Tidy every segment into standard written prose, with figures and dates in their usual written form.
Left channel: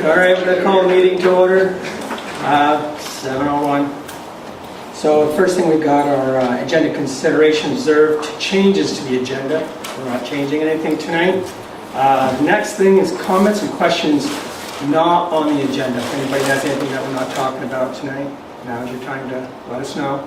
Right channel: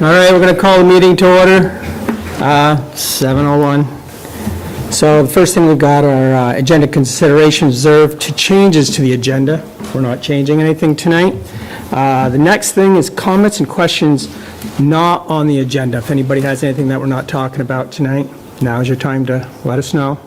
All right, we're going to call the meeting to order, 7:01. So the first thing we got are agenda considerations reserved to changes to the agenda. We're not changing anything tonight. The next thing is comments and questions not on the agenda. If anybody has anything that we're not talking about tonight, now's your time to let us know.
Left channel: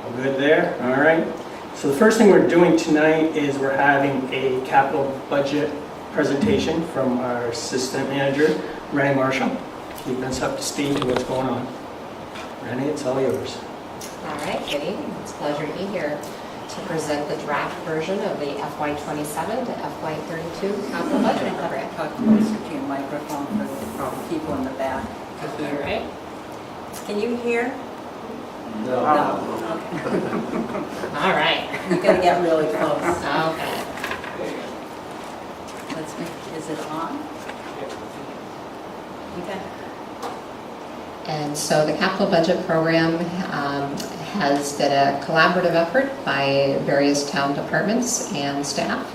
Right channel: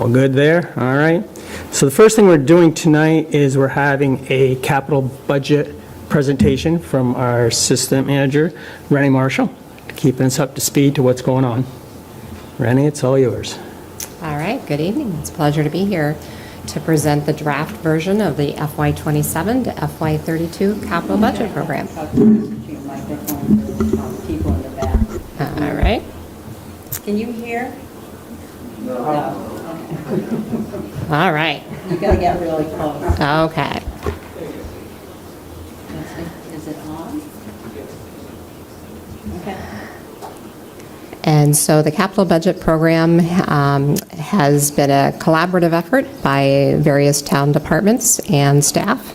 All good there? All right. So the first thing we're doing tonight is we're having a capital budget presentation from our assistant manager, Rennie Marshall, keeping us up to speed to what's going on. Rennie, it's all yours. All right, good evening. It's a pleasure to be here to present the draft version of the FY27 to FY32 capital budget program. All right. Can you hear? No. Okay. All right. You gotta get really close. Okay. Let's see, is it on? Okay. And so the capital budget program has been a collaborative effort by various town departments and staff.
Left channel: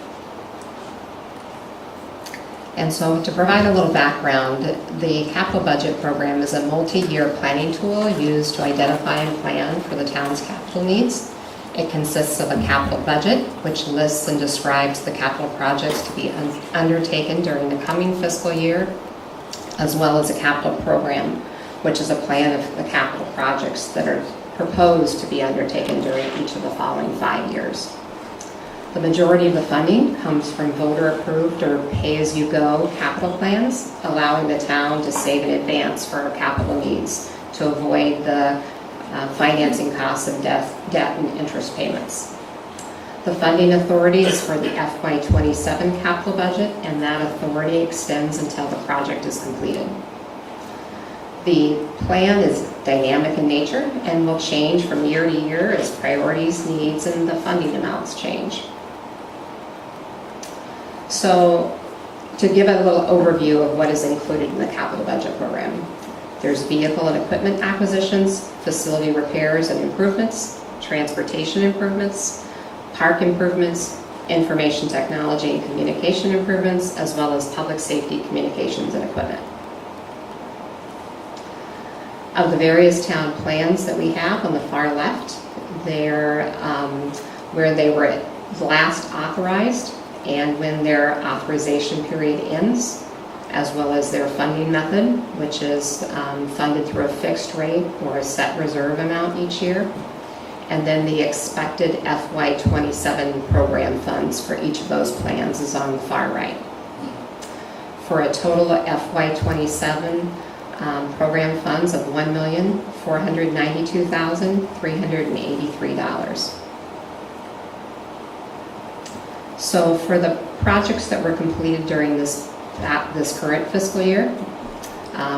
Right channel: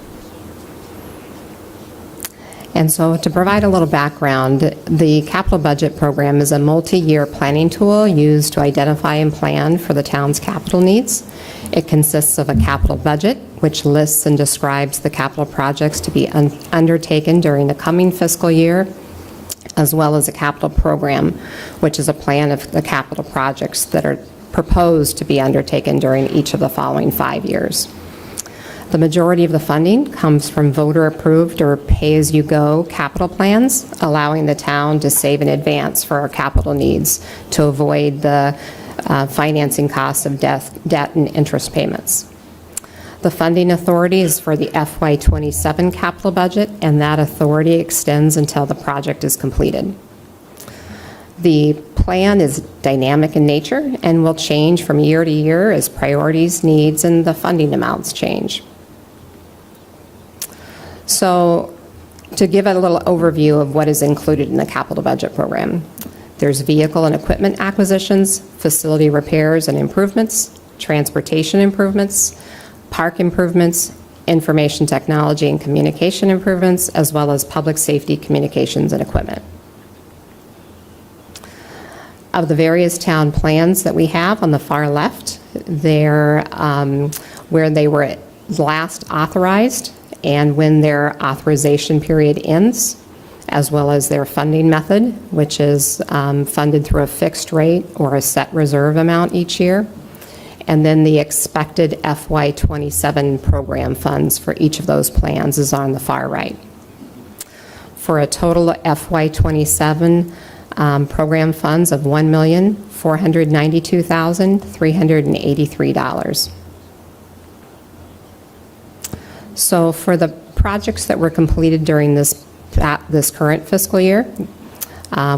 And so to provide a little background, the capital budget program is a multi-year planning tool used to identify and plan for the town's capital needs. It consists of a capital budget, which lists and describes the capital projects to be undertaken during the coming fiscal year, as well as a capital program, which is a plan of the capital projects that are proposed to be undertaken during each of the following 5 years. The majority of the funding comes from voter-approved or pay-as-you-go capital plans, allowing the town to save in advance for our capital needs to avoid the financing costs of debt and interest payments. The funding authority is for the FY27 capital budget, and that authority extends until the project is completed. The plan is dynamic in nature and will change from year to year as priorities, needs, and the funding amounts change. So, to give a little overview of what is included in the capital budget program, there's vehicle and equipment acquisitions, facility repairs and improvements, transportation improvements, park improvements, information technology and communication improvements, as well as public safety communications and equipment. Of the various town plans that we have on the far left, they're where they were last authorized and when their authorization period ends, as well as their funding method, which is funded through a fixed rate or a set reserve amount each year, and then the expected FY27 program funds for each of those plans is on the far right. For a total of FY27 program funds of $1,492,383. So for the projects that were completed during this current fiscal year,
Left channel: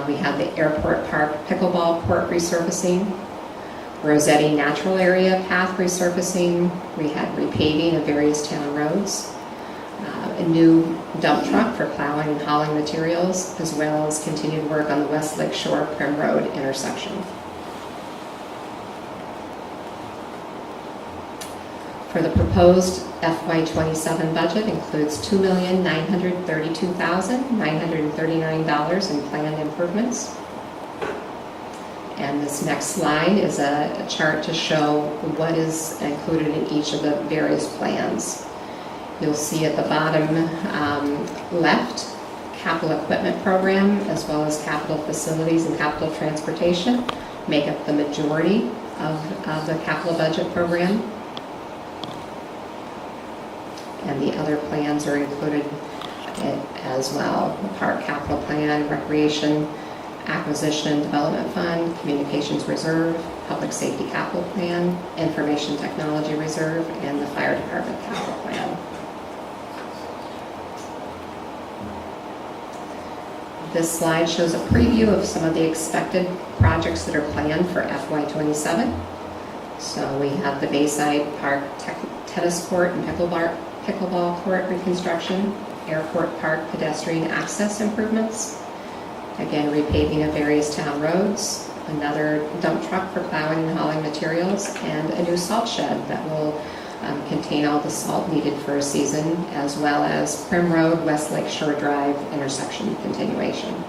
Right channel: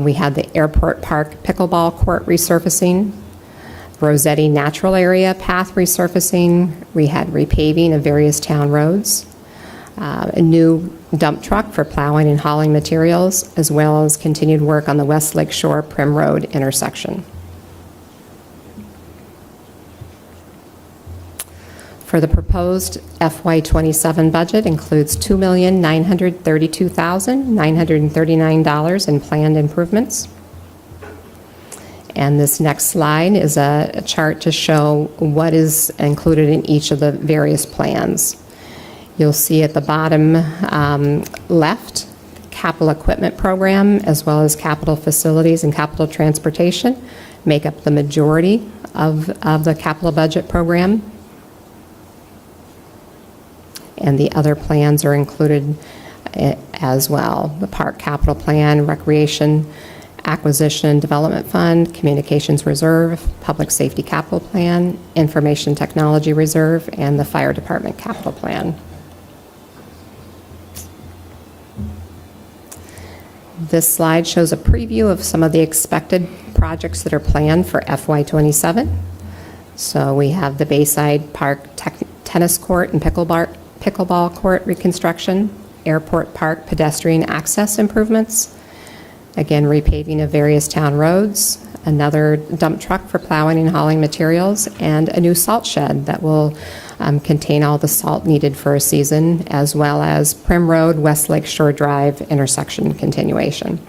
we had the Airport Park Pickleball Court resurfacing, Rossetti Natural Area Path resurfacing, we had repaving of various town roads, a new dump truck for plowing and hauling materials, as well as continued work on the West Lake Shore Prim Road intersection. For the proposed FY27 budget includes $2,932,939 in planned improvements. And this next slide is a chart to show what is included in each of the various plans. You'll see at the bottom left, capital equipment program, as well as capital facilities and capital transportation, make up the majority of the capital budget program. And the other plans are included as well. The park capital plan, recreation, acquisition and development fund, communications reserve, public safety capital plan, information technology reserve, and the fire department capital plan. This slide shows a preview of some of the expected projects that are planned for FY27. So we have the Bayside Park tennis court and pickleball court reconstruction, Airport Park pedestrian access improvements, again repaving of various town roads, another dump truck for plowing and hauling materials, and a new salt shed that will contain all the salt needed for a season, as well as Prim Road, West Lake Shore Drive intersection continuation.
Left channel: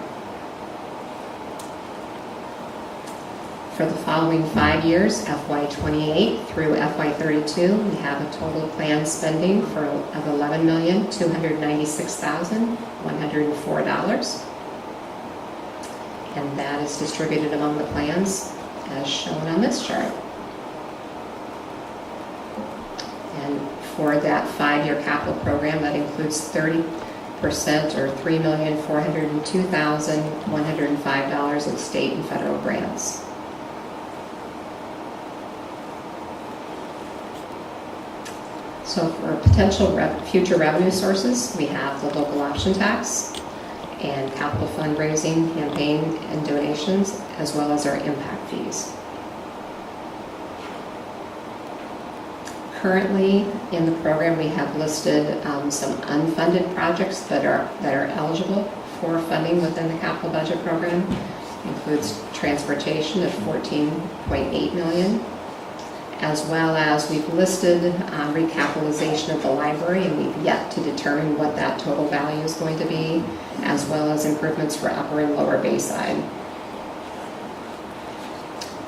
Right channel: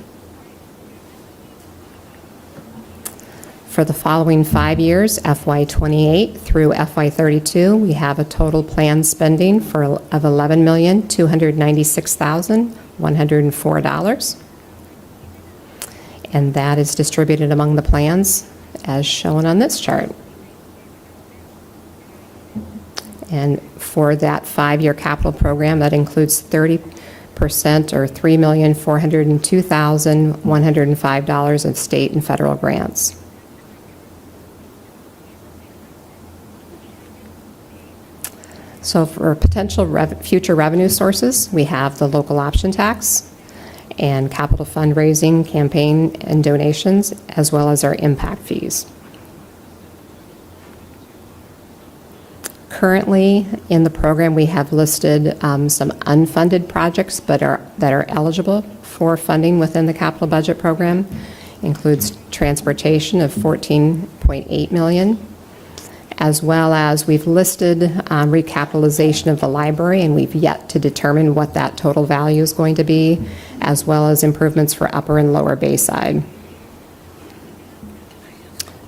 For the following 5 years, FY28 through FY32, we have a total planned spending of $11,296,104. And that is distributed among the plans as shown on this chart. And for that 5-year capital program, that includes 30% or $3,402,105 in state and federal grants. So for potential future revenue sources, we have the local option tax and capital fundraising, campaign and donations, as well as our impact fees. Currently in the program, we have listed some unfunded projects that are eligible for funding within the capital budget program. Includes transportation of $14.8 million, as well as we've listed recapitalization of the library, and we've yet to determine what that total value is going to be, as well as improvements for Upper and Lower Bayside.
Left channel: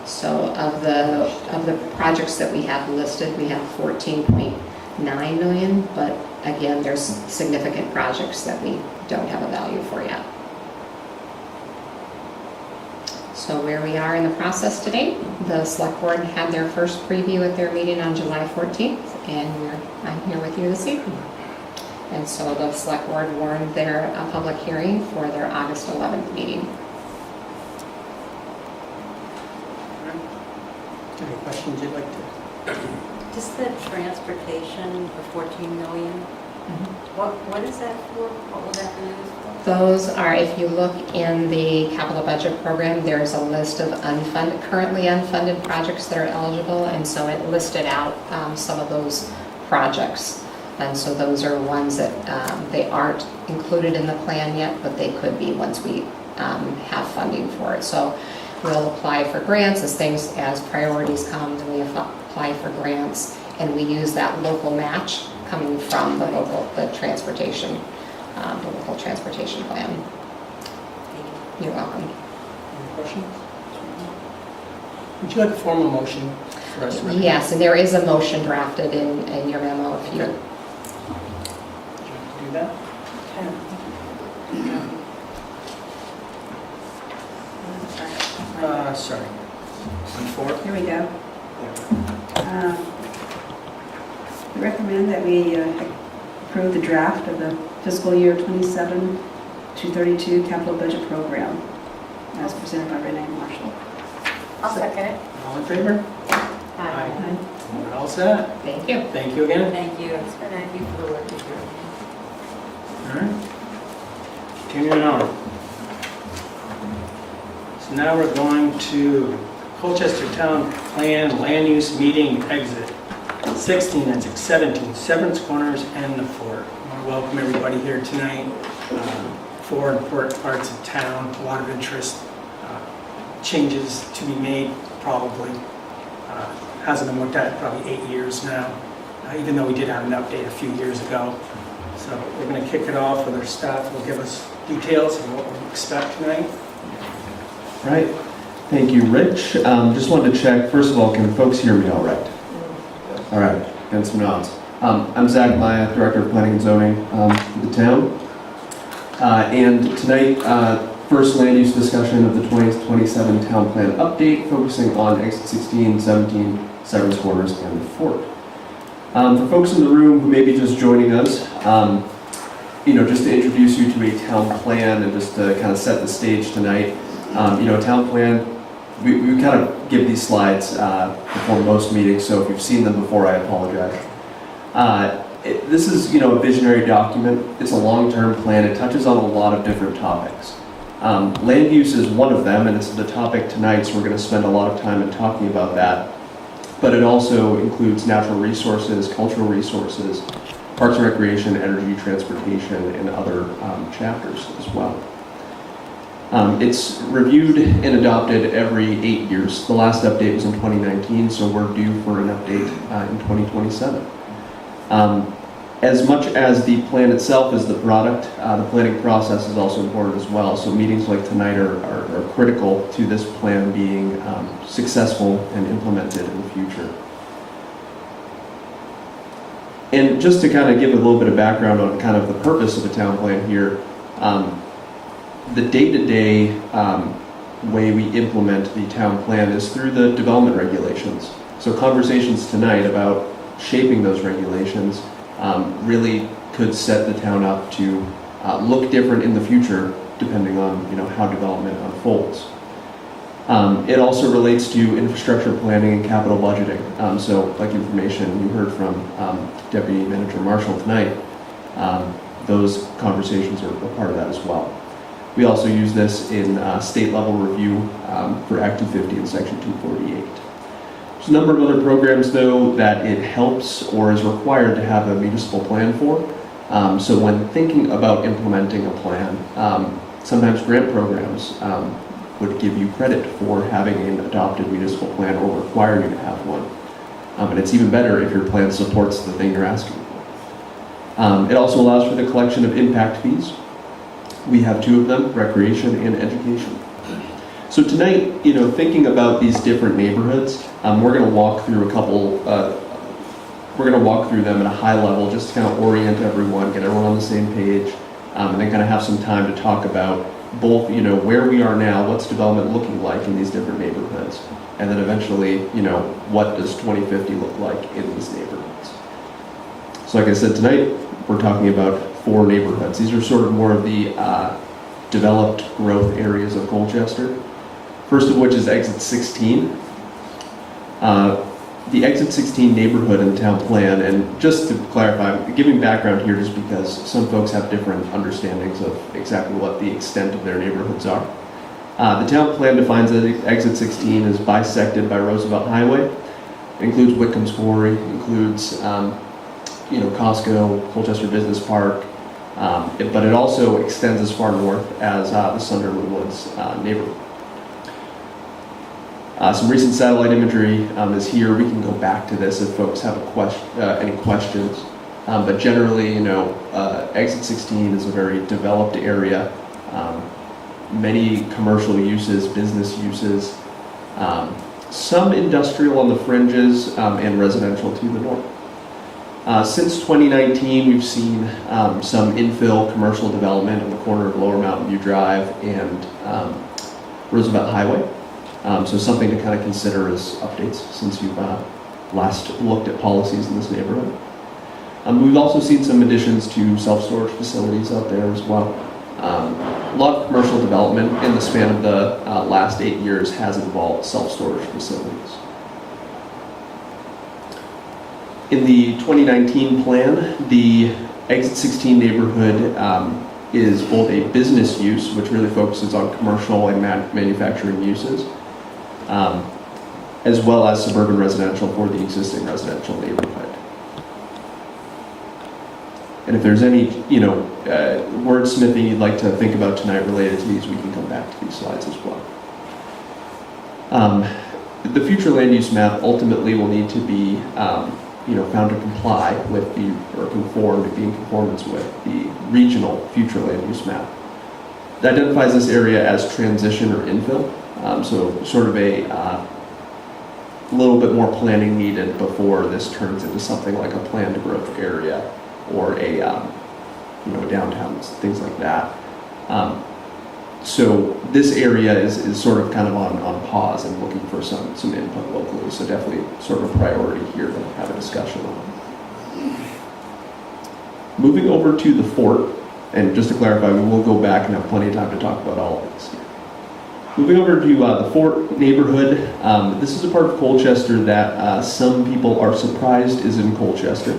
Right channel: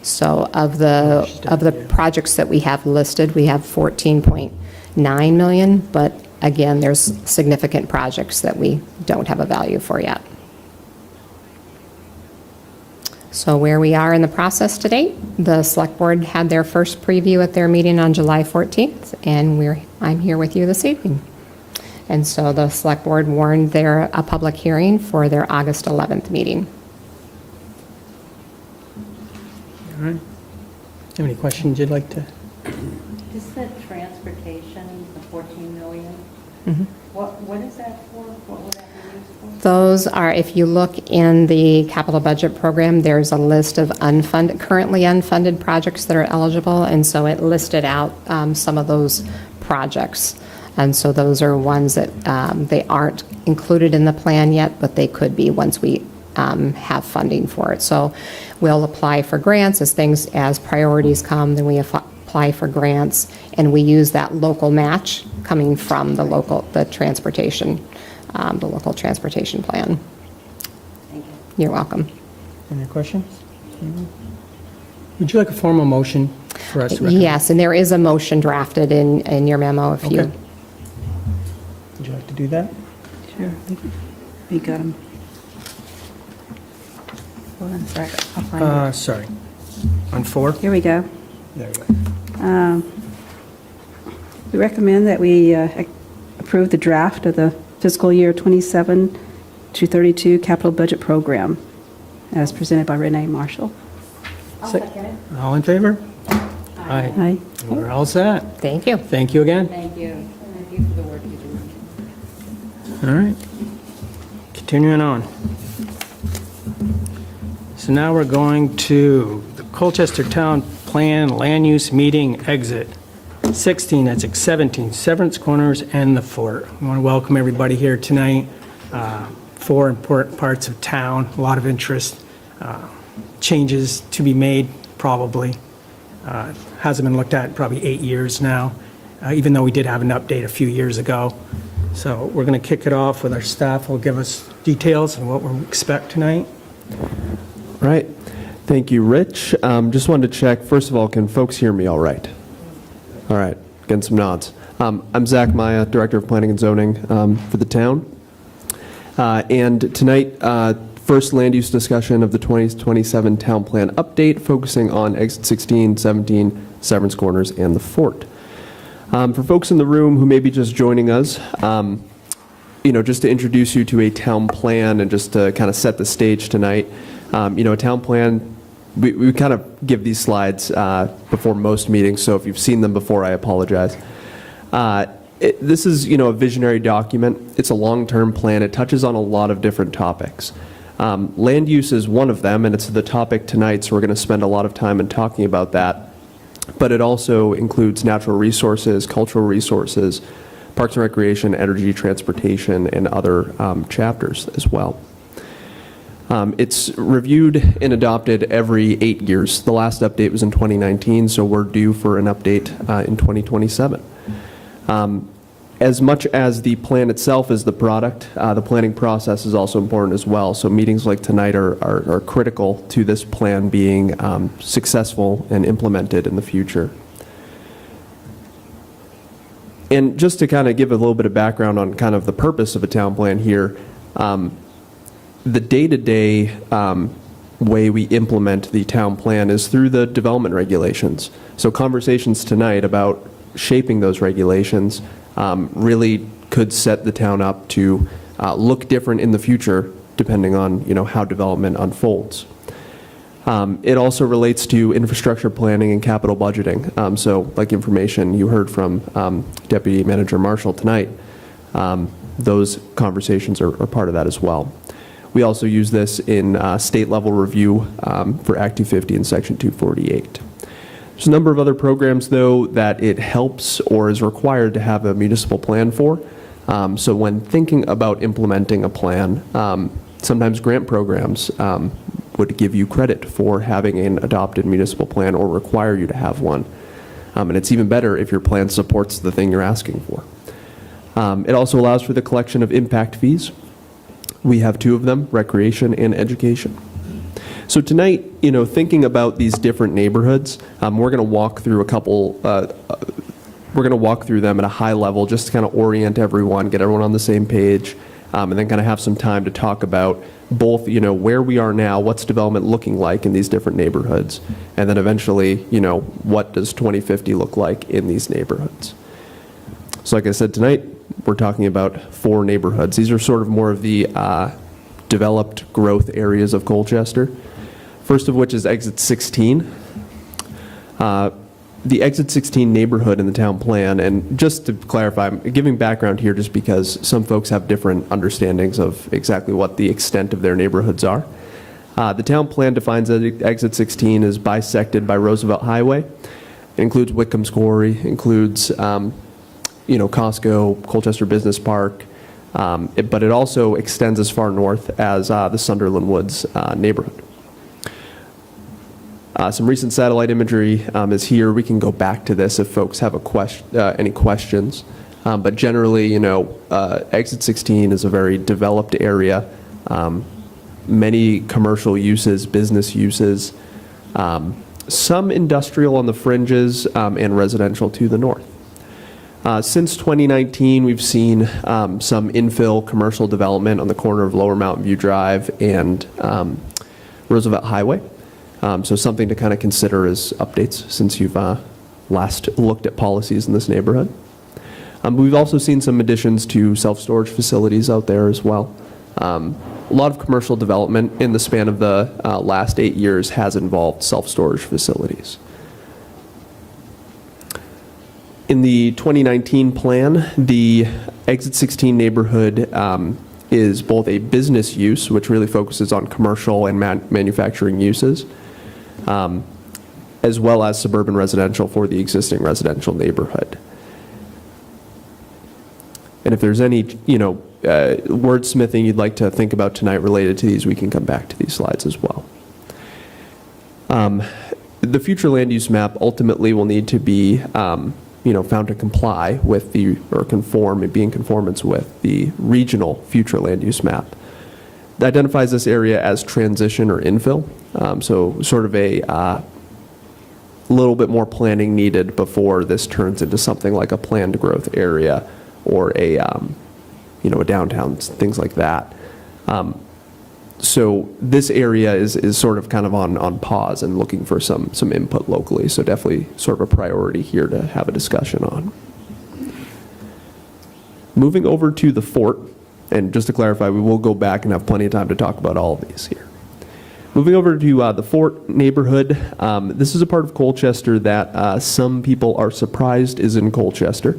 So of the projects that we have listed, we have $14.9 million, but again, there's significant projects that we don't have a value for yet. So where we are in the process to date, the Select Board had their first preview at their meeting on July 14th, and I'm here with you this evening. And so the Select Board warned a public hearing for their August 11th meeting. All right. Do you have any questions you'd like to? Just the transportation of 14 million, Mm-hmm. what is that for? What will that be used for? Those are, if you look in the capital budget program, there's a list of currently unfunded projects that are eligible, and so it listed out some of those projects. And so those are ones that they aren't included in the plan yet, but they could be once we have funding for it. So we'll apply for grants as priorities come, then we apply for grants, and we use that local match coming from the local transportation plan. You're welcome. Any questions? Would you like a formal motion for us to recommend? Yes, and there is a motion drafted in your memo if you. Okay. Would you like to do that? Here you go. One second, I'll find it. Sorry. On 4? Here we go. There We recommend that we approve the draft of the fiscal year 27 to 32 capital budget program as presented by Renee Marshall. I'll second it. All in favor? Aye. Aye. We're all set. Thank you. Thank you again. Thank you. Thank you for the work you do. All right. Continuing on. So now we're going to the Colchester Town Plan Land Use Meeting Exit. 16, that's 17, Severance Corners and the Fort. I want to welcome everybody here tonight. 4 important parts of town, a lot of interest. Changes to be made, probably. Hasn't been looked at probably 8 years now, even though we did have an update a few years ago. So we're going to kick it off with our staff. Will give us details of what we expect tonight. Right. Thank you, Rich. Just wanted to check, first of all, can folks hear me all right? All right, getting some nods. I'm Zach Maya, Director of Planning and Zoning for the town. And tonight, first land use discussion of the 2027 town plan update, focusing on exit 16, 17, Severance Corners, and the Fort. For folks in the room who may be just joining us, just to introduce you to a town plan and just to kind of set the stage tonight. Town plan, we kind of give these slides before most meetings, so if you've seen them before, I apologize. This is, a visionary document. It's a long-term plan. It touches on a lot of different topics. Land use is one of them, and it's the topic tonight, so we're going to spend a lot of time in talking about that. But it also includes natural resources, cultural resources, parks and recreation, energy, transportation, and other chapters as well. It's reviewed and adopted every 8 years. The last update was in 2019, so we're due for an update in 2027. As much as the plan itself is the product, the planning process is also important as well. So meetings like tonight are critical to this plan being successful and implemented in the future. And just to kind of give a little bit of background on kind of the purpose of the town plan here, the day-to-day way we implement the town plan is through the development regulations. So conversations tonight about shaping those regulations really could set the town up to look different in the future depending on how development unfolds. It also relates to infrastructure planning and capital budgeting. So like information you heard from Deputy Manager Marshall tonight, those conversations are part of that as well. We also use this in state level review for Act 250 and Section 248. There's a number of other programs, though, that it helps or is required to have a municipal plan for. So when thinking about implementing a plan, sometimes grant programs would give you credit for having an adopted municipal plan or require you to have one. And it's even better if your plan supports the thing you're asking for. It also allows for the collection of impact fees. We have two of them, recreation and education. So tonight, thinking about these different neighborhoods, we're going to walk through a couple, we're going to walk through them at a high level just to kind of orient everyone, get everyone on the same page, and then kind of have some time to talk about both, where we are now, what's development looking like in these different neighborhoods, and then eventually, what does 2050 look like in these neighborhoods. So like I said, tonight, we're talking about 4 neighborhoods. These are sort of more of the developed growth areas of Colchester. First of which is Exit 16. The Exit 16 neighborhood in the town plan, and just to clarify, I'm giving background here just because some folks have different understandings of exactly what the extent of their neighborhoods are. The town plan defines that Exit 16 is bisected by Roosevelt Highway. It includes Whitcomb's Quarry, includes Costco, Colchester Business Park, but it also extends as far north as the Sunderland Woods neighborhood. Some recent satellite imagery is here. We can go back to this if folks have any questions. But generally, Exit 16 is a very developed area. Many commercial uses, business uses, some industrial on the fringes, and residential to the north. Since 2019, we've seen some infill commercial development on the corner of Lower Mountain View Drive and Roosevelt Highway. So something to kind of consider as updates since you've last looked at policies in this neighborhood. We've also seen some additions to self-storage facilities out there as well. A lot of commercial development in the span of the last 8 years has involved self-storage facilities. In the 2019 plan, the Exit 16 neighborhood is both a business use, which really focuses on commercial and manufacturing uses, as well as suburban residential for the existing residential neighborhood. And if there's any, wordsmithing you'd like to think about tonight related to these, we can come back to these slides as well. The future land use map ultimately will need to be, found to comply with be in conformance with the regional future land use map. That identifies this area as transition or infill. So sort of a little bit more planning needed before this turns into something like a planned growth area or a downtown, things like that. So this area is sort of kind of on pause and looking for some input locally. So definitely sort of a priority here to have a discussion on. Moving over to the fort, and just to clarify, we will go back and have plenty of time to talk about all of these here. Moving over to the Fort neighborhood, this is a part of Colchester that some people are surprised is in Colchester.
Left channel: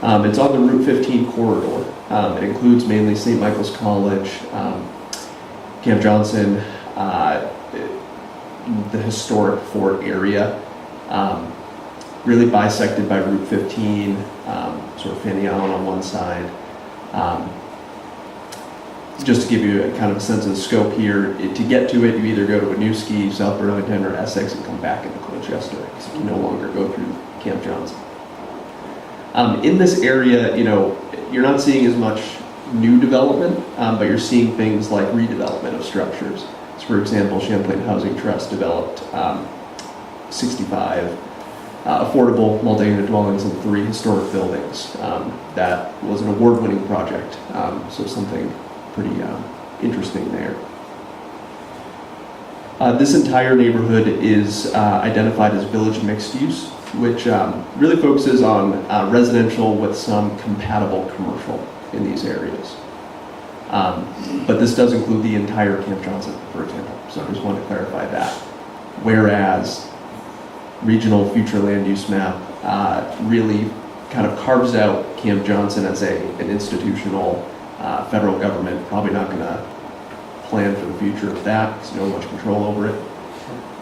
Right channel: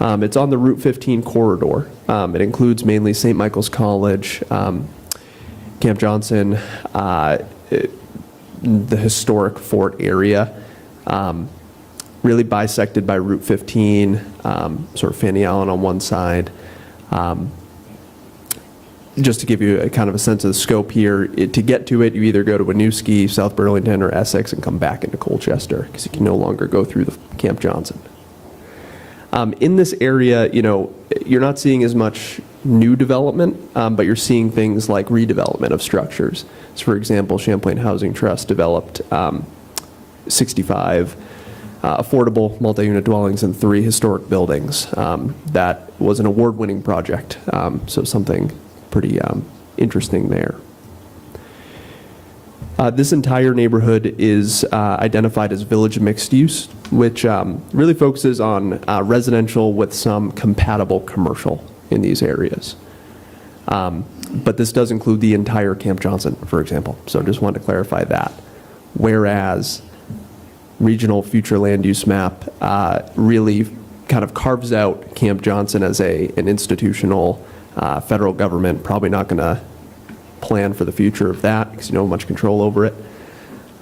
It's on the Route 15 corridor. It includes mainly St. Michael's College, Camp Johnson, the historic Fort area, really bisected by Route 15, sort of Fanny Allen on one side. Just to give you a kind of a sense of the scope here, to get to it, you either go to Winooski, South Burlington, or Essex and come back into Colchester, because you can no longer go through the Camp Johnson. In this area, you're not seeing as much new development, but you're seeing things like redevelopment of structures. So for example, Champlain Housing Trust developed 65 affordable multi-unit dwellings in 3 historic buildings. That was an award-winning project, so something pretty interesting there. This entire neighborhood is identified as village mixed use, which really focuses on residential with some compatible commercial in these areas. But this does include the entire Camp Johnson, for example, so just wanted to clarify that. Whereas regional future land use map really kind of carves out Camp Johnson as an institutional federal government, probably not going to plan for the future of that because you don't have much control over it.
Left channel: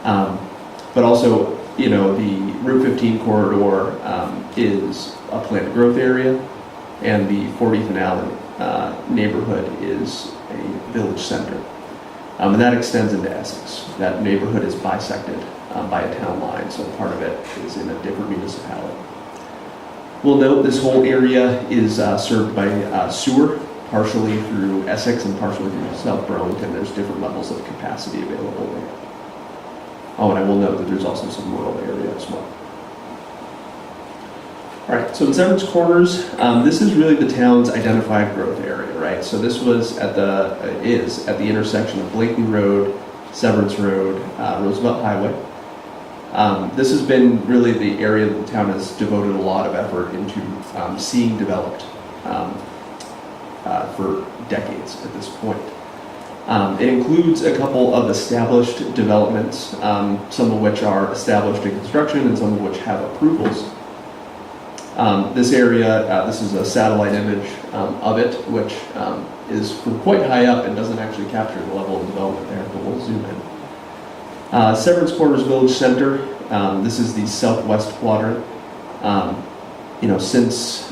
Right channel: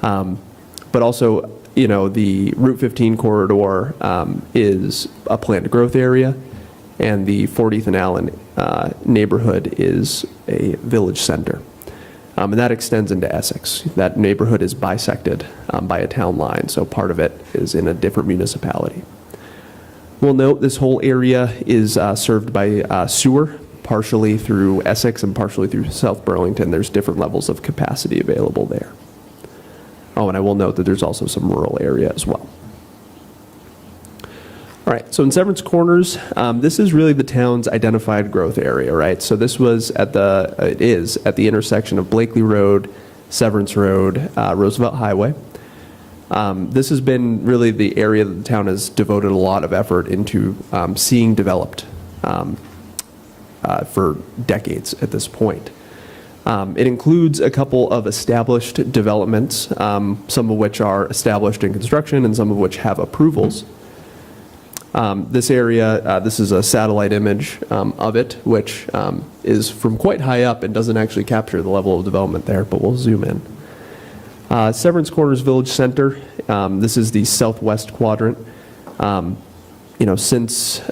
But also, the Route 15 corridor is a planned growth area, and the 40th and Allen neighborhood is a village center. And that extends into Essex. That neighborhood is bisected by a town line, so part of it is in a different municipality. We'll note this whole area is served by sewer, partially through Essex and partially through South Burlington. There's different levels of capacity available there. Oh, and I will note that there's also some rural area as well. All right, so in Severance Corners, this is really the town's identified growth area, right? So this was at the intersection of Blakely Road, Severance Road, Roosevelt Highway. This has been really the area that the town has devoted a lot of effort into seeing developed for decades at this point. It includes a couple of established developments, some of which are established in construction and some of which have approvals. This area, this is a satellite image of it, which is from quite high up and doesn't actually capture the level of development there, but we'll zoom in. Severance Corners Village Center, this is the southwest quadrant. Since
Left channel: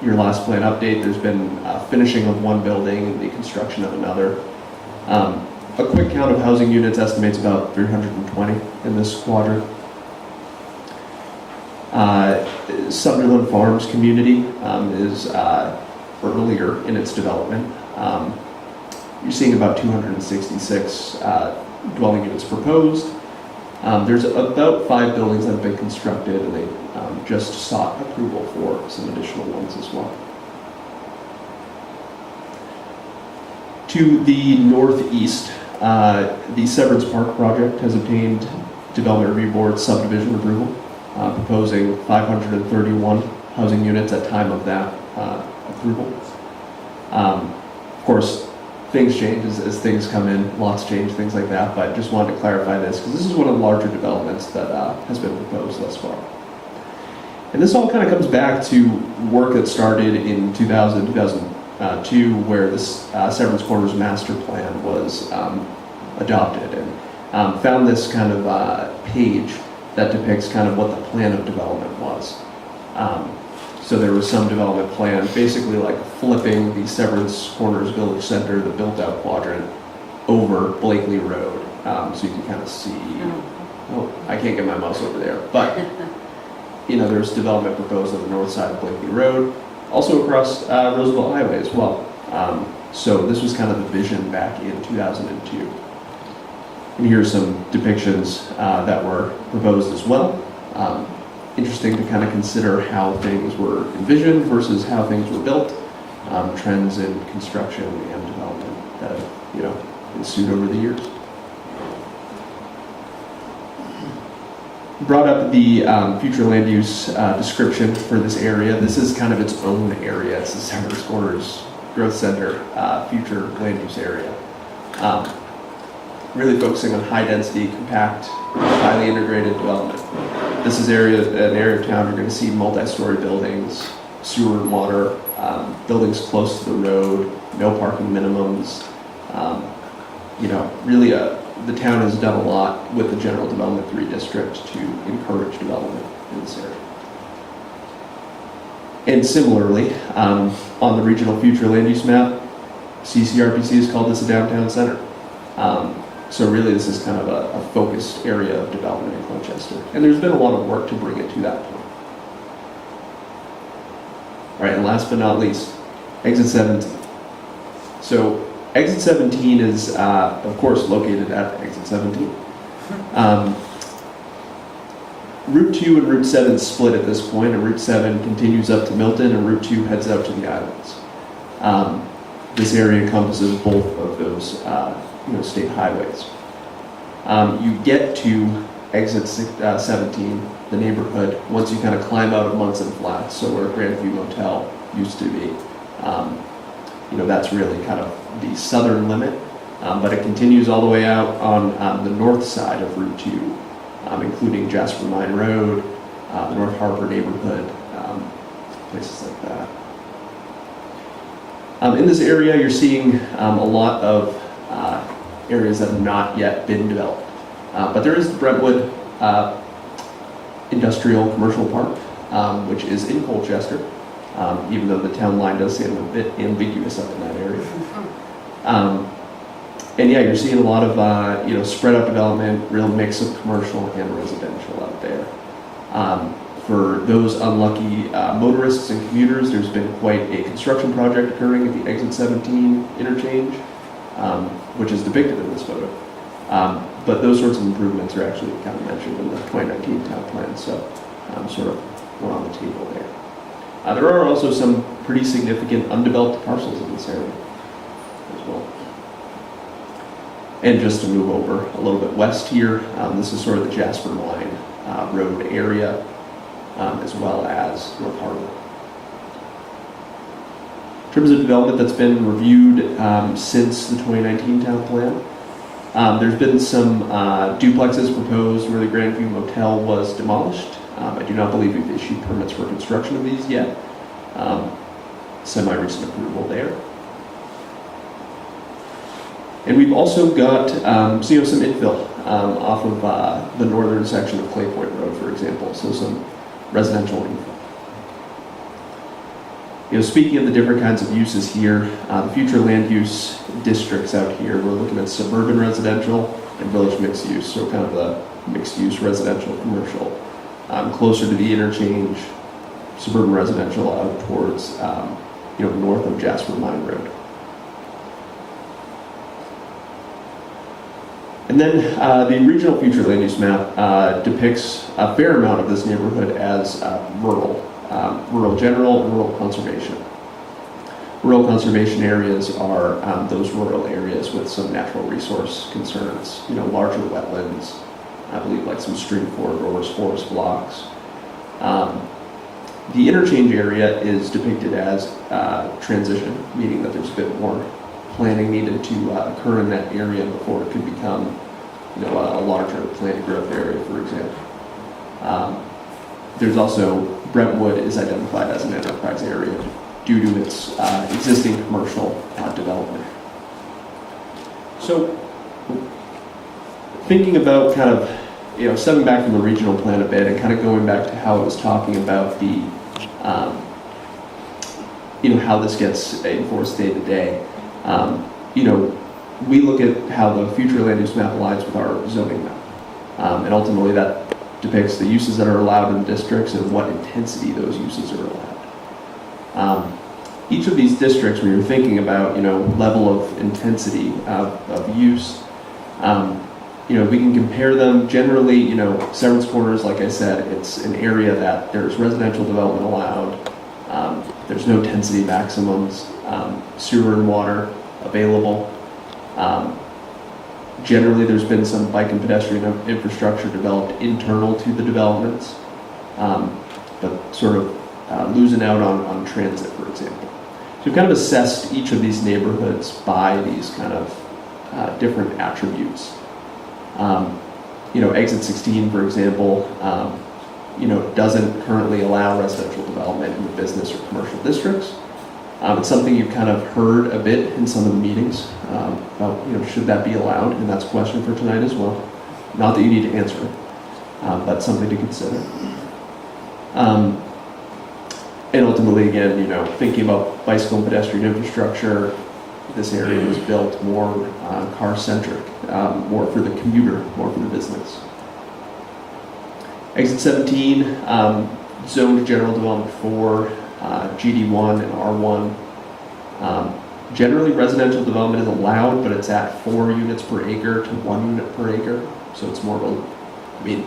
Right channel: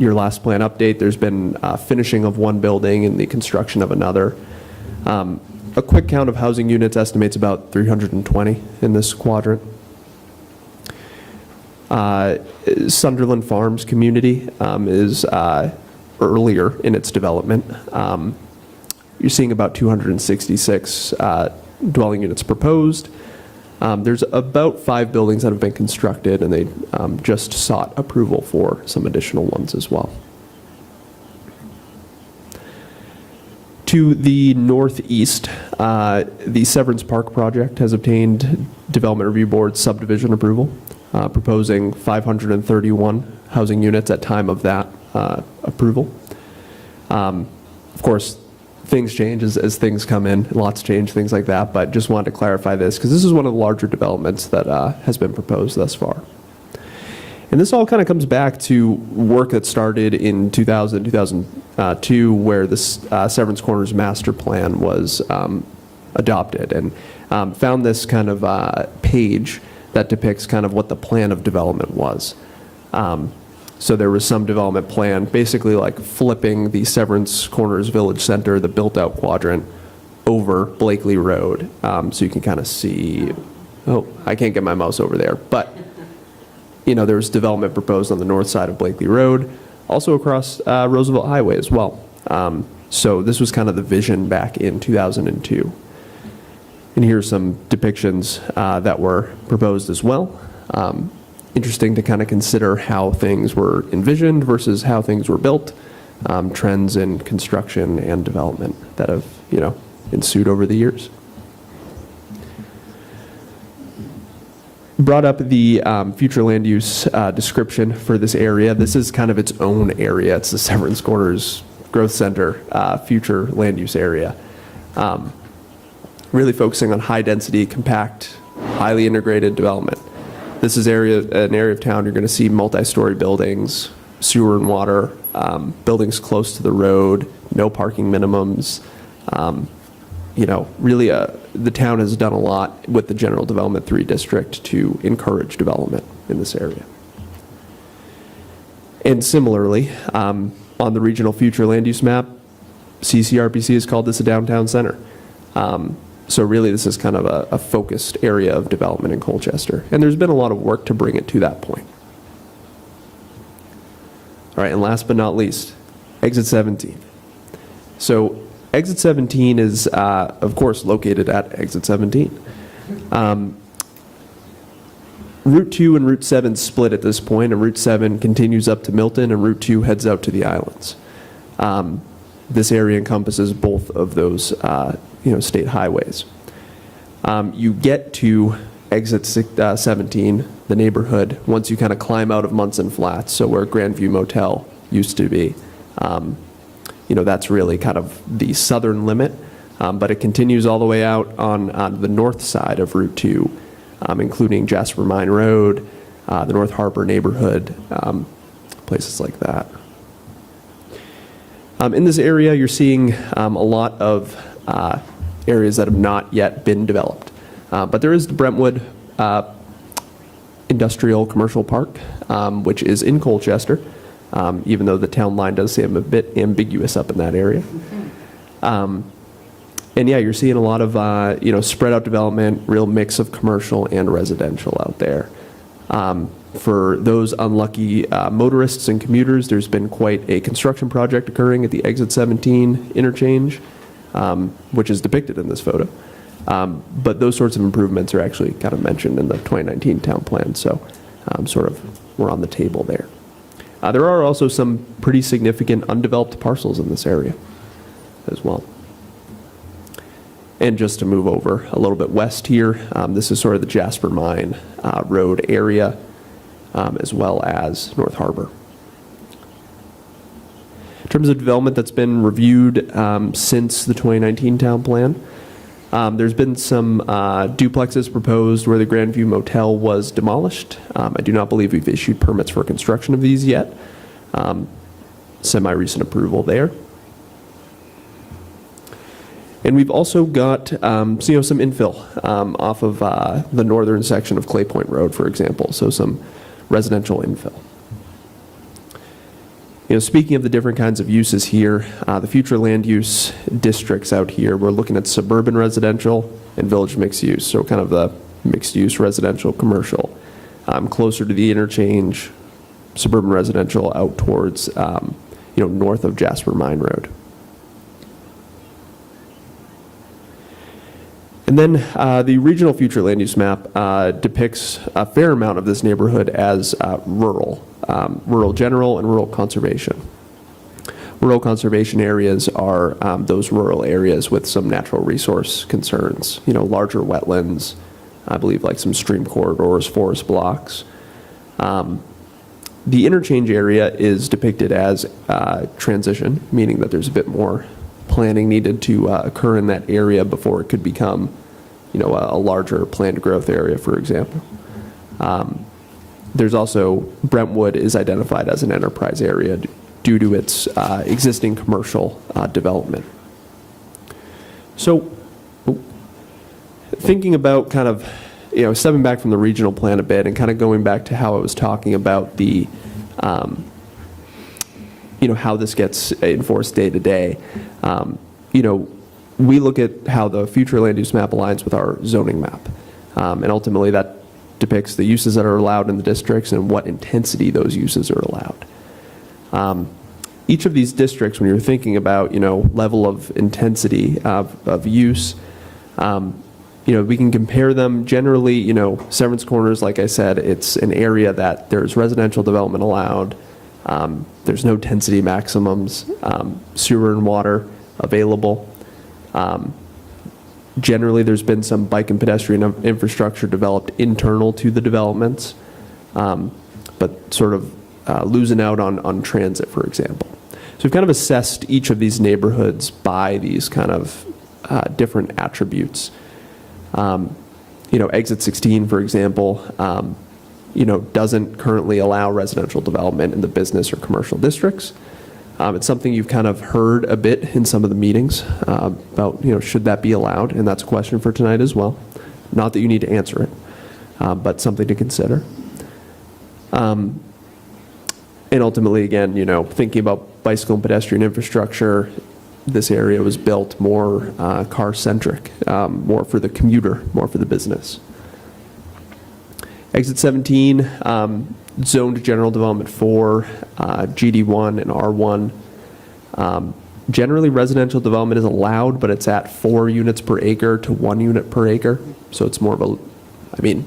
your last plan update, there's been finishing of one building and the construction of another. A quick count of housing units estimates about 320 in this quadrant. Sunderland Farms community is earlier in its development. You're seeing about 266 dwelling units proposed. There's about 5 buildings that have been constructed, and they just sought approval for some additional ones as well. To the northeast, the Severance Park project has obtained Development Review Board subdivision approval, proposing 531 housing units at time of that approval. Of course, things change as things come in, lots change, things like that, but just wanted to clarify this because this is one of the larger developments that has been proposed thus far. And this all kind of comes back to work that started in 2002, where this Severance Corners master plan was adopted, and found this kind of page that depicts kind of what the plan of development was. So there was some development plan, basically like flipping the Severance Corners Village Center, the built-out quadrant, over Blakely Road. So you can kind of see, oh, I can't get my mouse over there, but there's development proposed on the north side of Blakely Road, also across Roosevelt Highway as well. So this was kind of the vision back in 2002. And here's some depictions that were proposed as well. Interesting to kind of consider how things were envisioned versus how things were built, trends in construction and development that have, ensued over the years. Brought up the future land use description for this area. This is kind of its own area. It's the Severance Corners Growth Center future land use area. Really focusing on high density, compact, highly integrated development. This is an area of town you're going to see multi-story buildings, sewer and water, buildings close to the road, no parking minimums. Really the town has done a lot with the General Development 3 district to encourage development in this area. And similarly, on the regional future land use map, CCRPC has called this a downtown center. So really this is kind of a focused area of development in Colchester. And there's been a lot of work to bring it to that point. All right, and last but not least, exit 17. So exit 17 is, of course, located at exit 17. Route 2 and Route 7 split at this point, and Route 7 continues up to Milton, and Route 2 heads out to the islands. This area encompasses both of those, state highways. You get to exit 17, the neighborhood, once you kind of climb out of Munson Flats, so where Grandview Motel used to be. That's really kind of the southern limit, but it continues all the way out on the north side of Route 2, including Jasper Mine Road, the North Harbor neighborhood, places like that. In this area, you're seeing a lot of areas that have not yet been developed. But there is the Brentwood Industrial Commercial Park, which is in Colchester, even though the town line does seem a bit ambiguous up in that area. And yeah, you're seeing a lot of spread out development, real mix of commercial and residential out there. For those unlucky motorists and commuters, there's been quite a construction project occurring at the exit 17 interchange, which is depicted in this photo. But those sorts of improvements are actually kind of mentioned in the 2019 town plan, so we're on the table there. There are also some pretty significant undeveloped parcels in this area as well. And just to move over a little bit west here, this is sort of the Jasper Mine Road area, as well as North Harbor. In terms of development that's been reviewed since the 2019 town plan, there's been some duplexes proposed where the Grandview Motel was demolished. I do not believe we've issued permits for construction of these yet. Semi-recent approval there. And we've also got some infill off of the northern section of Clay Point Road, for example, so some residential infill. Speaking of the different kinds of uses here, the future land use districts out here, we're looking at suburban residential and village mixed use, so kind of the mixed use residential commercial. Closer to the interchange, suburban residential out towards, north of Jasper Mine Road. And then the regional future land use map depicts a fair amount of this neighborhood as rural general and rural conservation. Rural conservation areas are those rural areas with some natural resource concerns, larger wetlands, I believe like some stream corridors, forest blocks. The interchange area is depicted as transition, meaning that there's a bit more planning needed to occur in that area before it could become, a larger planned growth area, for example. There's also, Brentwood is identified as an enterprise area due to its existing commercial development. So, thinking about kind of, stepping back from the regional plan a bit and kind of going back to how I was talking about the, how this gets enforced day to day. We look at how the future land use map aligns with our zoning map. And ultimately that depicts the uses that are allowed in the districts and what intensity those uses are allowed. Each of these districts, when you're thinking about, level of intensity of use, we can compare them generally, Severance Corners, like I said, it's an area that there's residential development allowed. There's no density maximums, sewer and water available. Generally, there's been some bike and pedestrian infrastructure developed internal to the developments, but sort of losing out on transit, for example. So we've kind of assessed each of these neighborhoods by these kind of different attributes. Exit 16, for example, doesn't currently allow residential development in the business or commercial districts. It's something you've kind of heard a bit in some of the meetings about, should that be allowed? And that's a question for tonight as well. Not that you need to answer it, but something to consider. And ultimately, again, thinking about bicycle and pedestrian infrastructure, this area was built more car-centric, more for the commuter, more for the business. Exit 17, zoned general development 4, GD1 and R1. Generally, residential development is allowed, but it's at 4 units per acre to 1 unit per acre. So it's more of a, I mean,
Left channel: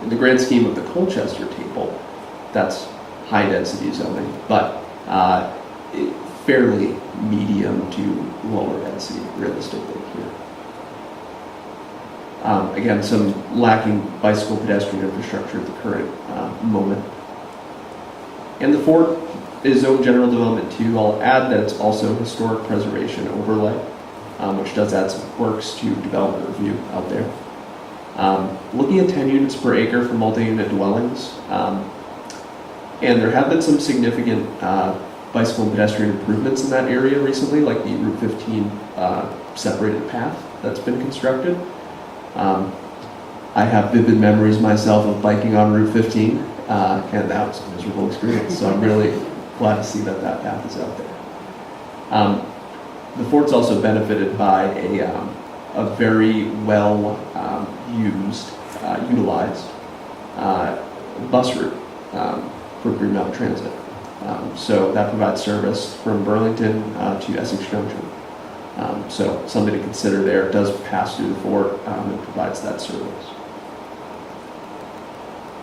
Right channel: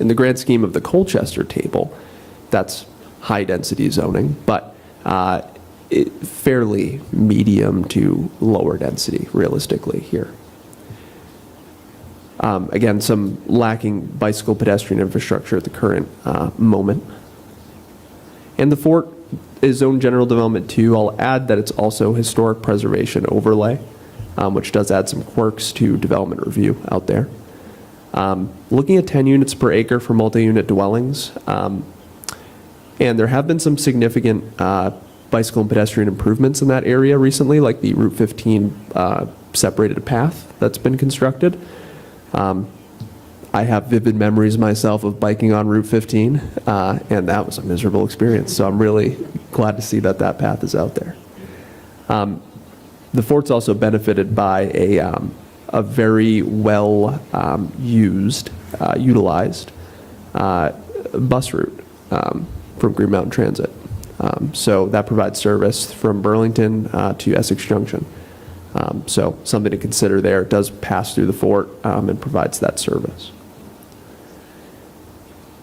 in the grand scheme of the Colchester table, that's high density zoning, but fairly medium to lower density realistically here. Again, some lacking bicycle pedestrian infrastructure at the current moment. And the fort is zoned general development 2. I'll add that it's also historic preservation overlay, which does add some quirks to development review out there. Looking at 10 units per acre for multi-unit dwellings, and there have been some significant bicycle and pedestrian improvements in that area recently, like the Route 15 separated path that's been constructed. I have vivid memories myself of biking on Route 15, and that was a miserable experience, so I'm really glad to see that that path is out there. The fort's also benefited by a very well utilized bus route from Green Mountain Transit. So that provides service from Burlington to Essex Junction. So something to consider there. It does pass through the fort and provides that service.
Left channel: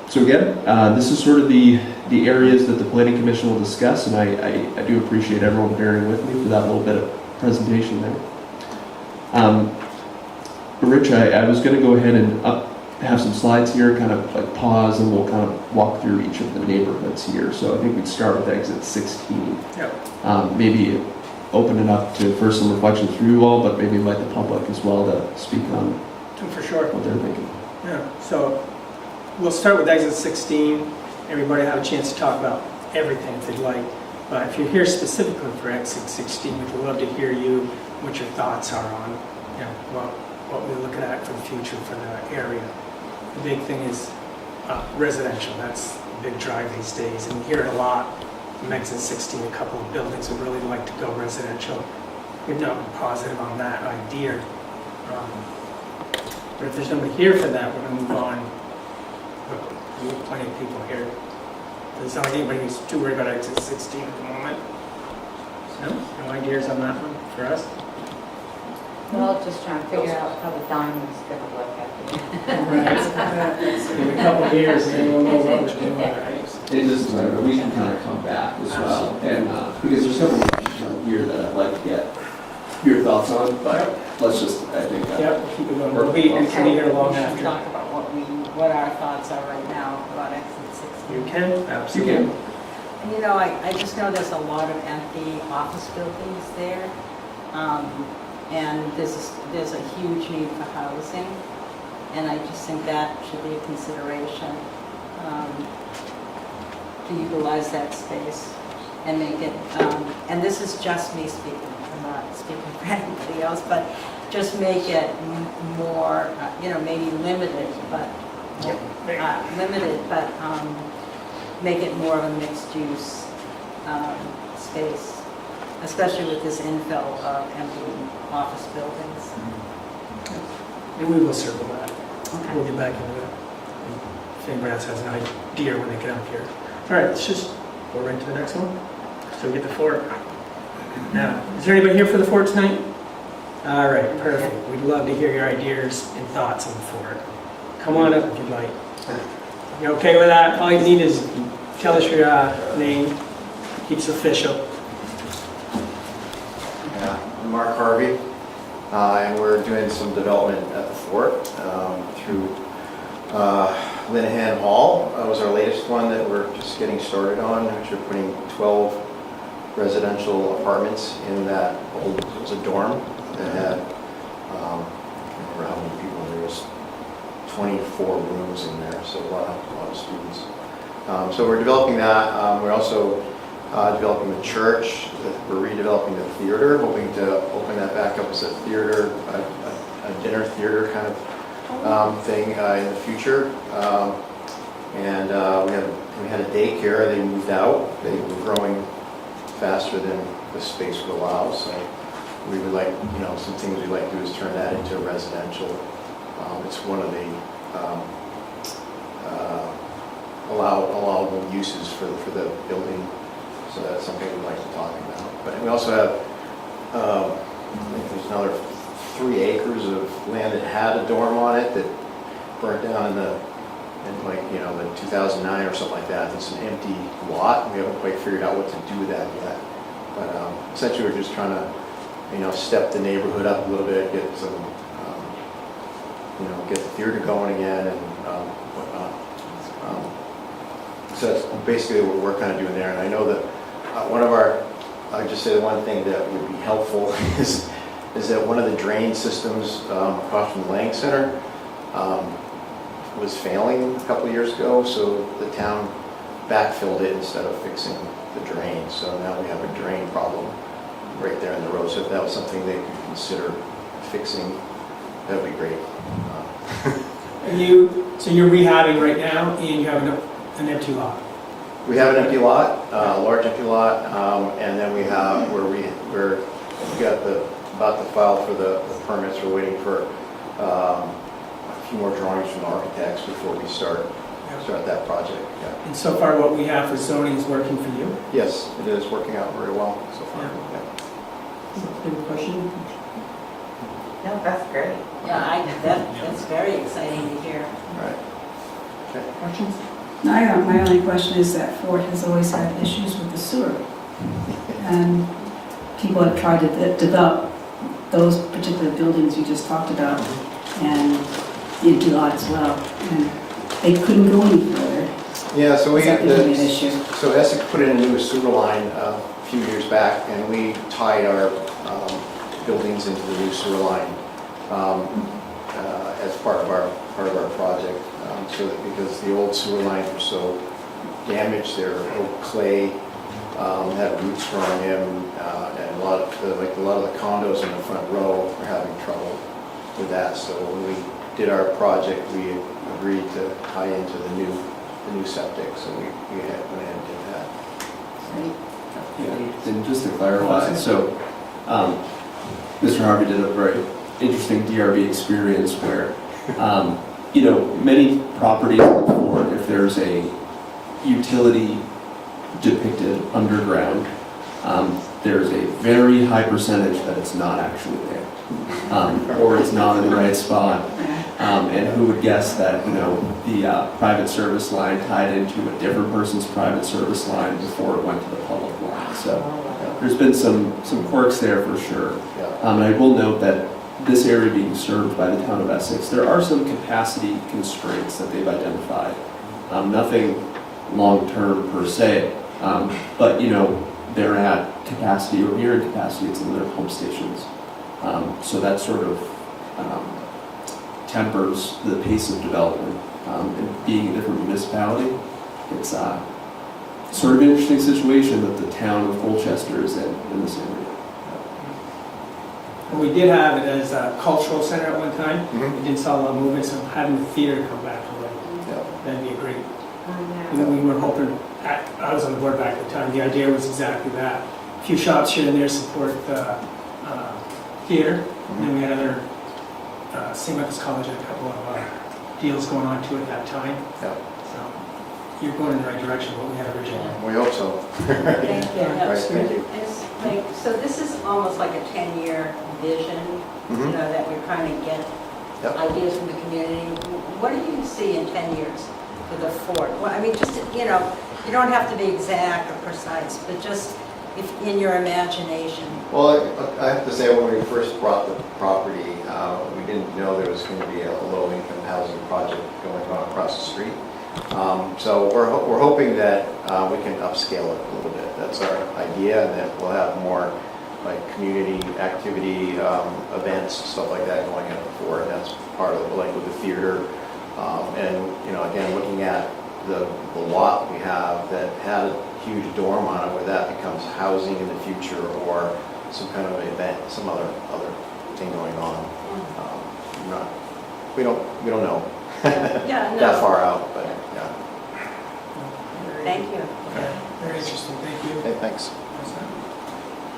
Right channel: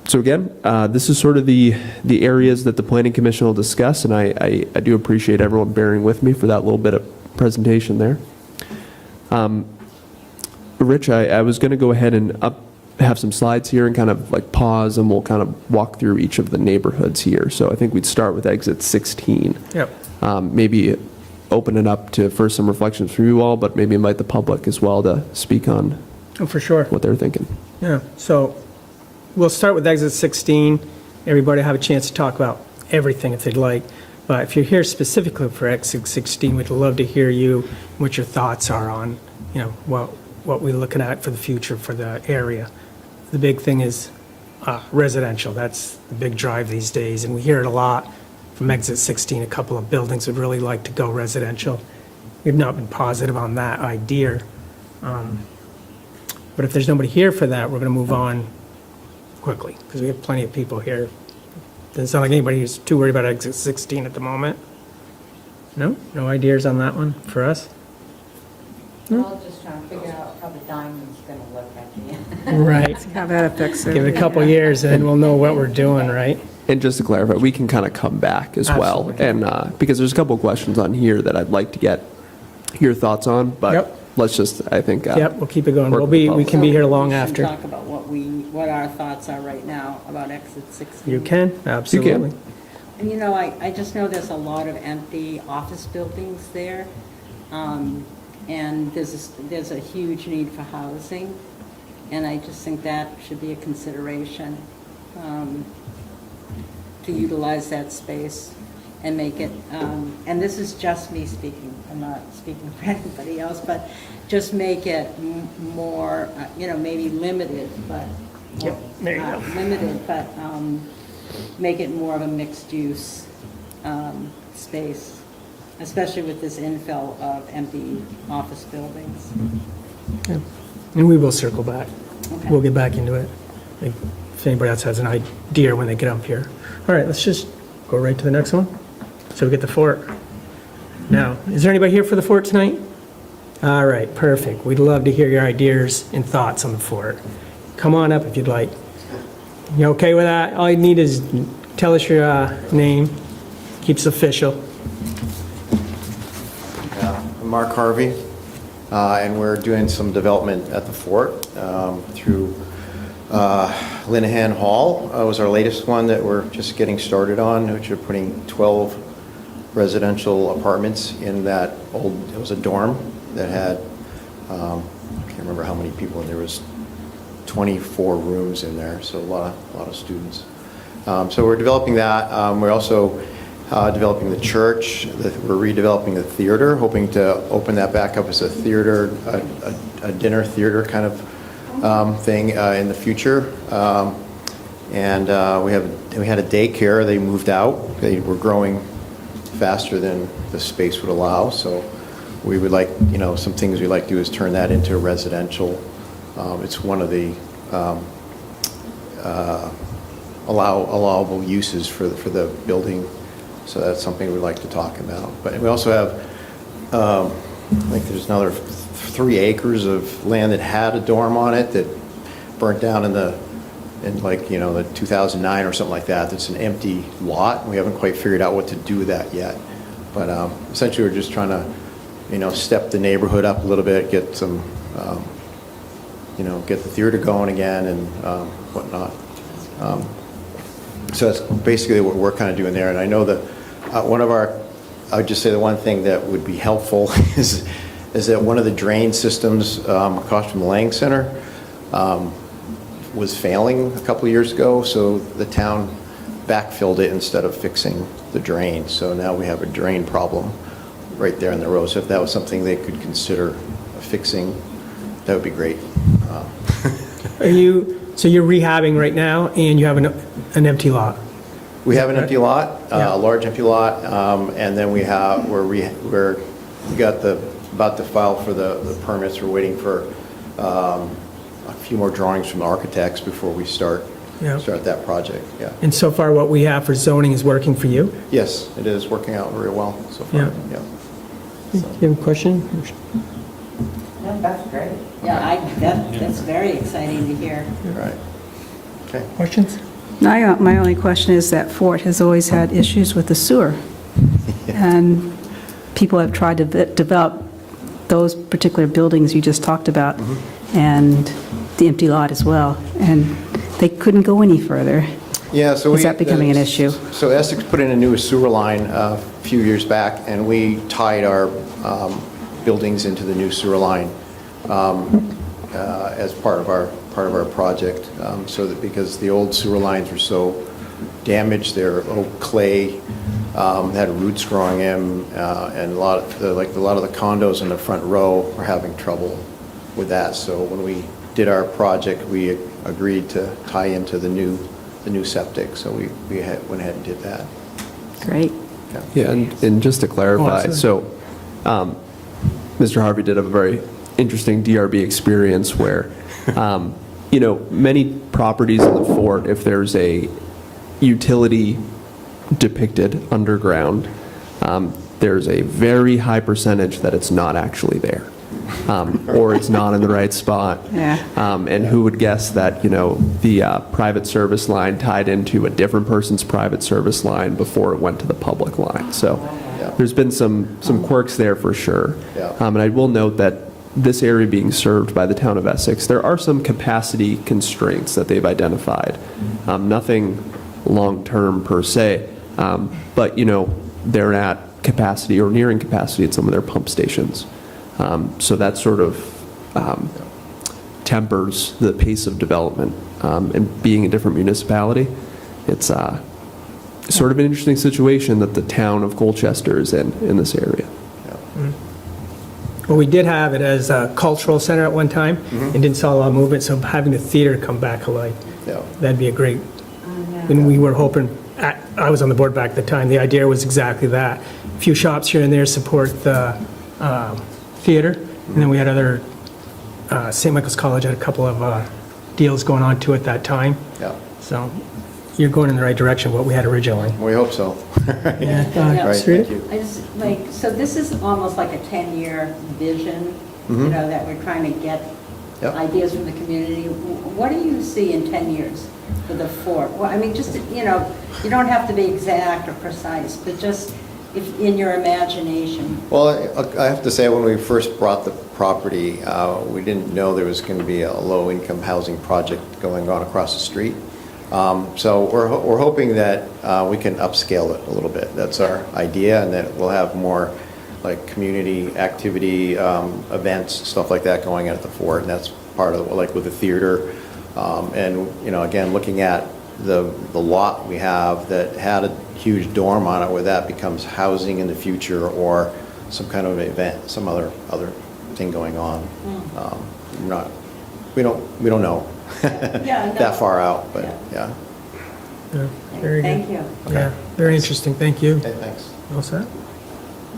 So again, this is sort of the areas that the Planning Commission will discuss, and I do appreciate everyone bearing with me for that little bit of presentation there. Rich, I was going to go ahead and have some slides here, kind of like pause, and we'll kind of walk through each of the neighborhoods here. So I think we'd start with exit 16. Yeah. Maybe open it up to first some reflection through you all, but maybe invite the public as well to speak on Oh, for sure. what they're thinking. Yeah, so we'll start with exit 16. Everybody have a chance to talk about everything if they'd like. But if you're here specifically for exit 16, we'd love to hear you, what your thoughts are on, you know, what we're looking at for the future for the area. The big thing is residential. That's the big drive these days, and we hear it a lot from exit 16. A couple of buildings would really like to go residential. You're not positive on that idea. But if there's nobody here for that, we're going to move on quickly, because we have plenty of people here. Doesn't sound like anybody who's too worried about exit 16 at the moment. No? No ideas on that one for us? We're all just trying to figure out how the diamond's gonna look at. Right. Give it a couple years and then we'll know what we're doing, right? And just to clarify, we can kind of come back as well, and because there's a couple of questions on here that I'd like to get your thoughts on, but Yep. let's just, I think, Yep, we'll keep it going. We can be here long We should after. talk about what our thoughts are right now about exit 16. You can, absolutely. You can. And you know, I just know there's a lot of empty office buildings there. And there's a huge need for housing. And I just think that should be a consideration to utilize that space and make it, and this is just me speaking, I'm not speaking for anybody else, but just make it more, maybe limited, but make it more of a mixed-use space, especially with this infill of empty office buildings. And we will circle back. Okay. We'll get back into it. If anybody else has an idea when they get up here. All right, let's just go right to the next one. So we get the fort. Now, is there anybody here for the fort tonight? All right, perfect. We'd love to hear your ideas and thoughts on the fort. Come on up if you'd like. You okay with that? All you need is tell us your name. Keeps official. I'm Mark Harvey, and we're doing some development at the fort through Linehan Hall. Was our latest one that we're just getting started on, which are putting 12 residential apartments in that old, it was a dorm that had, I can't remember how many people, there was 24 rooms in there, so a lot of students. So we're developing that. We're also developing the church. We're redeveloping the theater, hoping to open that back up as a theater, a dinner theater kind of thing in the future. And we had a daycare. They moved out. They were growing faster than the space would allow. So we would like, some things we'd like to do is turn that into a residential. It's one of the allowable uses for the building. So that's something we'd like to talk about. But we also have, I think there's another 3 acres of land that had a dorm on it that burnt down in like, you know, the 2009 or something like that. It's an empty lot. We haven't quite figured out what to do with that yet. But essentially, we're just trying to, you know, step the neighborhood up a little bit, get some, you know, get the theater going again and whatnot. So that's basically what we're kind of doing there. And I know that one of our, I would just say the one thing that would be helpful is that one of the drain systems across from the Lang Center was failing a couple of years ago, so the town backfilled it instead of fixing the drain. So now we have a drain problem right there in the road. So if that was something they could consider fixing, that would be great. So you're rehabbing right now, and you have an empty lot? We have an empty lot, a large empty lot, and then we have, we got about to file for the permits. We're waiting for a few more drawings from architects before we start that project. Yeah. And so far, what we have for zoning is working for you? Yes, it is working out very well so far. Yeah. Do you have a question? No, that's great. Yeah, that's very exciting to hear. All right. Okay. Questions? My only question is that Fort has always had issues with the sewer. And people have tried to develop those particular buildings you just talked about, and the empty lot as well. And they couldn't go any further. Yeah, so Is that becoming an issue? So Essex put in a new sewer line a few years back, and we tied our buildings into the new sewer line as part of our project. So that because the old sewer lines were so damaged, they're oak clay, had roots growing in, and a lot of the condos in the front row were having trouble with that. So when we did our project, we agreed to tie into the new septic. So we went ahead and did that. Great. Yeah, and just to clarify, so Mr. Harvey did a very interesting DRB experience where, you know, many properties in the fort, if there's a utility depicted underground, there's a very high percentage that it's not actually there. Or it's not in the right spot. Yeah. And who would guess that, you know, the private service line tied into a different person's private service line before it went to the public line. So there's been some quirks there for sure. Yeah. And I will note that this area being served by the town of Essex, there are some capacity constraints that they've identified. Nothing long-term per se, but, you know, they're at capacity or nearing capacity at some of their pump stations. So that sort of tempers the pace of development. And being a different municipality, it's sort of an interesting situation that the town of Colchester is in this area. Well, we did have it as a cultural center at one time, and didn't saw a lot of movement, so having the theater come back alive, Yeah. that'd be a great, and we were hoping, I was on the board back at the time, the idea was exactly that. A few shops here and there support the theater, and then we had other, St. Michael's College had a couple of deals going on too at that time. Yeah. So you're going in the right direction, what we had originally. We hope so. Yeah, Right, Sri? thank you. I just, like, so this is almost like a 10-year vision, you Mhm. know, that we're trying to get Yep. ideas from the community. What do you see in 10 years for the fort? Well, I mean, just, you know, you don't have to be exact or precise, but just if in your imagination. Well, I have to say, when we first bought the property, we didn't know there was going to be a low-income housing project going on across the street. So we're hoping that we can upscale it a little bit. That's our idea, and that we'll have more like community activity, events, stuff like that going on at the fort, and that's part of, like, with the theater. And, you know, again, looking at the lot we have that had a huge dorm on it, where that becomes housing in the future, or some kind of event, some other thing going on. We don't know Yeah, no. that far out, but yeah. Yeah, very good. Thank you. Yeah, very interesting, thank you. Okay, thanks. What's that?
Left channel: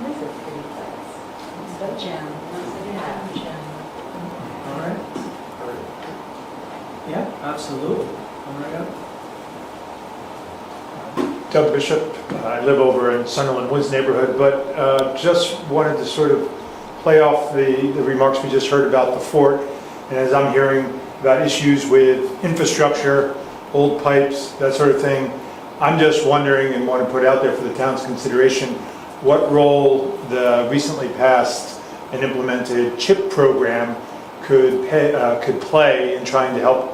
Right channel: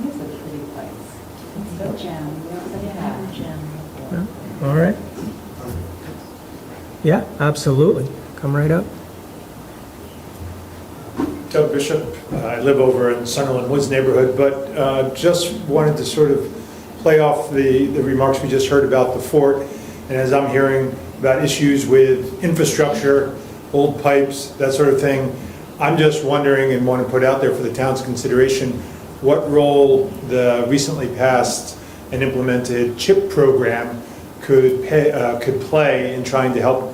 That's a pretty place. It's a gem, not a gem. All right. Yeah, absolutely. Come right up. Doug Bishop. I live over in Sunderland Woods neighborhood, but just wanted to sort of play off the remarks we just heard about the fort. And as I'm hearing about issues with infrastructure, old pipes, that sort of thing, I'm just wondering and want to put out there for the town's consideration what role the recently passed and implemented CHIP program could play in trying to help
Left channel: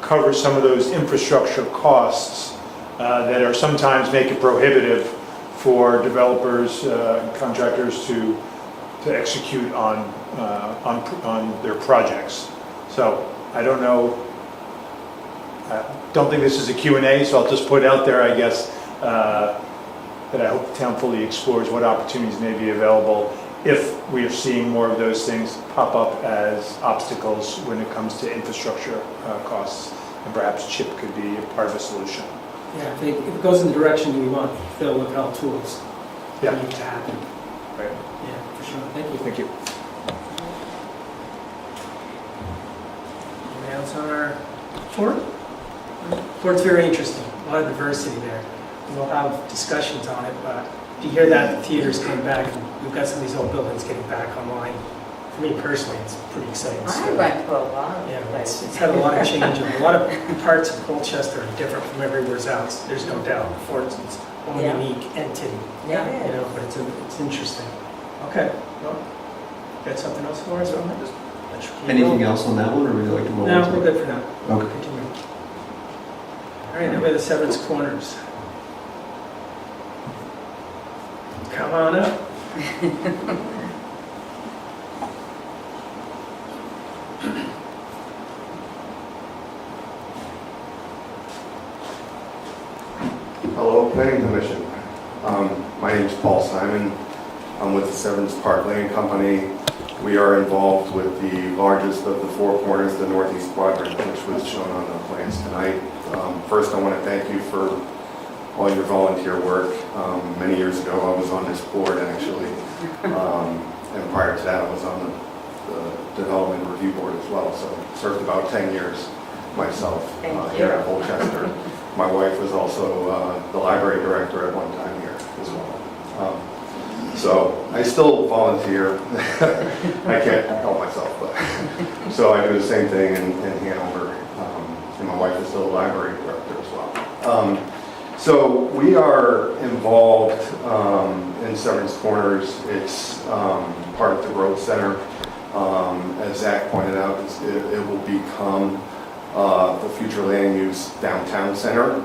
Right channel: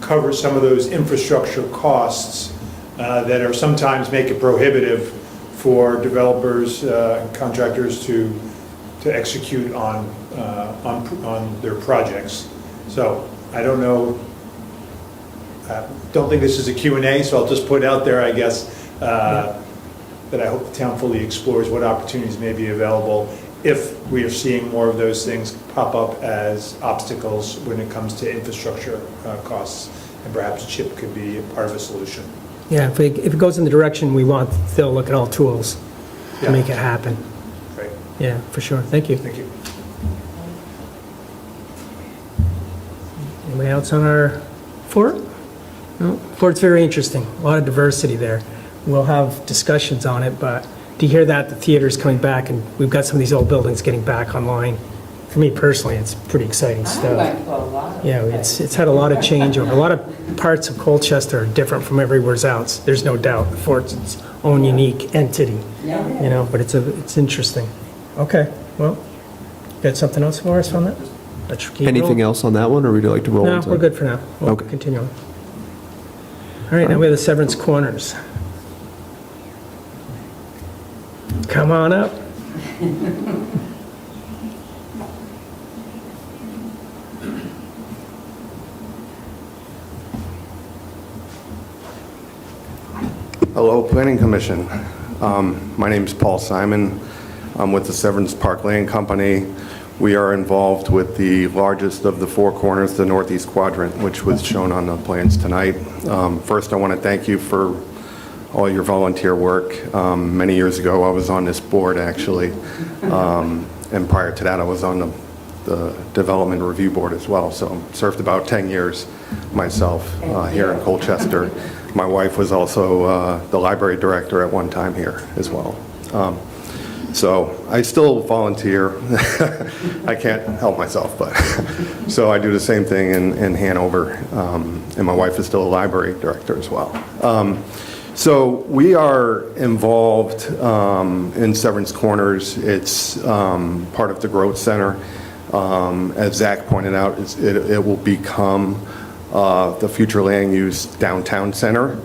cover some of those infrastructure costs that are sometimes make it prohibitive for developers and contractors to execute on their projects. So I don't know. Don't think this is a Q&A, so I'll just put out there, I guess, that I hope the town fully explores what opportunities may be available if we are seeing more of those things pop up as obstacles when it comes to infrastructure costs. And perhaps CHIP could be a part of a solution. Yeah, if it goes in the direction we want, they'll look at all tools to Yeah. make it happen. Right. Yeah, for sure. Thank you. Thank you. Anyone else on our fort? No? Fort's very interesting. A lot of diversity there. We'll have discussions on it, but to hear that the theater's coming back and we've got some of these old buildings getting back online, for me personally, it's pretty exciting I stuff. went for a while. Yeah, it's had a lot of change. A lot of parts of Colchester are different from everywhere else. There's no doubt. The fort's its own unique entity, Yeah. you know, but it's interesting. Okay, well, got something else for us from it? Let's keep Anything rolling. else on that one, or would you like to roll? No, into we're it? good for now. We'll Okay. continue on. All right, now we have the Severance Corners. Come on up. Hello, Planning Commission. My name is Paul Simon. I'm with the Severance Park Land Company. We are involved with the largest of the four corners, the northeast quadrant, which was shown on the plans tonight. First, I want to thank you for all your volunteer work. Many years ago, I was on this board, actually. And prior to that, I was on the Development Review Board as well. So I served about 10 years myself here in Colchester. My wife was also the library director at one time here as well. So I still volunteer. I can't help myself, but so I do the same thing in Hanover, and my wife is still a library director as well. So we are involved in Severance Corners. It's part of the Growth Center. As Zach pointed out, it will become the future land use downtown center.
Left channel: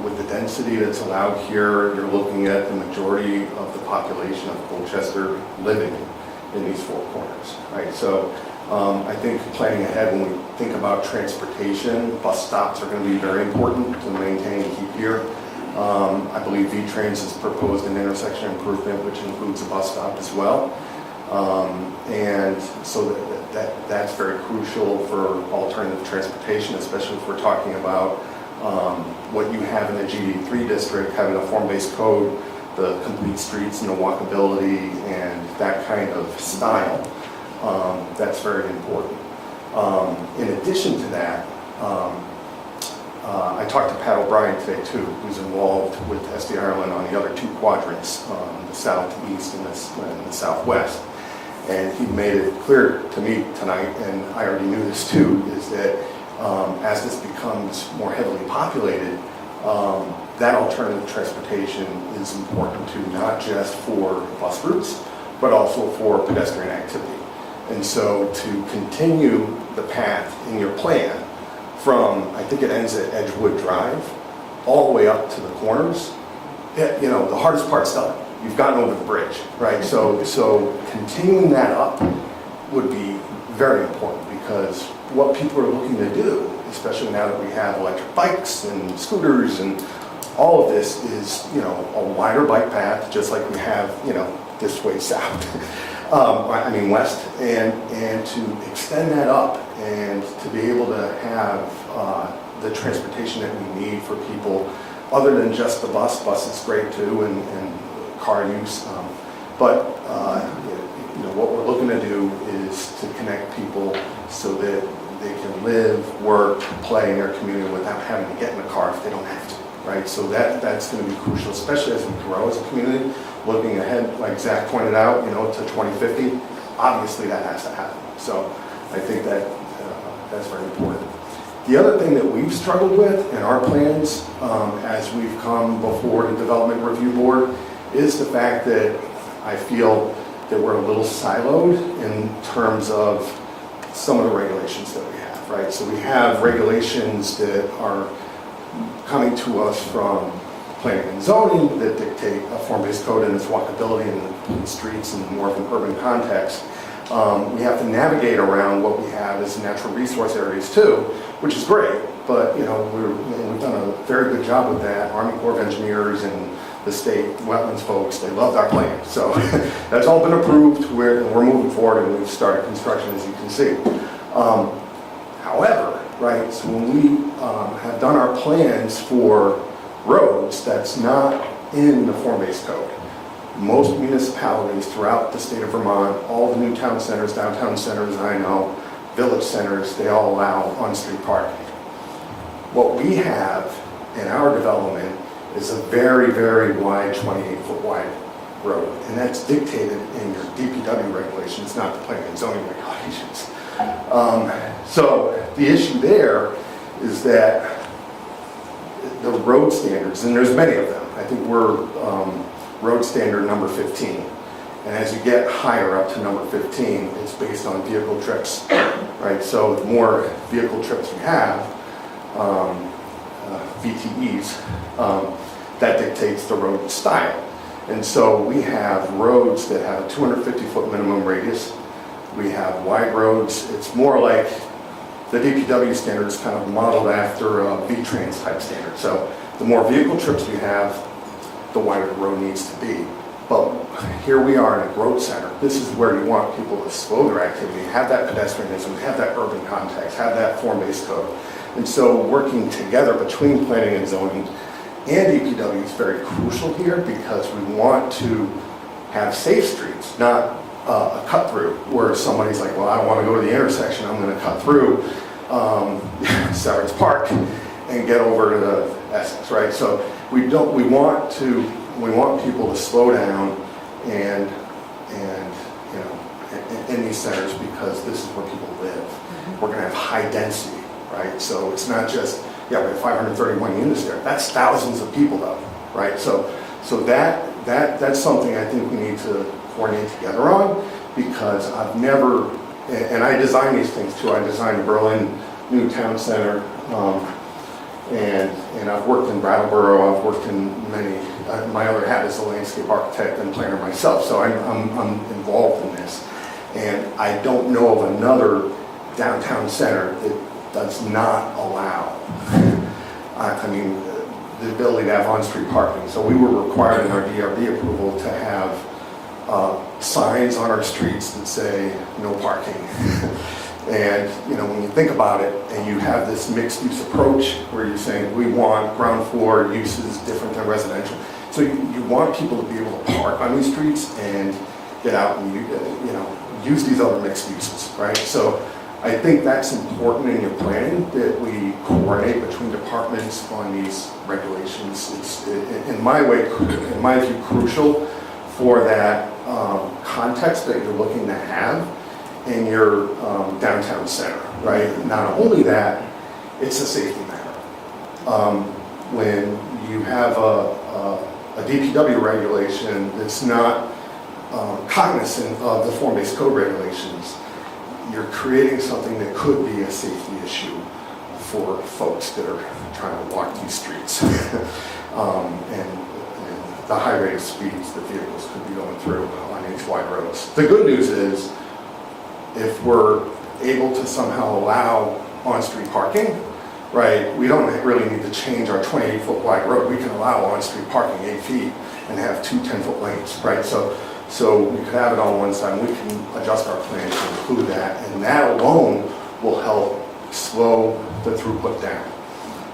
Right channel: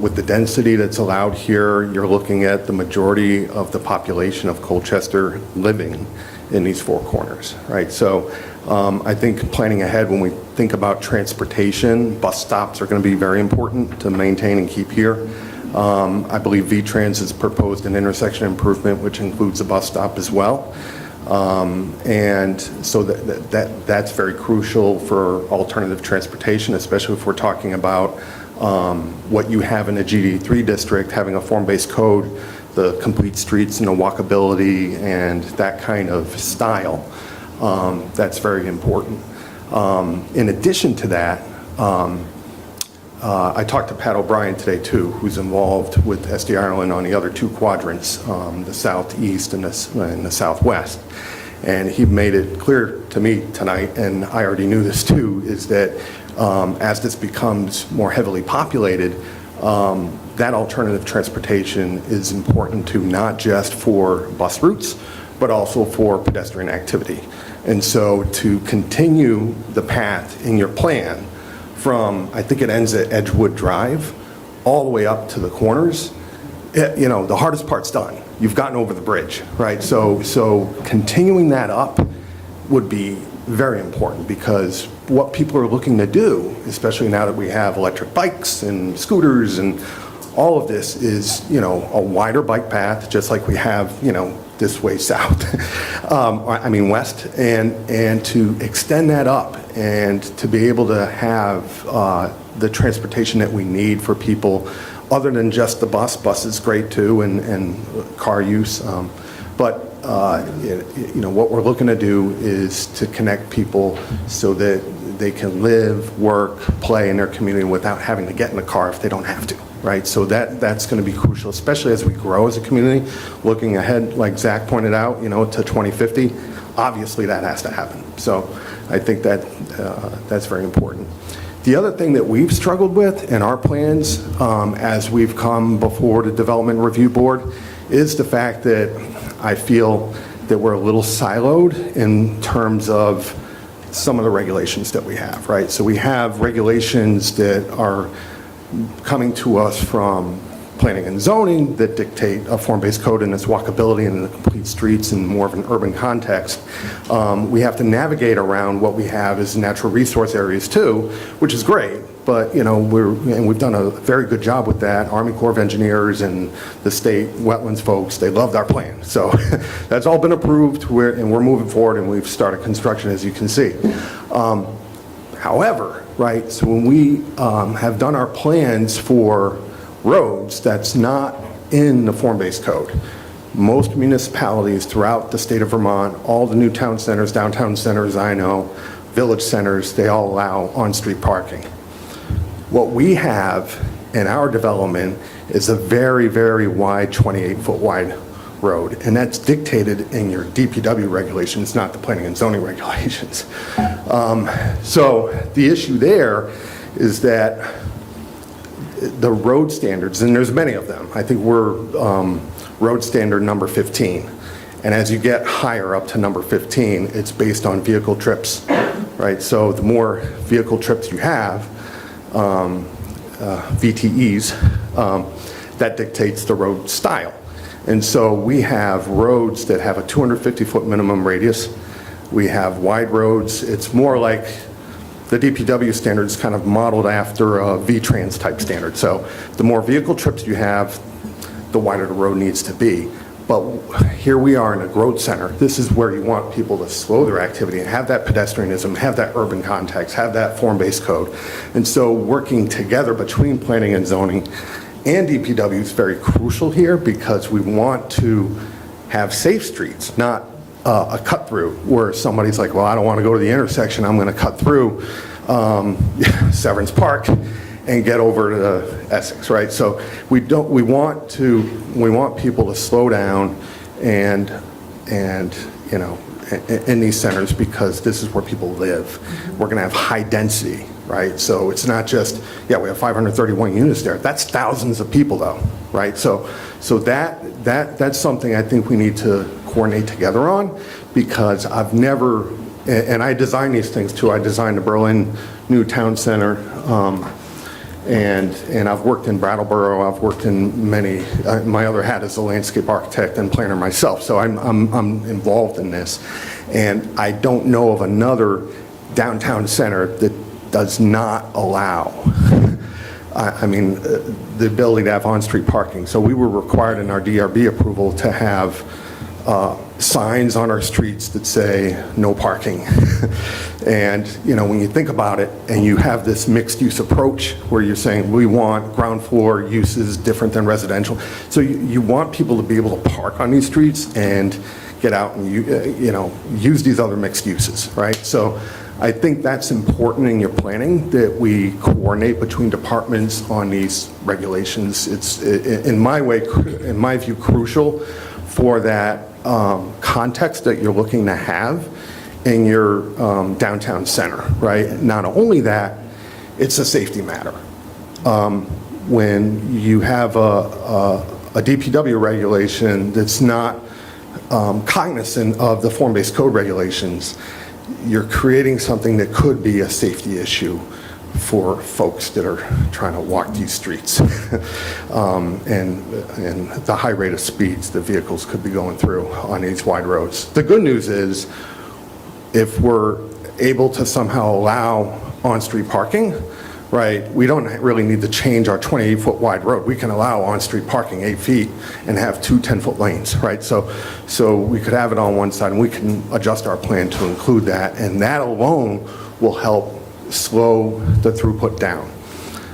With the density that's allowed here, you're looking at the majority of the population of Colchester living in these four corners, right? So I think planning ahead when we think about transportation, bus stops are going to be very important to maintain and keep here. I believe VTrans has proposed an intersection improvement which includes a bus stop as well. And so that's very crucial for alternative transportation, especially if we're talking about what you have in the GD3 district, having a form-based code, the complete streets and the walkability and that kind of style. That's very important. In addition to that, I talked to Pat O'Brien today too, who's involved with SD Ireland on the other two quadrants, the southeast and the southwest. And he made it clear to me tonight, and I already knew this too, is that as this becomes more heavily populated, that alternative transportation is important to not just for bus routes, but also for pedestrian activity. And so to continue the path in your plan from, I think it ends at Edgewood Drive, all the way up to the corners, the hardest part's done. You've gotten over the bridge, right? So continuing that up would be very important, because what people are looking to do, especially now that we have electric bikes and scooters and all of this, is, a wider bike path, just like we have, this way south, west, and to extend that up and to be able to have the transportation that we need for people other than just the bus. Bus is great too, and car use. But what we're looking to do is to connect people so that they can live, work, play in their community without having to get in a car if they don't have to. right? So that's going to be crucial, especially as we grow as a community, looking ahead, like Zach pointed out, to 2050. Obviously, that has to happen. So I think that that's very important. The other thing that we've struggled with in our plans as we've come before the Development Review Board is the fact that I feel that we're a little siloed in terms of some of the regulations that we have, right? So we have regulations that are coming to us from planning and zoning that dictate a form-based code and its walkability in streets and more of an urban context. We have to navigate around what we have as natural resource areas too, which is great, but we've done a very good job with that. Army Corps of Engineers and the state wetlands folks, they loved our plan. So that's all been approved, and we're moving forward, and we've started construction, as you can see. However, right, so when we have done our plans for roads, that's not in the form-based code. Most municipalities throughout the state of Vermont, all the new town centers, downtown centers I know, village centers, they all allow on-street parking. What we have in our development is a very, very wide, 28-foot wide road, and that's dictated in your DPW regulations, not the planning and zoning regulations. So the issue there is that the road standards, and there's many of them. I think we're road standard number 15. And as you get higher up to number 15, it's based on vehicle trips, right? So the more vehicle trips you have, VTEs, that dictates the road style. And so we have roads that have a 250-foot minimum radius. We have wide roads. It's more like the DPW standard is kind of modeled after a VTrans type standard. So the more vehicle trips you have, the wider the road needs to be. But here we are in a growth center. This is where you want people to slow their activity and have that pedestrianism, have that urban context, have that form-based code. And so working together between planning and zoning and DPW is very crucial here, because we want to have safe streets, not a cut through where somebody's like, well, I don't want to go to the intersection, I'm going to cut through Severance Park and get over to Essex, right? So we want people to slow down and in these centers, because this is where people live. We're going to have high density, right? So it's not just, we have 531 units there. That's thousands of people though, right? So that's something I think we need to coordinate together on, because I've never, and I design these things too. I designed the Berlin new town center, and I've worked in Brattleboro. I've worked in many. My other hat is a landscape architect and planner myself, so I'm involved in this. And I don't know of another downtown center that does not allow, the ability to have on-street parking. So we were required in our DRB approval to have signs on our streets that say no parking. And when you think about it, and you have this mixed use approach where you're saying we want ground floor uses different than residential, so you want people to be able to park on these streets and get out and use these other mixed uses, right? So I think that's important in your planning, that we coordinate between departments on these regulations. It's in my view crucial for that context that you're looking to have in your downtown center, right? Not only that, it's a safety matter. When you have a DPW regulation that's not cognizant of the form-based code regulations, you're creating something that could be a safety issue for folks that are trying to walk these streets. And the high rate of speeds that vehicles could be going through on these wide roads. The good news is, if we're able to somehow allow on-street parking, right, we don't really need to change our 28-foot wide road. We can allow on-street parking 8 feet and have 2 10-foot lanes, right? So we could have it on one side, and we can adjust our plan to include that, and that alone will help slow the throughput down.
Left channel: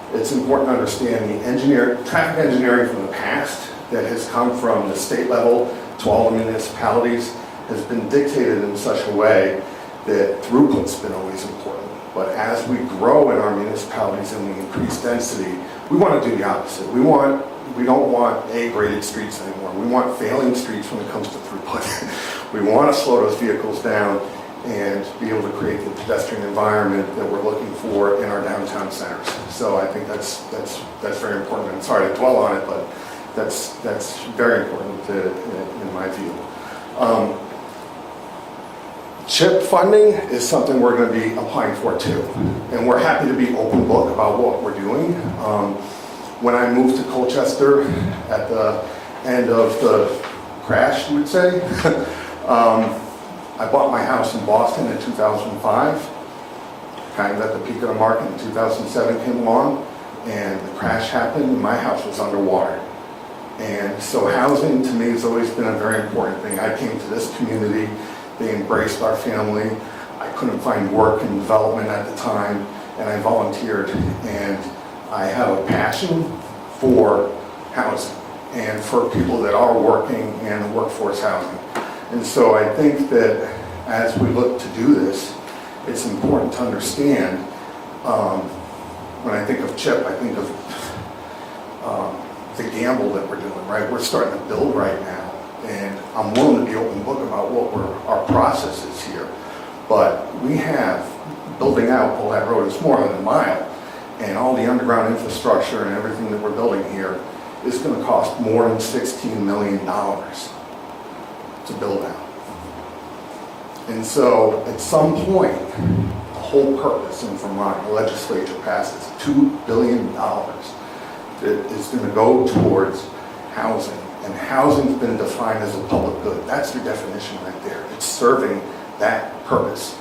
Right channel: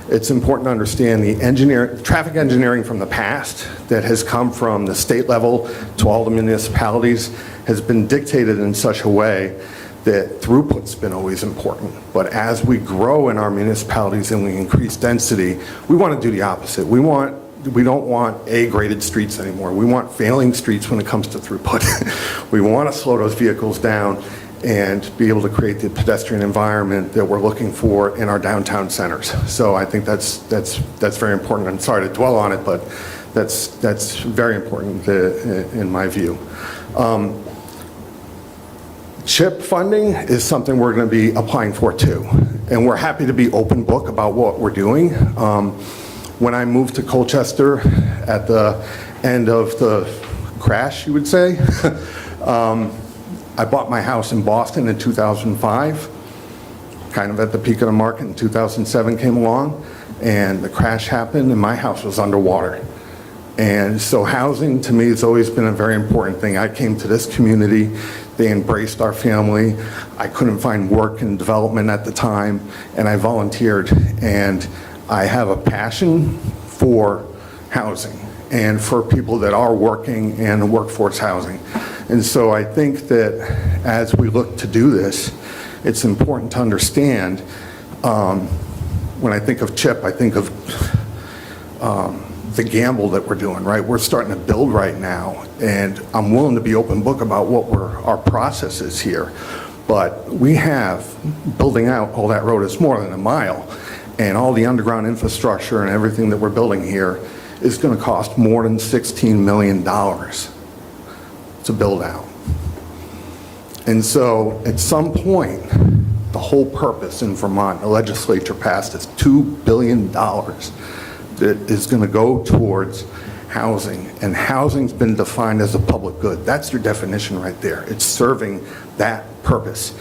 It's important to understand the traffic engineering from the past that has come from the state level to all the municipalities has been dictated in such a way that throughput's been always important. But as we grow in our municipalities and we increase density, we want to do the opposite. We don't want A-graded streets anymore. We want failing streets when it comes to throughput. We want to slow those vehicles down and be able to create the pedestrian environment that we're looking for in our downtown centers. So I think that's very important. I'm sorry to dwell on it, but that's very important in my view. CHIP funding is something we're going to be applying for too, and we're happy to be open book about what we're doing. When I moved to Colchester at the end of the crash, you would say, I bought my house in Boston in 2005, kind of at the peak of the market. In 2007 came along, and the crash happened, and my house was underwater. And so housing to me has always been a very important thing. I came to this community, they embraced our family. I couldn't find work and development at the time, and I volunteered. And I have a passion for housing and for people that are working and workforce housing. And so I think that as we look to do this, it's important to understand, when I think of CHIP, I think of the gamble that we're doing, right? We're starting to build right now, and I'm willing to be open book about what our process is here. But we have, building out all that road, it's more than a mile, and all the underground infrastructure and everything that we're building here is going to cost more than $16 million to build out. And so at some point, the whole purpose in Vermont, the legislature passed is $2 billion that is going to go towards housing. And housing's been defined as a public good. That's your definition right there. It's serving that purpose.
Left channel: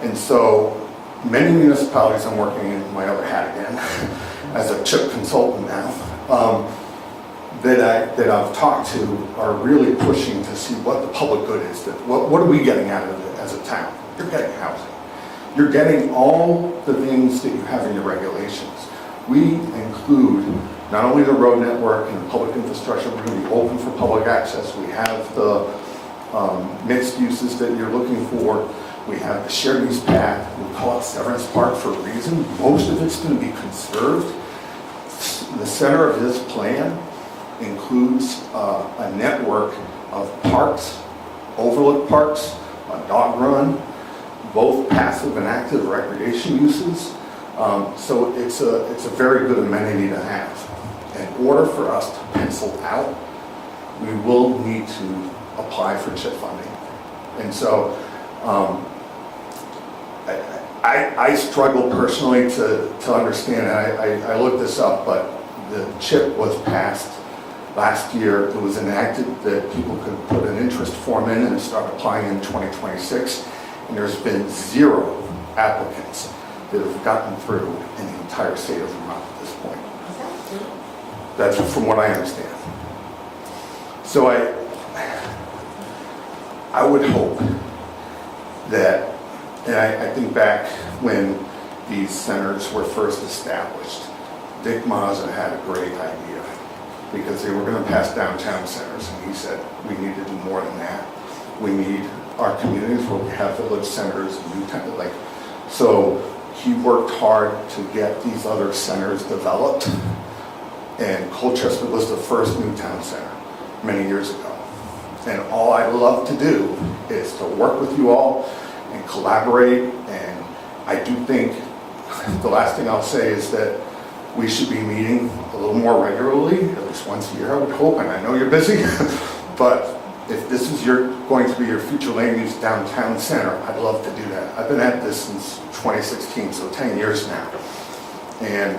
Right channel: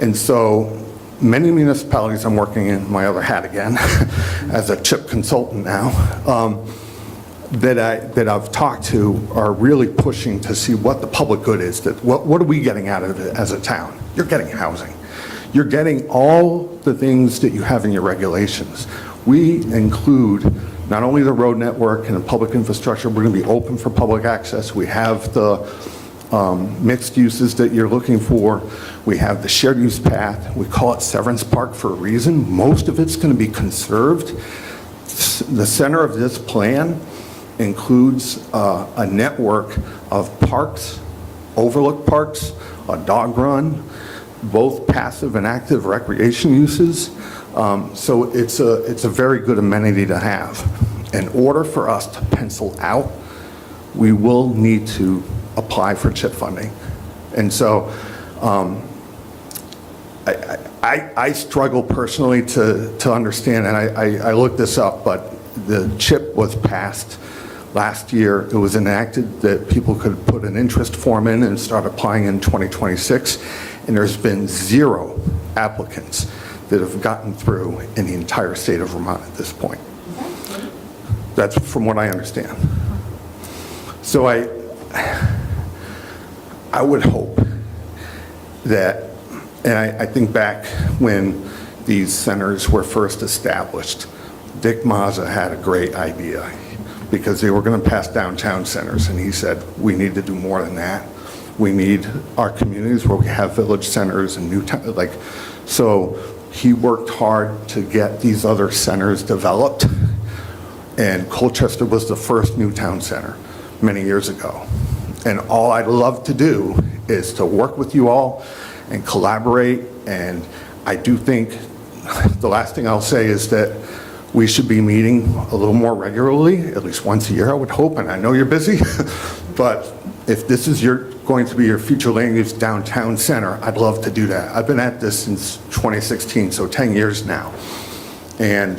And so many municipalities, I'm working in my other hat again, as a CHIP consultant now, that I've talked to are really pushing to see what the public good is. That what are we getting out of it as a town? You're getting housing. You're getting all the things that you have in your regulations. We include not only the road network and the public infrastructure, we're going to be open for public access. We have the mixed uses that you're looking for. We have the shared use path. We call it Severance Park for a reason. Most of it's going to be conserved. The center of this plan includes a network of parks, overlook parks, a dog run, both passive and active recreation uses. So it's a very good amenity to have. In order for us to pencil out, we will need to apply for CHIP funding. And so I struggle personally to understand, and I looked this up, but the CHIP was passed last year. It was enacted that people could put an interest form in and start applying in 2026, and there's been 0 applicants that have gotten through in the entire state of Vermont at this point. That's from what I understand. So I would hope that, and I think back when these centers were first established, Dick Mazza had a great idea because they were going to pass downtown centers, and he said, we need to do more than that. We need our communities where we have village centers and new town, so he worked hard to get these other centers developed, and Colchester was the first new town center many years ago. And all I'd love to do is to work with you all and collaborate, and I do think the last thing I'll say is that we should be meeting a little more regularly, at least once a year, I would hope, and I know you're busy, but if this is going to be your future land use downtown center, I'd love to do that. I've been at this since 2016, so 10 years now. And,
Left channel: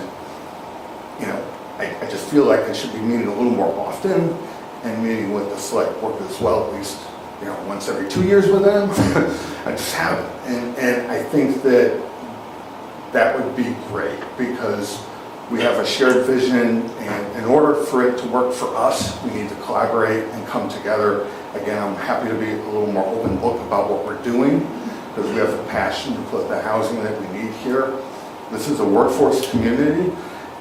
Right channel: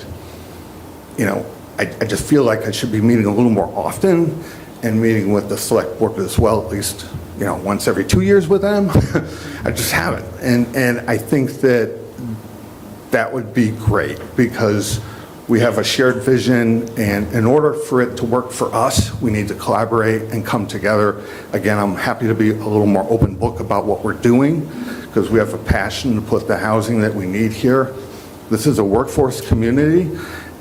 I just feel like I should be meeting a little more often and meeting with the select board as well, at least, once every 2 years with them. I just haven't. And I think that would be great because we have a shared vision, and in order for it to work for us, we need to collaborate and come together. Again, I'm happy to be a little more open book about what we're doing because we have a passion to put the housing that we need here. This is a workforce community,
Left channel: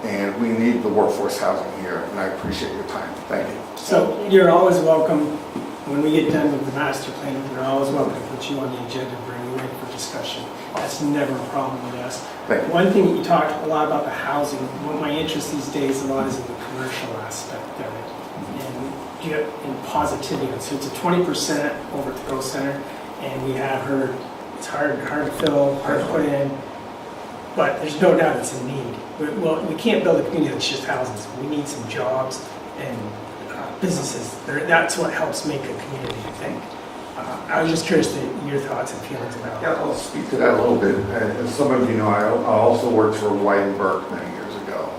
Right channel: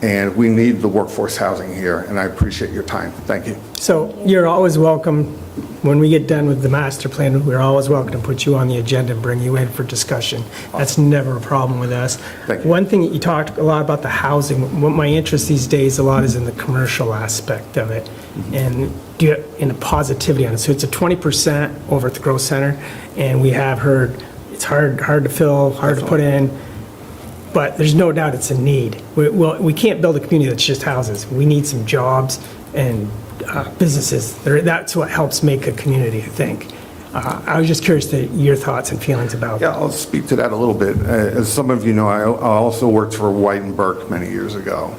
And we need the workforce housing here, and I appreciate your time. Thank you. So you're always welcome, when we get done with the master plan, we're always welcome to put you on the agenda and bring you in for discussion. That's never a problem with us. Thank you. One thing that you talked a lot about the housing, what my interest these days a lot is in the commercial aspect of it. And in the positivity on it. So it's a 20% over at the growth center, and we have heard it's hard to fill, hard to put in, but there's no doubt it's a need. We can't build a community that's just houses. We need some jobs and businesses. That's what helps make a community, I think. I was just curious to your thoughts and feelings about Yeah, I'll speak to that a little bit. As some of you know, I also worked for White and Burke many years ago.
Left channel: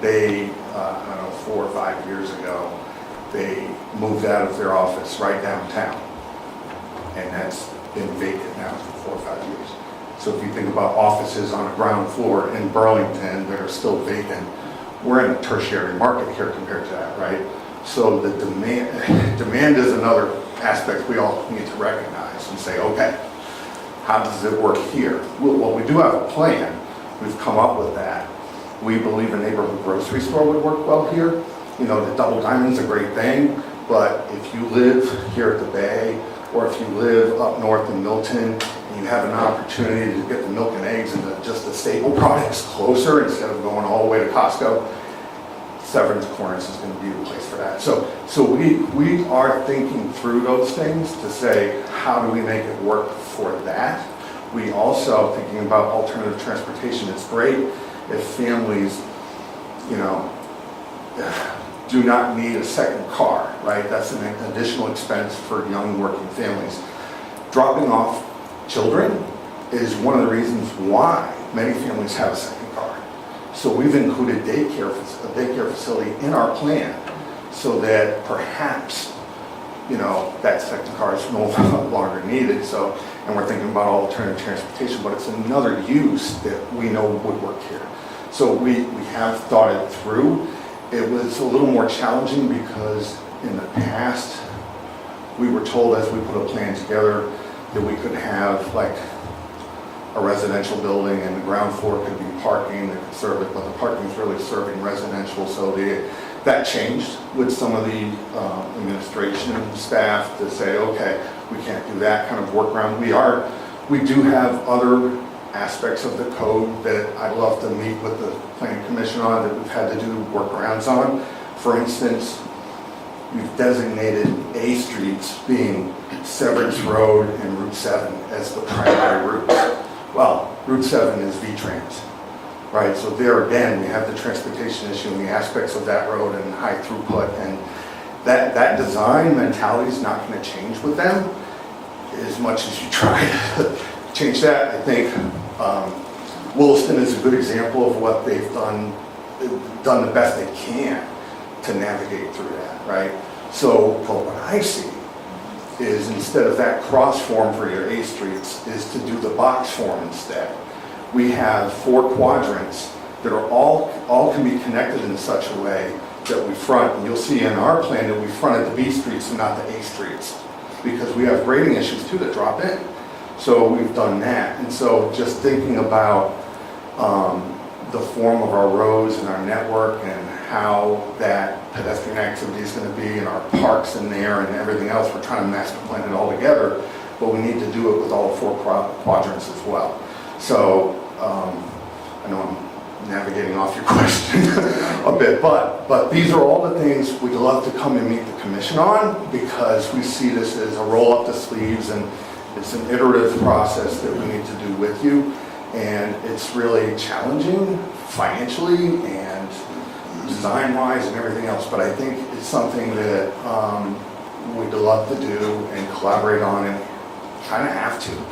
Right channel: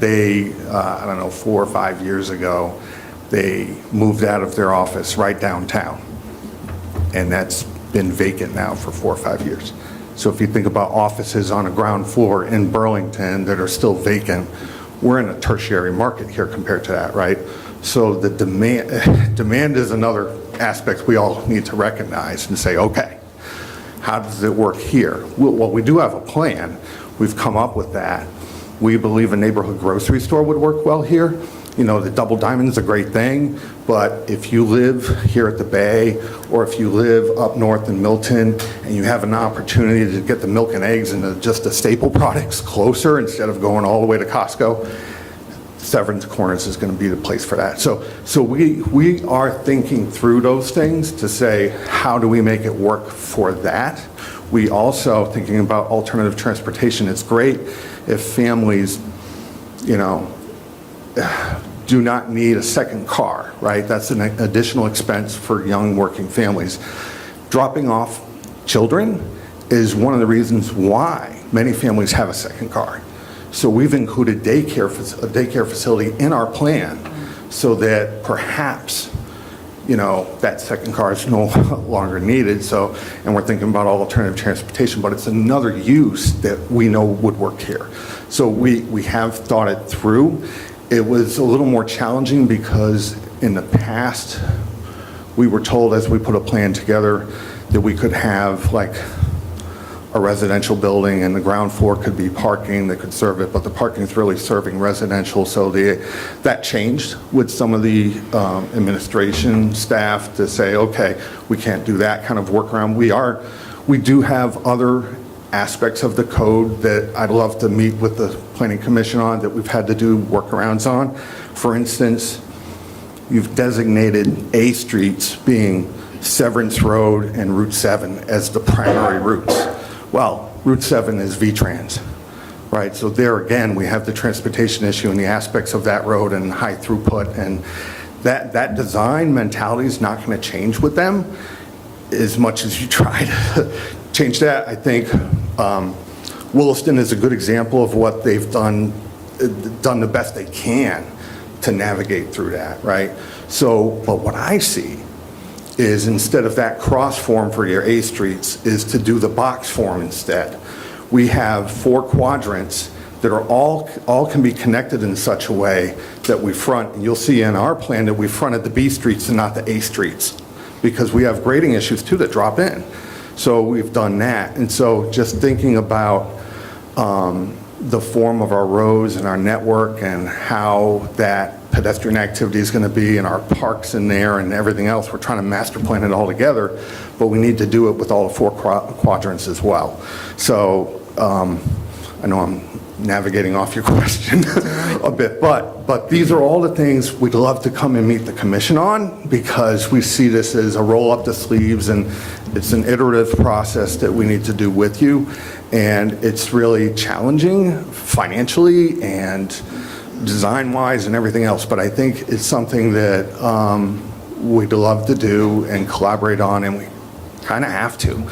They, I don't know, 4 or 5 years ago, they moved out of their office right downtown. And that's been vacant now for 4 or 5 years. So if you think about offices on a ground floor in Burlington that are still vacant, we're in a tertiary market here compared to that, right? So the demand is another aspect we all need to recognize and say, okay, how does it work here? Well, we do have a plan. We've come up with that. We believe a neighborhood grocery store would work well here. You know, the Double Diamond's a great thing, but if you live here at the Bay, or if you live up north in Milton, and you have an opportunity to get the milk and eggs and just the staple products closer instead of going all the way to Costco, Severance Corners is going to be the place for that. So we are thinking through those things to say, how do we make it work for that? We also thinking about alternative transportation. It's great if families, you know, do not need a second car, right? That's an additional expense for young working families. Dropping off children is one of the reasons why many families have a second car. So we've included a daycare facility in our plan so that perhaps, you know, that second car is no longer needed. So, and we're thinking about alternative transportation, but it's another use that we know would work here. So we have thought it through. It was a little more challenging because in the past, we were told as we put a plan together that we could have like a residential building and the ground floor could be parking that could serve it, but the parking is really serving residential. So that changed with some of the administration staff to say, okay, we can't do that kind of workaround. We do have other aspects of the code that I'd love to meet with the Planning Commission on that we've had to do workarounds on. For instance, you've designated A streets being Severance Road and Route 7 as the primary routes. Well, Route 7 is V-Trans, right? So there again, we have the transportation issue and the aspects of that road and high throughput, and that design mentality is not going to change with them as much as you try to change that. I think Williston is a good example of what they've done the best they can to navigate through that, right? So, but what I see is instead of that cross form for your A streets is to do the box form instead. We have 4 quadrants that are all can be connected in such a way that we front. You'll see in our plan that we fronted the B streets and not the A streets because we have grading issues too that drop in. So we've done that. And so just thinking about the form of our roads and our network and how that pedestrian activity is going to be and our parks in there and everything else, we're trying to master plan it all together, but we need to do it with all the 4 quadrants as well. So I know I'm navigating off your question a bit, but these are all the things we'd love to come and meet the commission on because we see this as a roll up the sleeves and it's an iterative process that we need to do with you. And it's really challenging financially and design-wise and everything else. But I think it's something that we'd love to do and collaborate on, and we kind of have to.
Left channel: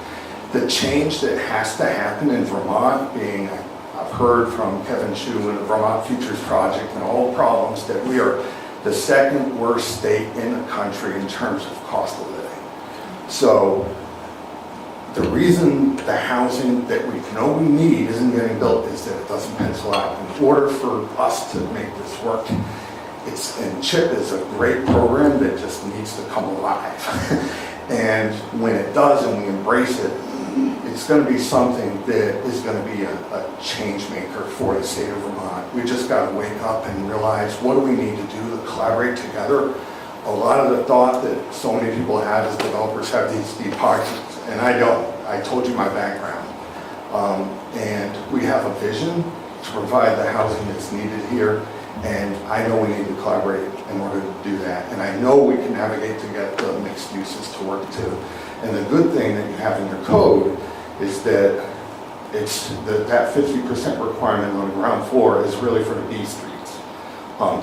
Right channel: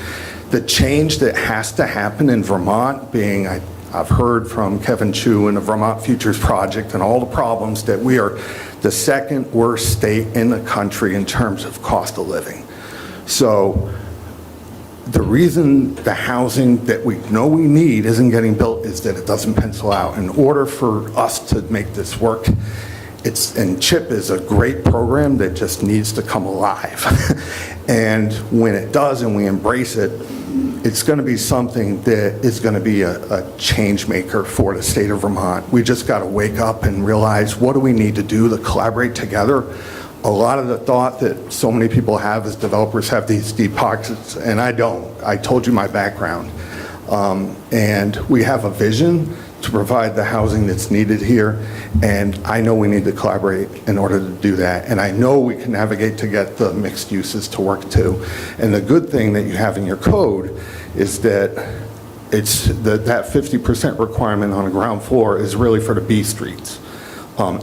The change that has to happen in Vermont being, I've heard from Kevin Chu and the Vermont Futures Project and all the problems that we are the second worst state in the country in terms of cost of living. So the reason the housing that we know we need isn't getting built is that it doesn't pencil out. In order for us to make this work, and CHIP is a great program that just needs to come alive. And when it does and we embrace it, it's going to be something that is going to be a change maker for the state of Vermont. We just got to wake up and realize, what do we need to do to collaborate together? A lot of the thought that so many people have is developers have these deep pockets, and I don't. I told you my background. And we have a vision to provide the housing that's needed here, and I know we need to collaborate in order to do that. And I know we can navigate to get the mixed uses to work too. And the good thing that you have in your code is that that 50% requirement on the ground floor is really for the B streets.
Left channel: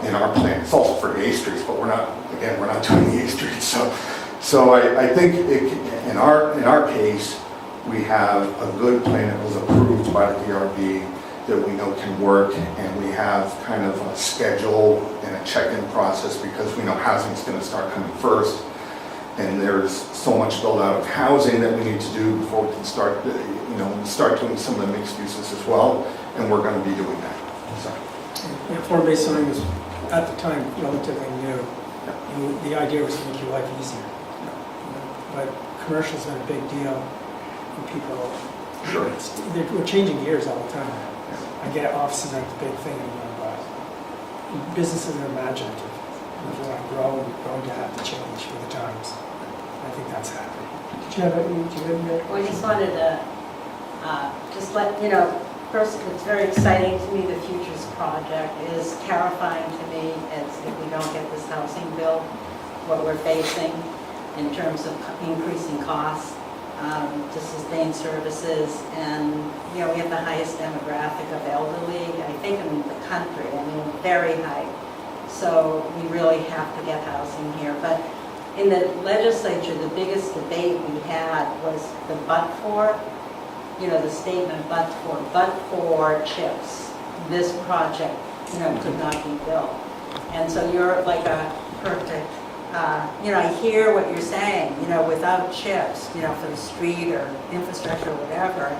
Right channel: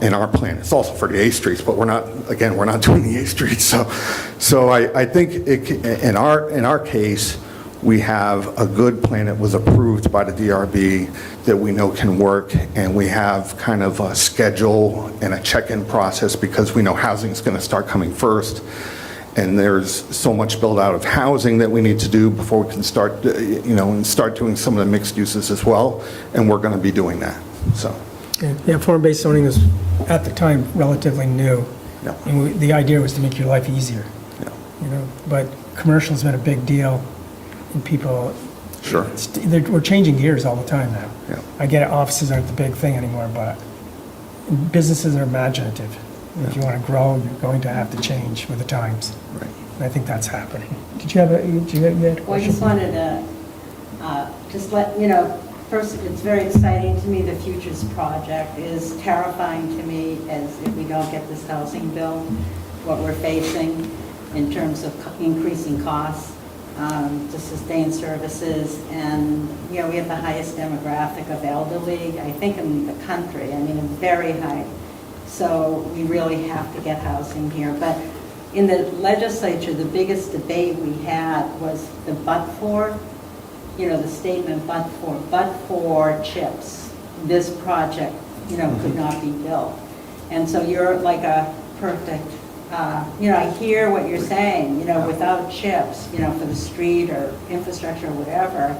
In our plan, it's also for the A streets, but we're not doing the A streets. So I think in our case, we have a good plan that was approved by the DRB that we know can work, and we have kind of a schedule and a check-in process because we know housing's going to start coming first, and there's so much build out of housing that we need to do before we can start doing some of the mixed uses as well, and we're going to be doing that. So. Yeah, form-based zoning was, at the time, relatively new. Yeah. And the idea was to make your life easier. Yeah. You know, but commercial's been a big deal, and people, Sure. we're changing gears all the time now. Yeah. I get it, offices aren't the big thing anymore, but businesses are imaginative. And if you want to grow, you're going to have to change with the times. Right. And I think that's happening. Did you have a We question? just wanted to just let you know, first, it's very exciting to me. The Futures Project is terrifying to me as if we don't get this housing bill, what we're facing in terms of increasing costs to sustain services. And, you know, we have the highest demographic of elderly, I think, in the country. I mean, very high. So we really have to get housing here. But in the legislature, the biggest debate we had was the but-for. You know, the statement but for chips, this project, you know, could not be built. And so you're like a perfect, you know, I hear what you're saying, you know, without chips, you know, for the street or infrastructure or whatever,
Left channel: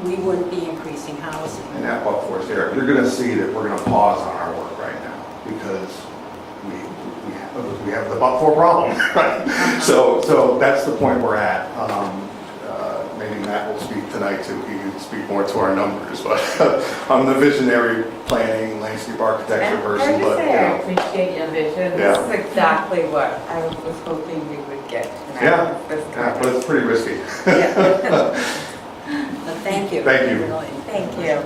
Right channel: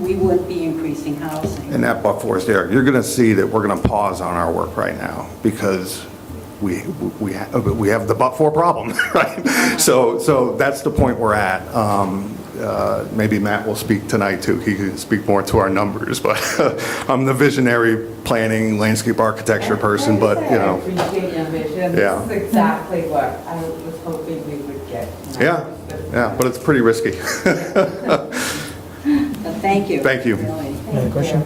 we wouldn't be increasing housing. And that but-for is there. You're going to see that we're going to pause on our work right now because we have the but-for problem. Right? So that's the point we're at. Maybe Matt will speak tonight too. He can speak more to our numbers, but I'm the visionary planning landscape architecture person, but you know. I appreciate your vision. Yeah. This is exactly what I was hoping we would get. Yeah, but it's pretty risky. But thank you. Thank you. Really. Thank you.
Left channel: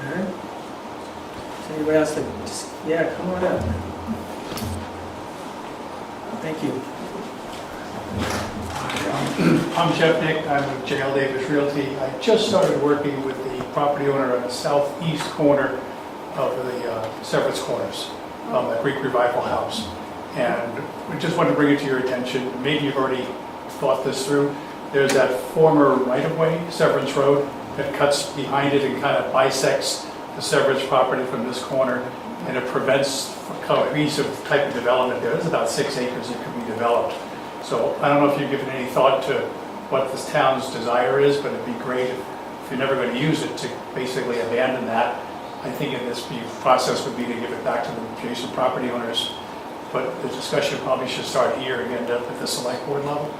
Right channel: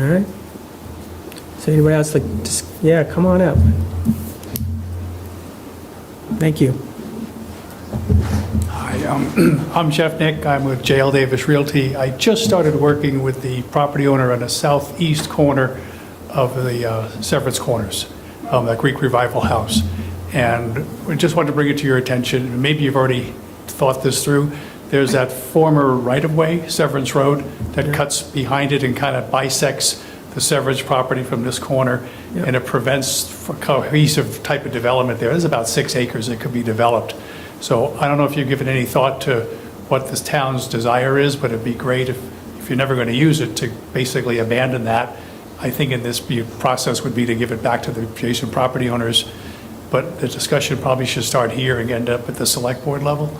All right. So anybody else yeah, come on up. Thank you. Hi, I'm Jeff Nick. I'm with J.L. Davis Realty. I just started working with the property owner on the southeast corner of the Severance Corners, the Greek Revival House. And we just wanted to bring it to your attention. Maybe you've already thought this through. There's that former right-of-way, Severance Road, that cuts behind it and kind of bisects the Severance property from this corner, and it prevents for cohesive type of development there. There's about 6 acres that could be developed. So I don't know if you've given any thought to what this town's desire is, but it'd be great if you're never going to use it, to basically abandon that. I think in this process would be to give it back to the adjacent property owners, but the discussion probably should start here and end up at the select board level.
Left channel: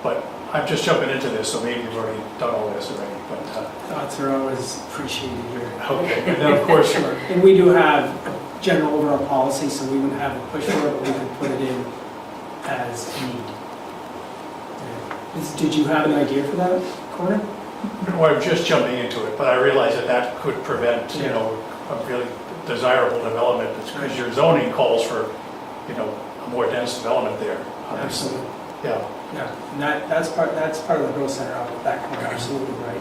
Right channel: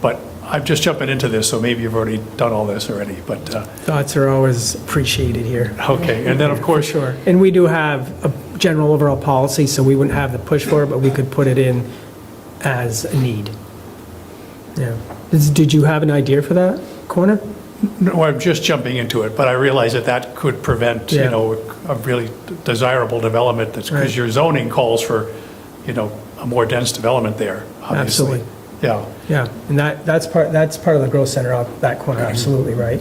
But I'm just jumping into this, so maybe you've already done all this already, but... Thoughts are always appreciated here. Okay, and then of course... Sure. And we do have a general overall policy, so we wouldn't have the push for it, but we could put it in as a need. Yeah. Did you have an idea for that corner? No, I'm just jumping into it, but I realize that that could prevent, Yeah. you know, a really desirable development, because Right. your zoning calls for, you know, a more dense development there, obviously. Absolutely. Yeah. Yeah, and that's part of the growth center of that corner, absolutely, right?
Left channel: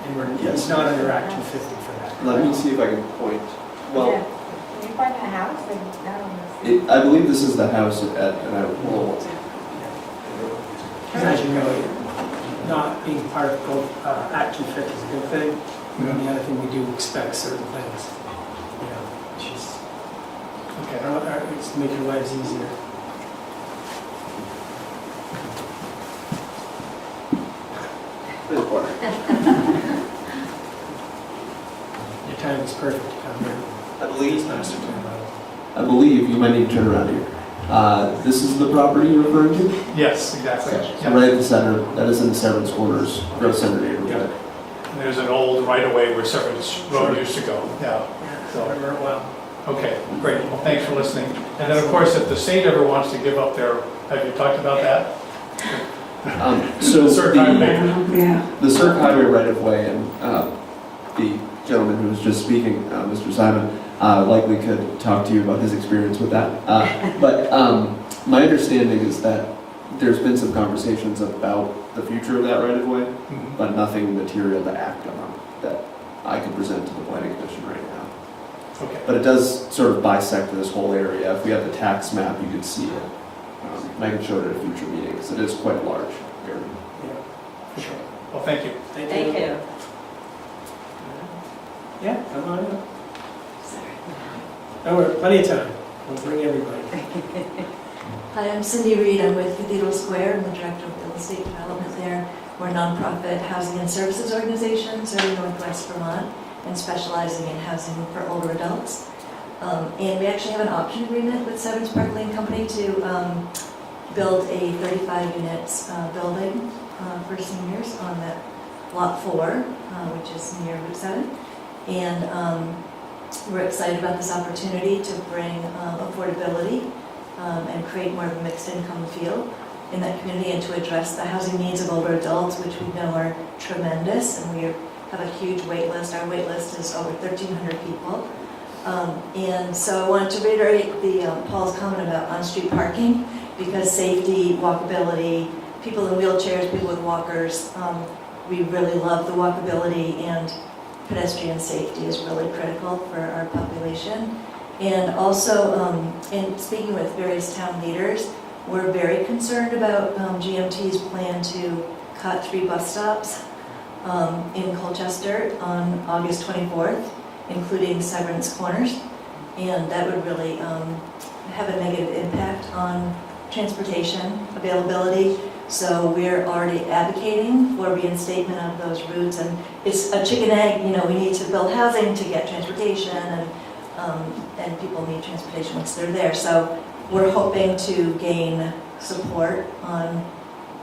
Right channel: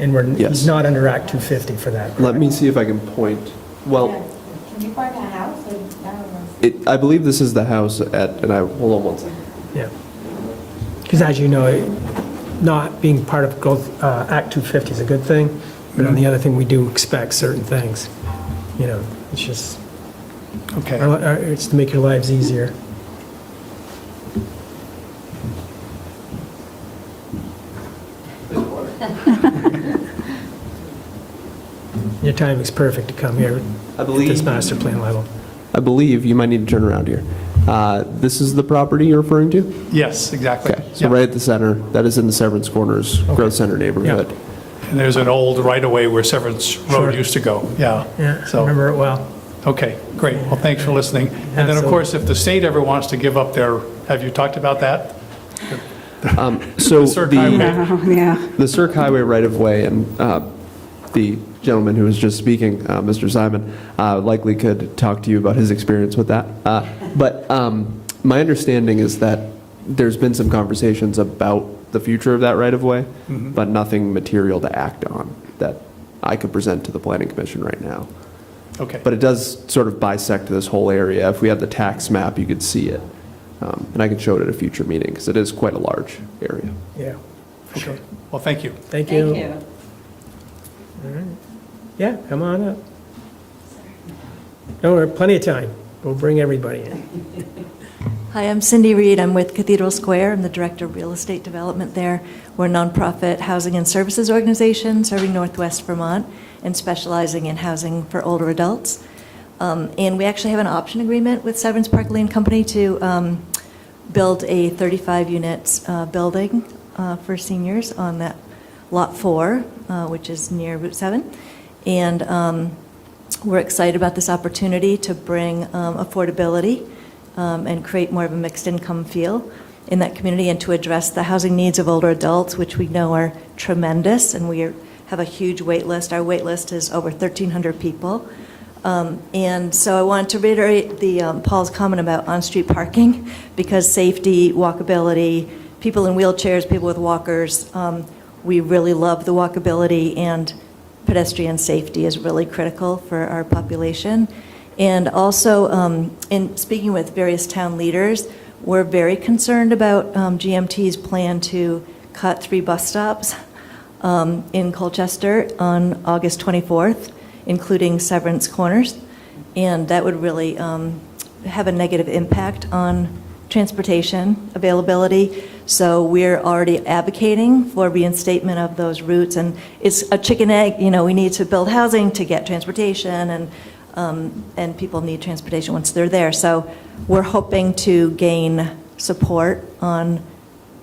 And Yes. he's not under Act 250 for that. Let me see if I can point. Well, Yeah. Can you find a house? I believe this is the house and I, hold on one second. Yeah. Because as you know, not being part of growth, Act 250 is a good thing, but on the other thing, we do expect certain things. You know, it's just, Okay. it's to make your lives easier. Your timing's perfect to come here I at this believe, master plan level. you might need to turn around here. This is the property you're referring to? Yes, exactly. Okay, so Yeah. right at the center, that is in the Severance Corners Growth Center neighborhood. And there's an old right-of-way where Severance Road Sure. used to go. Yeah. Yeah, I So- remember it well. Okay, great. Well, thanks for listening. And then, of Absolutely. course, if the state ever wants to give up their, have you talked about that? So The Cirque Highway. Yeah. the Cirque Highway right-of-way, and the gentleman who was just speaking, Mr. Simon, likely could talk to you about his experience with that. But my understanding is that there's been some conversations about the future of that right-of-way, Mhm. but nothing material to act on that I could present to the Planning Commission right now. Okay. But it does sort of bisect this whole area. If we had the tax map, you could see it. And I could show it at a future meeting, because it is quite a large area. Yeah, for sure. Well, thank you. Thank you. Thank you. All right. Yeah, come on up. No, we're plenty of time. We'll bring everybody in. Hi, I'm Cindy Reed. I'm with Cathedral Square. I'm the Director of Real Estate Development there. We're a nonprofit housing and services organization serving Northwest Vermont and specializing in housing for older adults. And we actually have an option agreement with Severance Park Lane Company to build a 35 units building for seniors on that Lot 4, which is near Route 7. And we're excited about this opportunity to bring affordability and create more of a mixed income feel in that community and to address the housing needs of older adults, which we know are tremendous, and we have a huge wait list. Our wait list is over 1,300 people. And so I wanted to reiterate Paul's comment about on-street parking, because safety, walkability, people in wheelchairs, people with walkers, we really love the walkability, and pedestrian safety is really critical for our population. And also, in speaking with various town leaders, we're very concerned about GMT's plan to cut 3 bus stops in Colchester on August 24th, including Severance Corners. And that would really have a negative impact on transportation availability. So we're already advocating for reinstatement of those routes. And it's a chicken egg, we need to build housing to get transportation, and people need transportation once they're there. So we're hoping to gain support on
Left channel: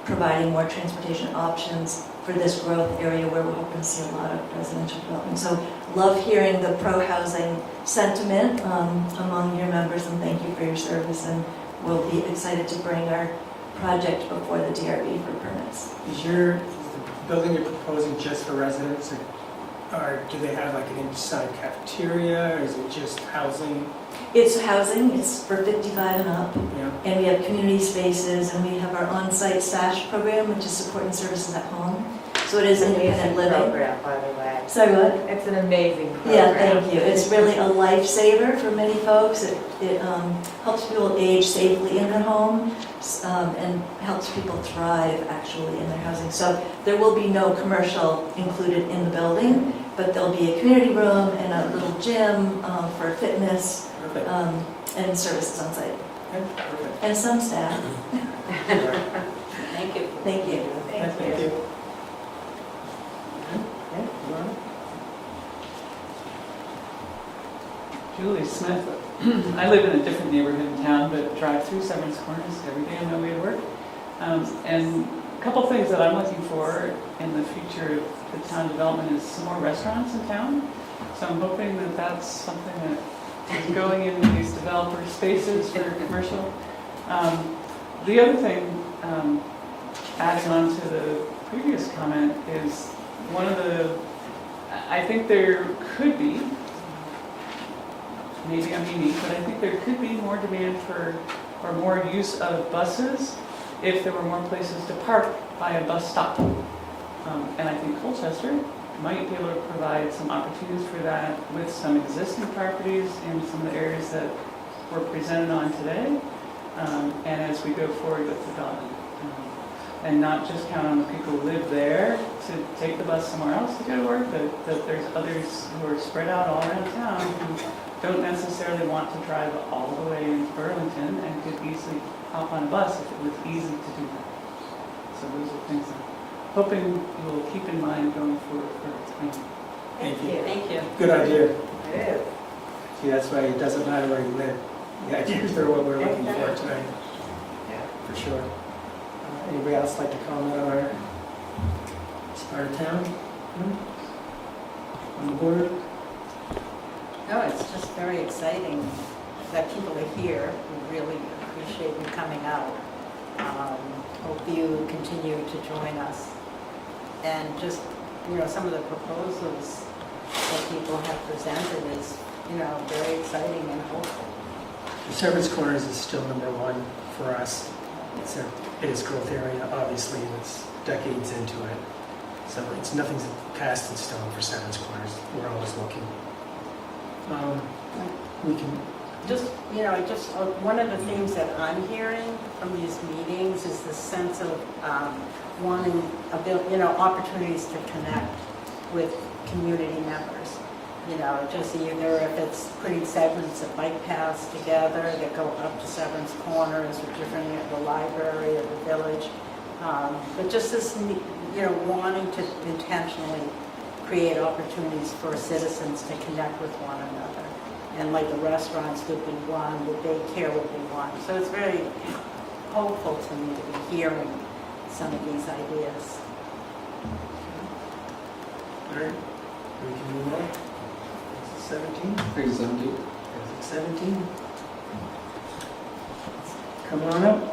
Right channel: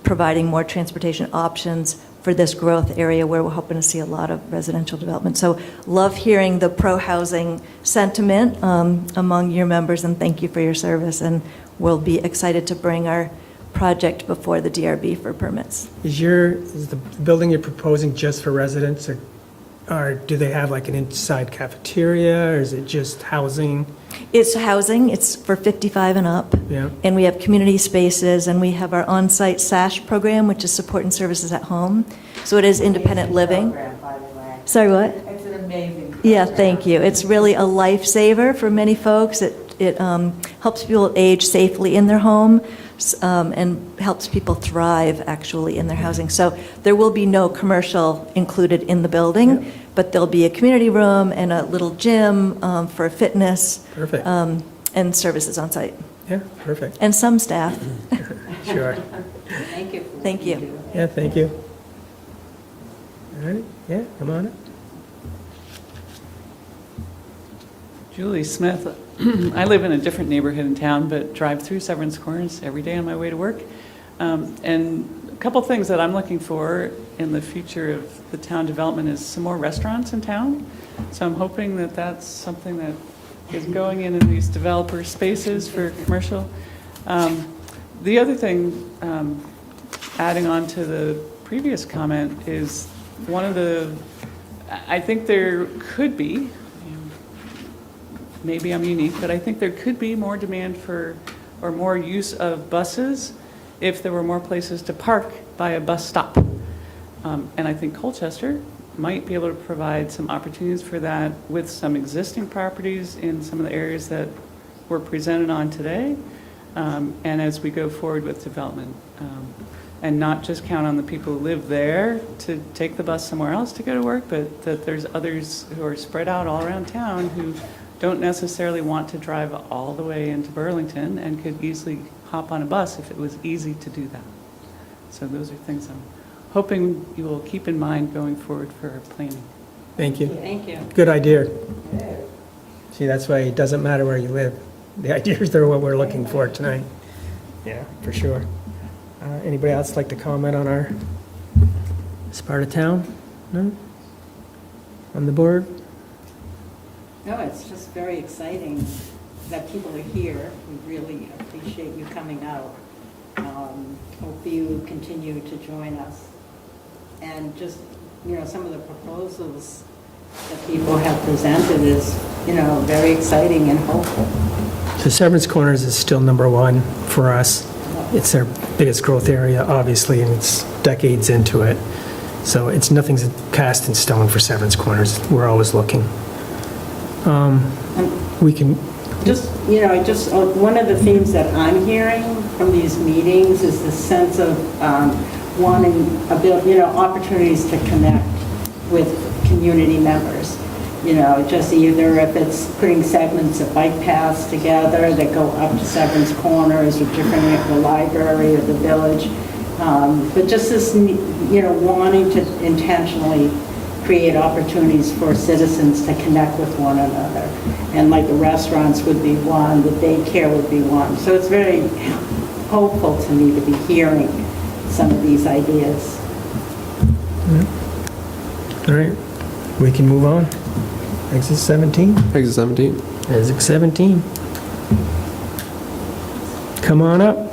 providing more transportation options for this growth area where we're hoping to see a lot of residential development. So love hearing the pro-housing sentiment among your members, and thank you for your service. And we'll be excited to bring our project before the DRB for permits. Is the building you're proposing just for residents, or do they have like an inside cafeteria, or is it just housing? It's housing, it's for 55 and up, Yeah. and we have community spaces, and we have our on-site SASH program, which is support and services at home. So it is independent living. Program, by the way. Sorry, what? It's an amazing program. Yeah, thank you. It's really a lifesaver for many folks. It helps people age safely in their home, and helps people thrive actually in their housing. So there will be no commercial included in the building, but there'll be a community room and a little gym for fitness Perfect. and services on site, Yeah, perfect. and some staff. Sure. Thank you. Thank you. Yeah, thank you. All right, yeah, come on. Julie Smith. I live in a different neighborhood in town, but drive through Severance Corners every day on my way to work. And a couple things that I'm looking for in the future of the town development is some more restaurants in town. So I'm hoping that that's something that is going in these developer spaces for commercial. The other thing, adding on to the previous comment, is I think there could be, maybe I'm unique, but I think there could be more demand for, or more use of buses if there were more places to park by a bus stop. And I think Colchester might be able to provide some opportunities for that with some existing properties in some of the areas that were presented on today. And as we go forward with development. And not just count on the people who live there to take the bus somewhere else to go to work, but that there's others who are spread out all around town who don't necessarily want to drive all the way into Burlington and could easily hop on a bus if it was easy to do that. So those are things I'm hoping you will keep in mind going forward for our planning. Thank you. Thank you. Good idea. It is. See, that's why it doesn't matter where you live. The ideas are what we're looking for tonight. Yeah, for sure. Anybody else like to comment on our this part of town? No? On the board? No, it's just very exciting that people are here. We really appreciate you coming out. Hope you continue to join us. And just, some of the proposals that people have presented is, very exciting and hopeful. So Severance Corners is still number one for us. It's our biggest growth area, obviously, and it's decades into it. So nothing's cast in stone for Severance Corners. We're always looking. We can... One of the themes that I'm hearing from these meetings is the sense of wanting, opportunities to connect with community members. Just either if it's putting segments of bike paths together that go up to Severance Corners or different at the library or the village. But just this, wanting to intentionally create opportunities for citizens to connect with one another. And like the restaurants would be one, the daycare would be one. So it's very hopeful to me to be hearing some of these ideas. All right, we can move on. Exit 17? Exit 17. Exit 17. Come on up.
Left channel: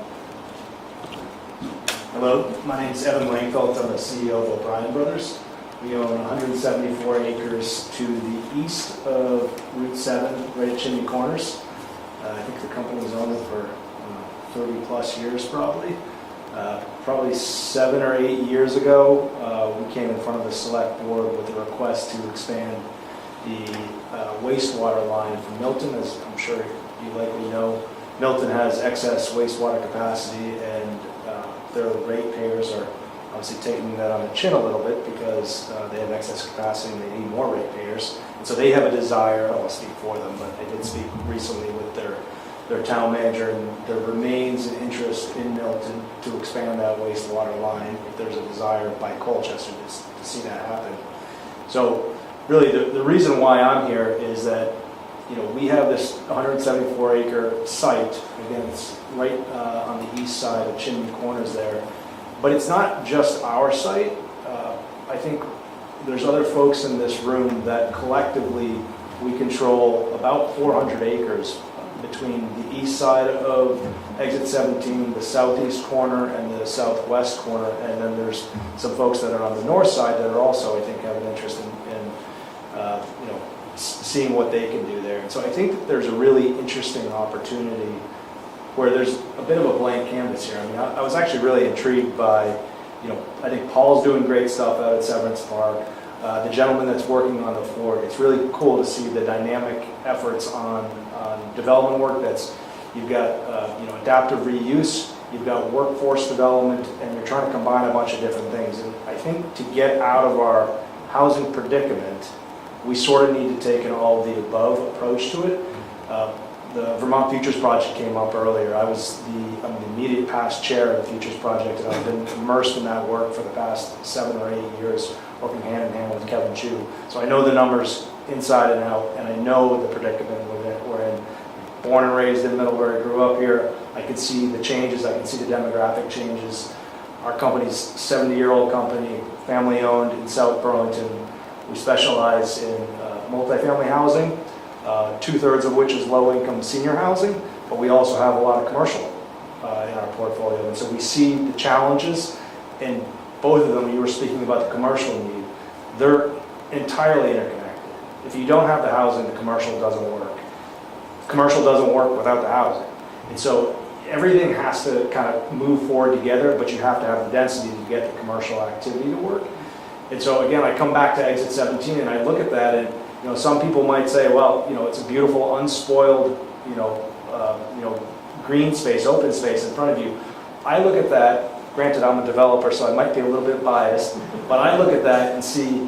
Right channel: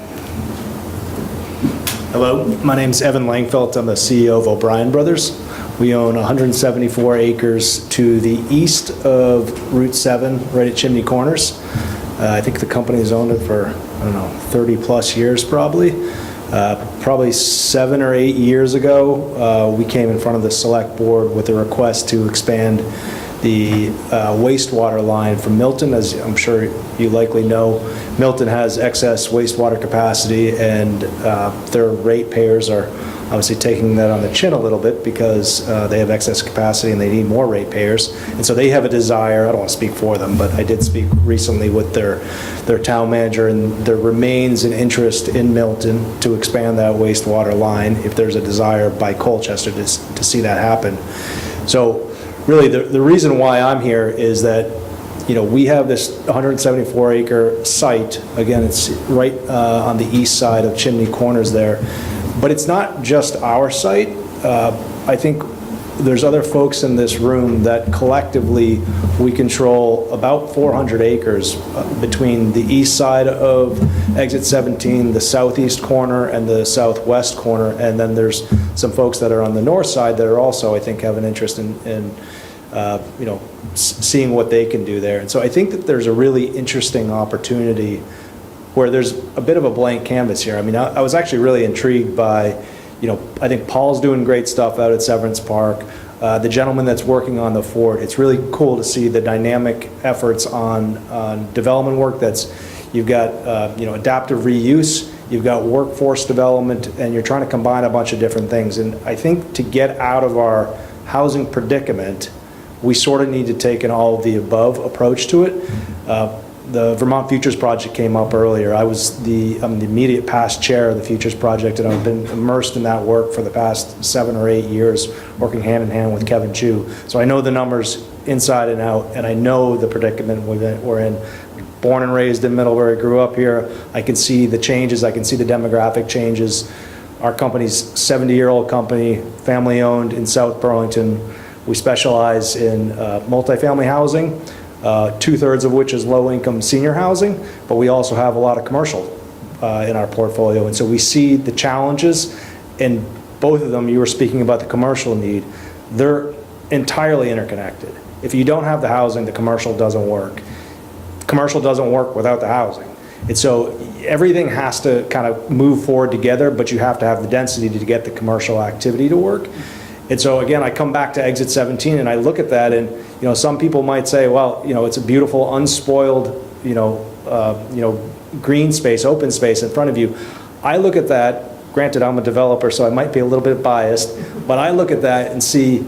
Hello, my name's Evan Langfelt. I'm the CEO of O'Brien Brothers. We own 174 acres to the east of Route 7, right at Chimney Corners. I think the company's owned it for, 30 plus years probably. Probably 7 or 8 years ago, we came in front of the select board with a request to expand the wastewater line from Milton. As I'm sure you likely know, Milton has excess wastewater capacity, and their ratepayers are obviously taking that on the chin a little bit because they have excess capacity and they need more ratepayers. And so they have a desire, I don't want to speak for them, but I did speak recently with their town manager, and there remains an interest in Milton to expand that wastewater line if there's a desire by Colchester to see that happen. So really the reason why I'm here is that we have this 174 acre site. Again, it's right on the east side of Chimney Corners there. But it's not just our site. I think there's other folks in this room that collectively we control about 400 acres between the east side of Exit 17, the southeast corner, and the southwest corner. And then there's some folks that are on the north side that are also, I think, have an interest in seeing what they can do there. And so I think that there's a really interesting opportunity where there's a bit of a blank canvas here. I mean, I was actually really intrigued by, I think Paul's doing great stuff out at Severance Park. The gentleman that's working on the fort, it's really cool to see the dynamic efforts on development work. You've got, adaptive reuse, you've got workforce development, and you're trying to combine a bunch of different things. And I think to get out of our housing predicament, we sort of need to take an all of the above approach to it. The Vermont Futures Project came up earlier. I'm the immediate past chair of the Futures Project, and I've been immersed in that work for the past 7 or 8 years, working hand in hand with Kevin Chu. So I know the numbers inside and out, and I know the predicament we're in. Born and raised in Middlebury, grew up here. I can see the changes. I can see the demographic changes. Our company's 70-year-old company, family-owned in South Burlington. We specialize in multifamily housing. 2/3 of which is low-income senior housing, but we also have a lot of commercial in our portfolio. And so we see the challenges in both of them. You were speaking about the commercial need. They're entirely interconnected. If you don't have the housing, the commercial doesn't work. Commercial doesn't work without the housing. And so everything has to kind of move forward together, but you have to have the density to get the commercial activity to work. And so again, I come back to Exit 17 and I look at that, and some people might say, well, it's a beautiful, unspoiled, green space, open space in front of you. I look at that, granted I'm a developer, so I might be a little bit biased, but I look at that and see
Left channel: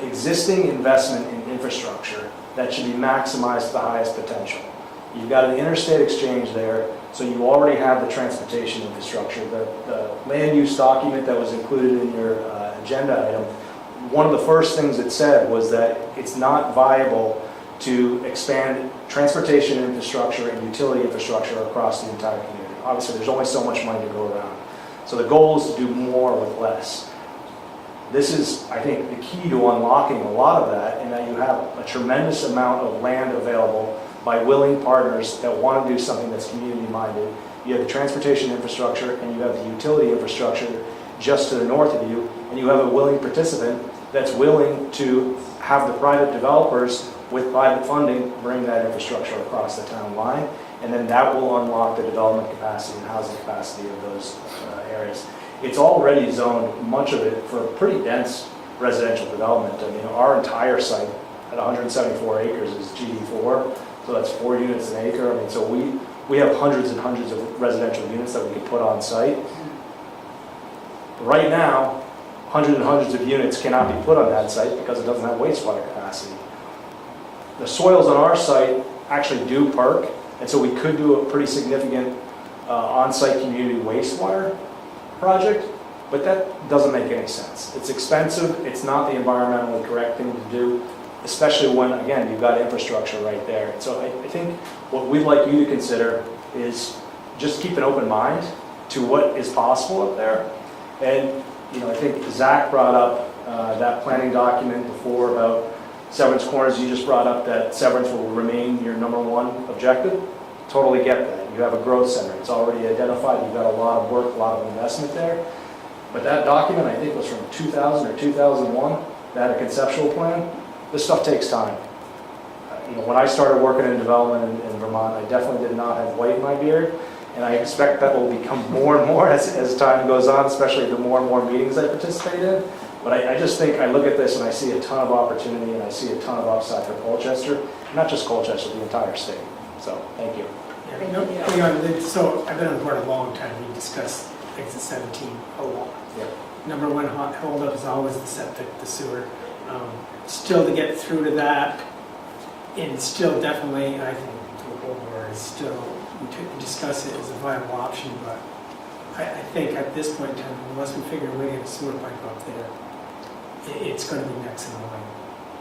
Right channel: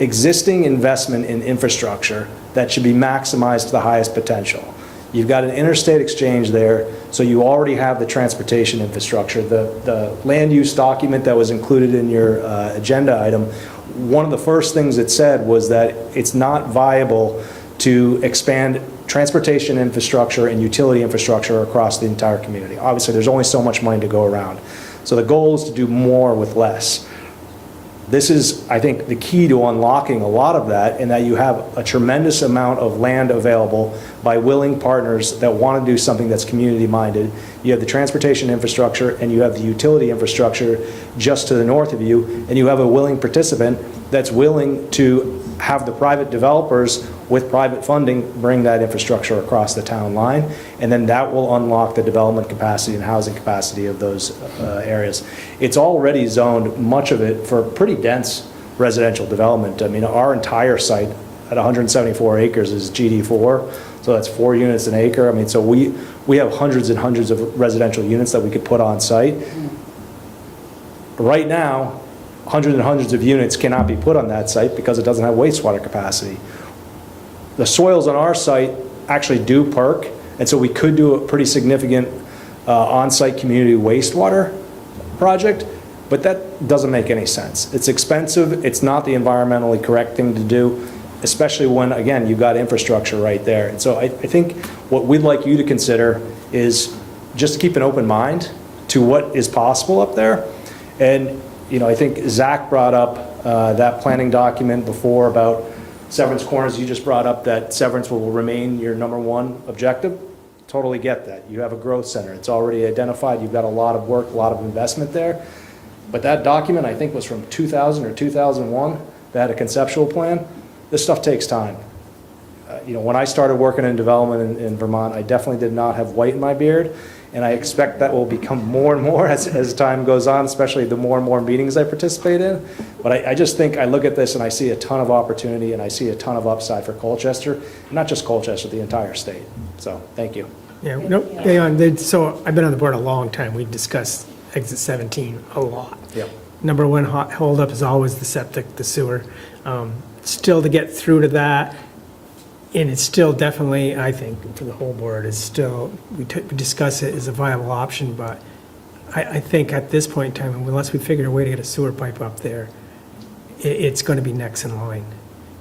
existing investment in infrastructure that should be maximized to the highest potential. You've got an interstate exchange there, so you already have the transportation infrastructure. The land use document that was included in your agenda item, one of the first things it said was that it's not viable to expand transportation infrastructure and utility infrastructure across the entire community. Obviously, there's only so much money to go around. So the goal is to do more with less. This is, I think, the key to unlocking a lot of that, in that you have a tremendous amount of land available by willing partners that want to do something that's community-minded. You have the transportation infrastructure and you have the utility infrastructure just to the north of you, and you have a willing participant that's willing to have the private developers with private funding bring that infrastructure across the town line, and then that will unlock the development capacity and housing capacity of those areas. It's already zoned, much of it, for pretty dense residential development. I mean, our entire site at 174 acres is GD4, so that's 4 units an acre. I mean, so we have hundreds and hundreds of residential units that we could put on site. Right now, hundreds and hundreds of units cannot be put on that site because it doesn't have wastewater capacity. The soils on our site actually do perk, and so we could do a pretty significant on-site community wastewater project, but that doesn't make any sense. It's expensive, it's not the environmentally correct thing to do, especially when, again, you've got infrastructure right there. And so I think what we'd like you to consider is just keep an open mind to what is possible up there. And, you know, I think Zach brought up that planning document before about Severance Corners. You just brought up that Severance will remain your #1 objective. Totally get that. You have a growth center. It's already identified. You've got a lot of work, a lot of investment there. But that document, I think, was from 2000 or 2001. They had a conceptual plan. This stuff takes time. You know, when I started working in development in Vermont, I definitely did not have white in my beard. And I expect that will become more and more as time goes on, especially the more and more meetings I participate in. But I just think, I look at this and I see a ton of opportunity and I see a ton of upside for Colchester, not just Colchester, the entire state. So, thank you. Yeah, no, hang on. So I've been on the board a long time. We discussed exit 17 a lot. Yep. Number one holdup is always the septic, the sewer. Still to get through to that, and it's still definitely, I think, for the whole board, is still, we discuss it as a viable option, but I think at this point in time, unless we figure a way to get a sewer pipe up there, it's going to be next in line.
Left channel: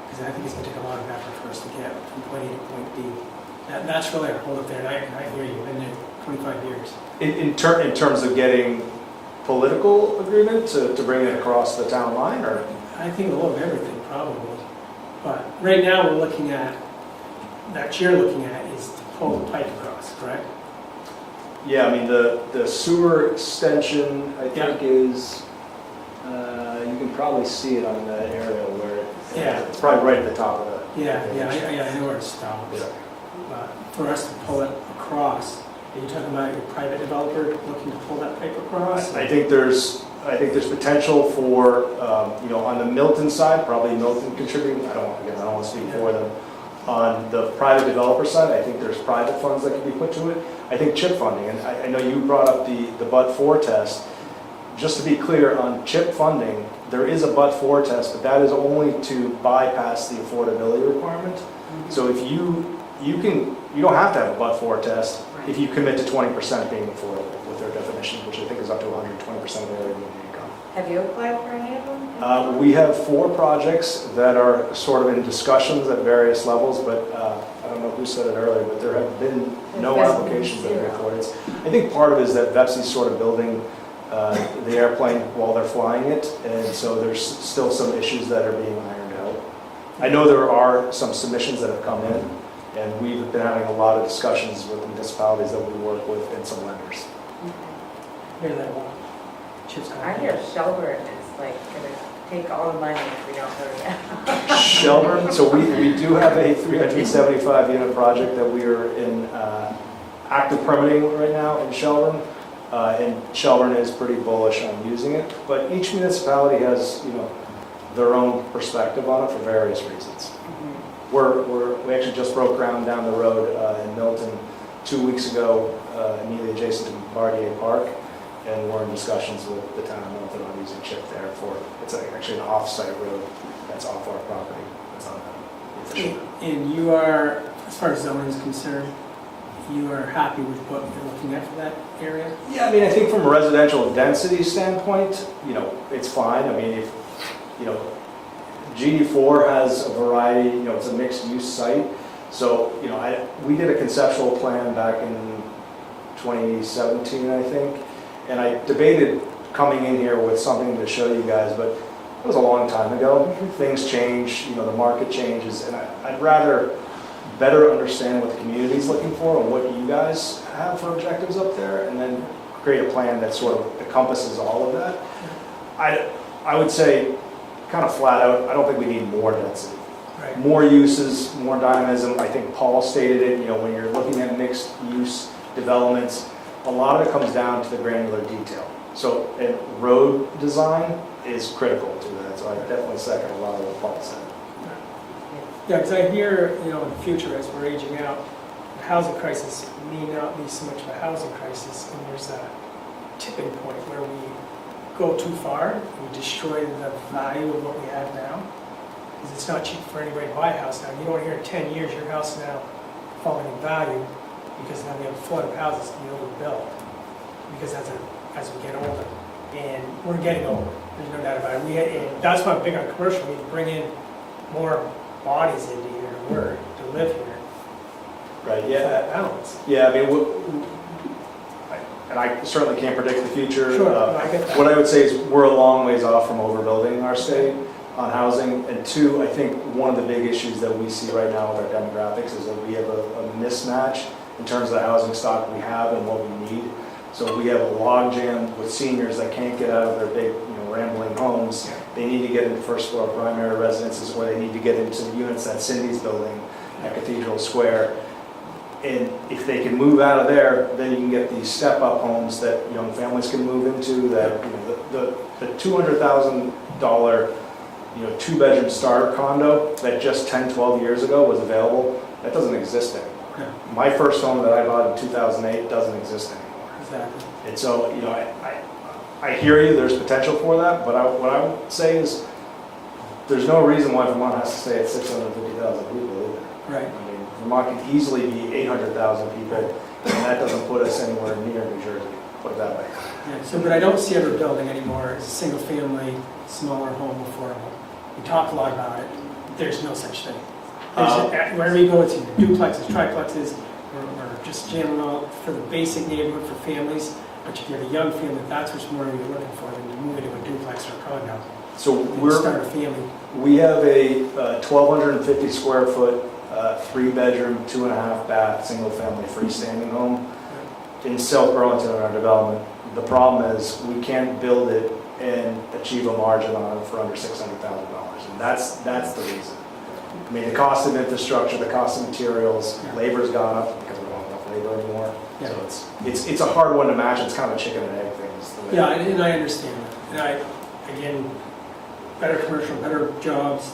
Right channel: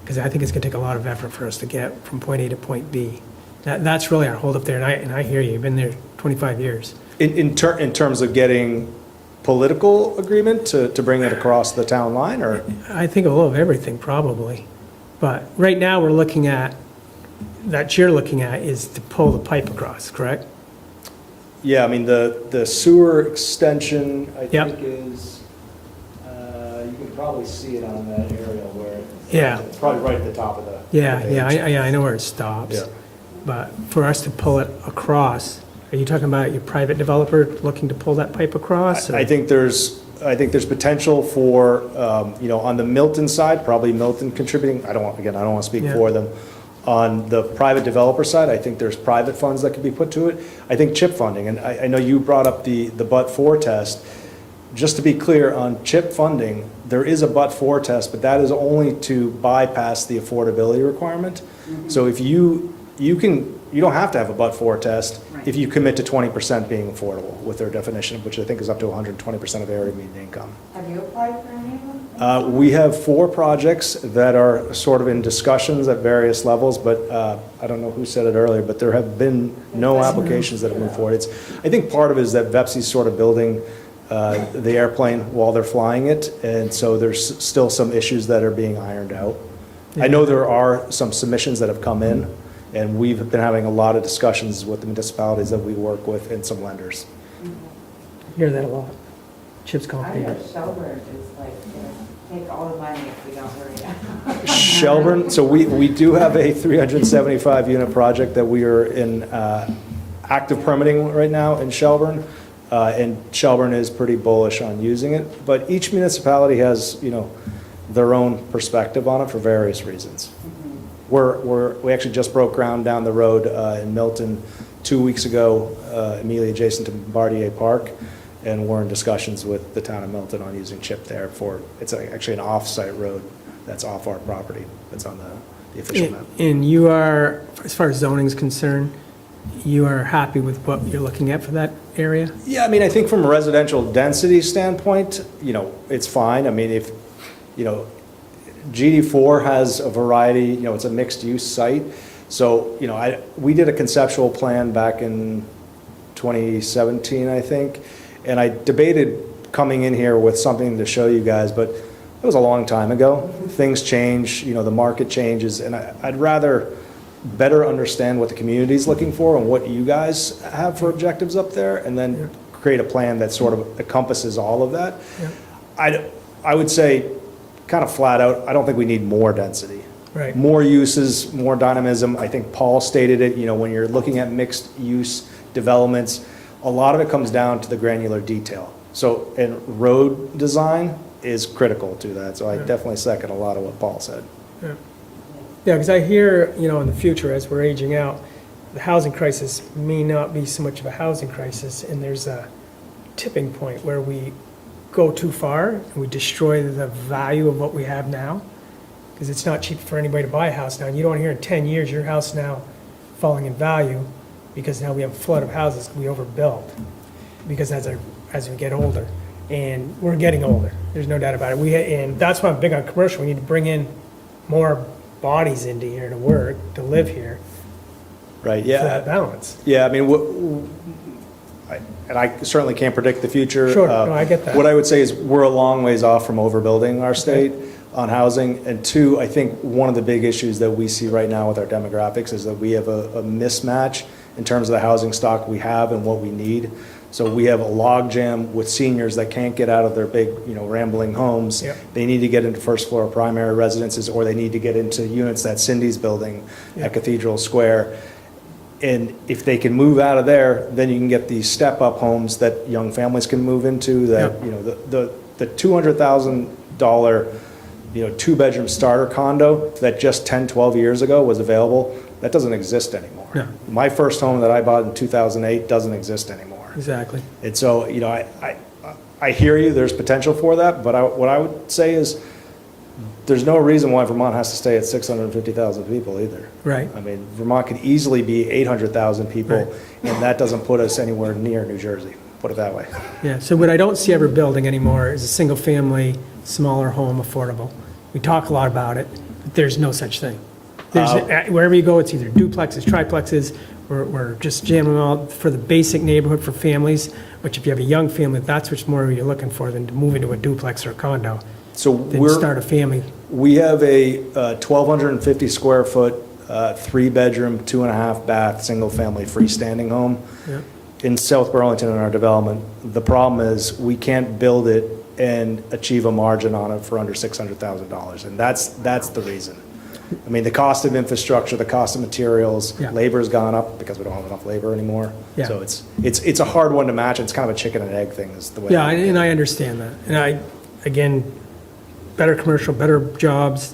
Because I think it's going to take a lot of effort for us to get from point A to point B. That's really our holdup there, and I hear you. You've been there 25 years. In terms of getting political agreement to bring it across the town line, or? I think a little of everything, probably. But right now, we're looking at, that you're looking at is to pull the pipe across, correct? Yeah, I mean, the sewer extension, I Yep. think is, you can probably see it on that aerial where Yeah. it's probably right at the top of the. I know where it stops. Yeah. But for us to pull it across, are you talking about your private developer looking to pull that pipe across? or- I think there's potential for, you know, on the Milton side, probably Milton contributing. I don't want to speak Yeah. for them. On the private developer side, I think there's private funds that can be put to it. I think chip funding, and I know you brought up the but-for test. Just to be clear, on chip funding, there is a but-for test, but that is only to bypass the affordability requirement. So if you don't have to have a but-for test if you commit to 20% being affordable with their definition, which I think is up to 120% of their median income. Have you applied for any of them? We have 4 projects that are sort of in discussions at various levels, but I don't know who said it earlier, but there have been no applications that have moved forward. I think part of it is that VEPSI's sort of building the airplane while they're flying it, and so there's still some issues that are being ironed out. I know there are some submissions that have come in, and we've been having a lot of discussions with the municipalities that we work with and some lenders. Hear that a lot. Chips I coffee. hear Shelburne is like gonna take all the money if we don't go down. Shelburne, so we do have a 375 unit project that we are in active permitting right now in Shelburne. And Shelburne is pretty bullish on using it, but each municipality has, you know, their own perspective on it for various reasons. We actually just broke ground down the road in Milton 2 weeks ago, immediately adjacent to Bombardier Park, and we're in discussions with the town of Milton on using chip there for, it's actually an off-site road that's off our property, that's on the official map. And you are, as far as zoning is concerned, you are happy with what you're looking at for that area? Yeah, I mean, I think from a residential density standpoint, you know, it's fine. I mean, if, you know, GD4 has a variety, you know, it's a mixed-use site, So, we did a conceptual plan back in 2017, I think, and I debated coming in here with something to show you guys, but it was a long time ago. Things change, the market changes, and I'd rather better understand what the community's looking for and what you guys have for objectives up there, and then create a plan that sort of encompasses all of that. I would say, kind of flat out, I don't think we need more density. Right. More uses, more dynamism. I think Paul stated it, when you're looking at mixed use developments, a lot of it comes down to the granular detail. So, and road design is critical to that. So I definitely second a lot of what Paul said. Yeah, because I hear, in the future, as we're aging out, the housing crisis may not be so much of a housing crisis, and there's a tipping point where we go too far and we destroy the value of what we have now. Because it's not cheap for anybody to buy a house now. You don't want to hear in 10 years your house now falling in value because now we have a flood of houses and we overbuilt. Because as we get older, and we're getting older, there's no doubt about it. And that's why I'm big on commercial. We need to bring in more bodies into here to work, to live here. Right. For Yeah. that balance. Yeah. I mean, and I certainly can't predict the future. Sure. No, I get that. What I would say is we're a long ways off from overbuilding our state on housing. And two, I think one of the big issues that we see right now with our demographics is that we have a mismatch in terms of the housing stock we have and what we need. So we have a logjam with seniors that can't get out of their big, rambling homes. Yeah. They need to get into first floor primary residences, or they need to get into units that Cindy's building at Cathedral Square. And if they can move out of there, then you can get these step-up homes that young families can move into. That the $200,000 two-bedroom starter condo that just 10, 12 years ago was available, that doesn't exist anymore. No. My first home that I bought in 2008 doesn't exist anymore. Exactly. And so, I hear you, there's potential for that, but what I would say is there's no reason why Vermont has to stay at 650,000 people either. Right. I mean, Vermont could easily be 800,000 people, Right. and that doesn't put us anywhere near New Jersey, put it that way. Yeah, so what I don't see ever building anymore is a single-family, smaller home affordable. We talk a lot about it, but there's no such thing. Wherever you go, it's either duplexes, triplexes, we're just jamming all for the basic neighborhood for families, which if you have a young family, that's what's more you're looking for than to move into a duplex or a condo. So Then start a family. we have a 1,250 square foot, 3-bedroom, 2.5 bath, single family freestanding home in South Burlington in our development. The problem is we can't build it and achieve a margin on it for under $600,000, and that's the reason. I mean, the cost of infrastructure, the cost of materials, labor's gone up because we don't have enough labor anymore. Yeah. So it's a hard one to match. It's kind of a chicken and egg thing. Is the way. Yeah, and I understand that. And again, better commercial, better jobs,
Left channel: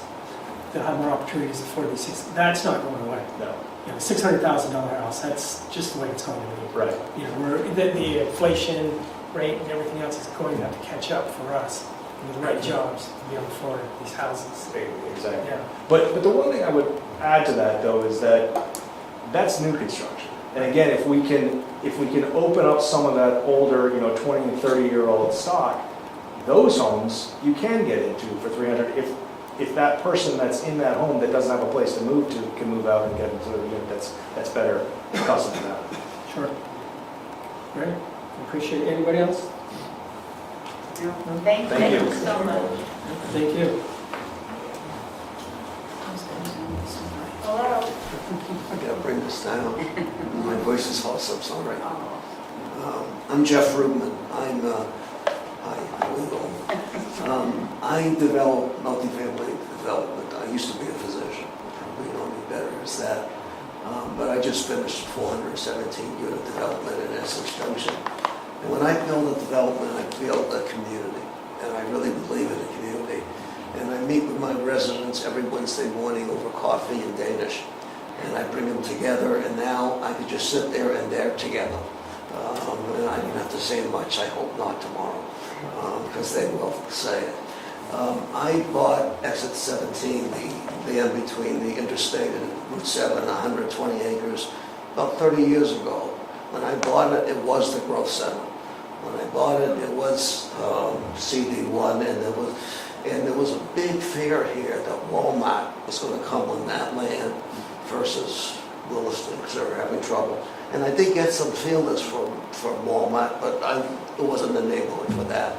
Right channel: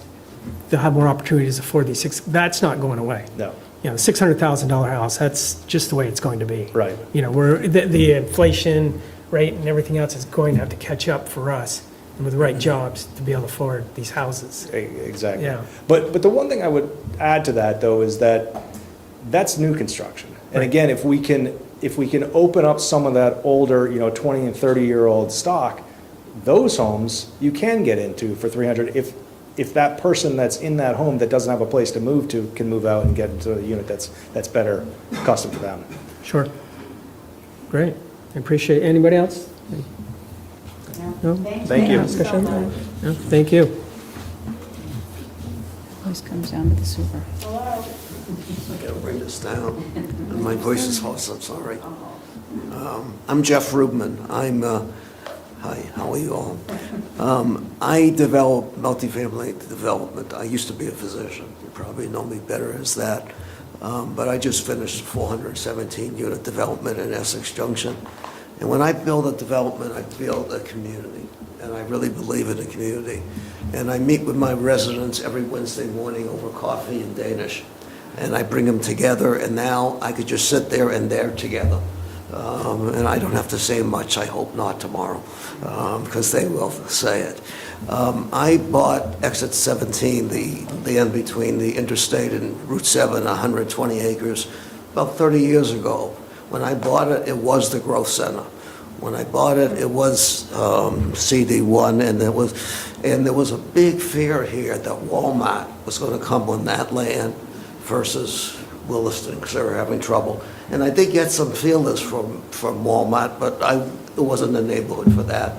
they'll have more opportunities to afford these that's not going away. No. $600,000 house, that's just the way it's going to be. Right. The inflation rate and everything else is going to have to catch up for us with the right jobs to be able to afford these houses. Exactly. Yeah. But the one thing I would add to that though is that's new construction. And again, if we can open up some of that older, 20 and 30-year-old stock, those homes you can get into for $300 if that person that's in that home that doesn't have a place to move to can move out and get into a unit that's better custom to them. Sure. Great. I appreciate it. Anybody else? No? Thank you so much. No? Thank you. This comes down to the super. Hello. I gotta bring this down. My voice is hoarse, I'm sorry. I'm Jeff Rubman. Hi, how are you all? I develop multifamily development. I used to be a physician. You probably know me better as that. But I just finished 417 unit development in Essex Junction. And when I build a development, I build a community. And I really believe in a community. And I meet with my residents every Wednesday morning over coffee and Danish. And I bring them together, and now I could just sit there and they're together. And I don't have to say much, I hope not tomorrow, because they will say it. I bought Exit 17, the end between the interstate and Route 7, 120 acres, about 30 years ago. When I bought it, it was the growth center. When I bought it, it was CD1, and there was a big fear here that Walmart was going to come on that land versus Williston, because they were having trouble. And I did get some feelers from Walmart, but it wasn't the neighborhood for that.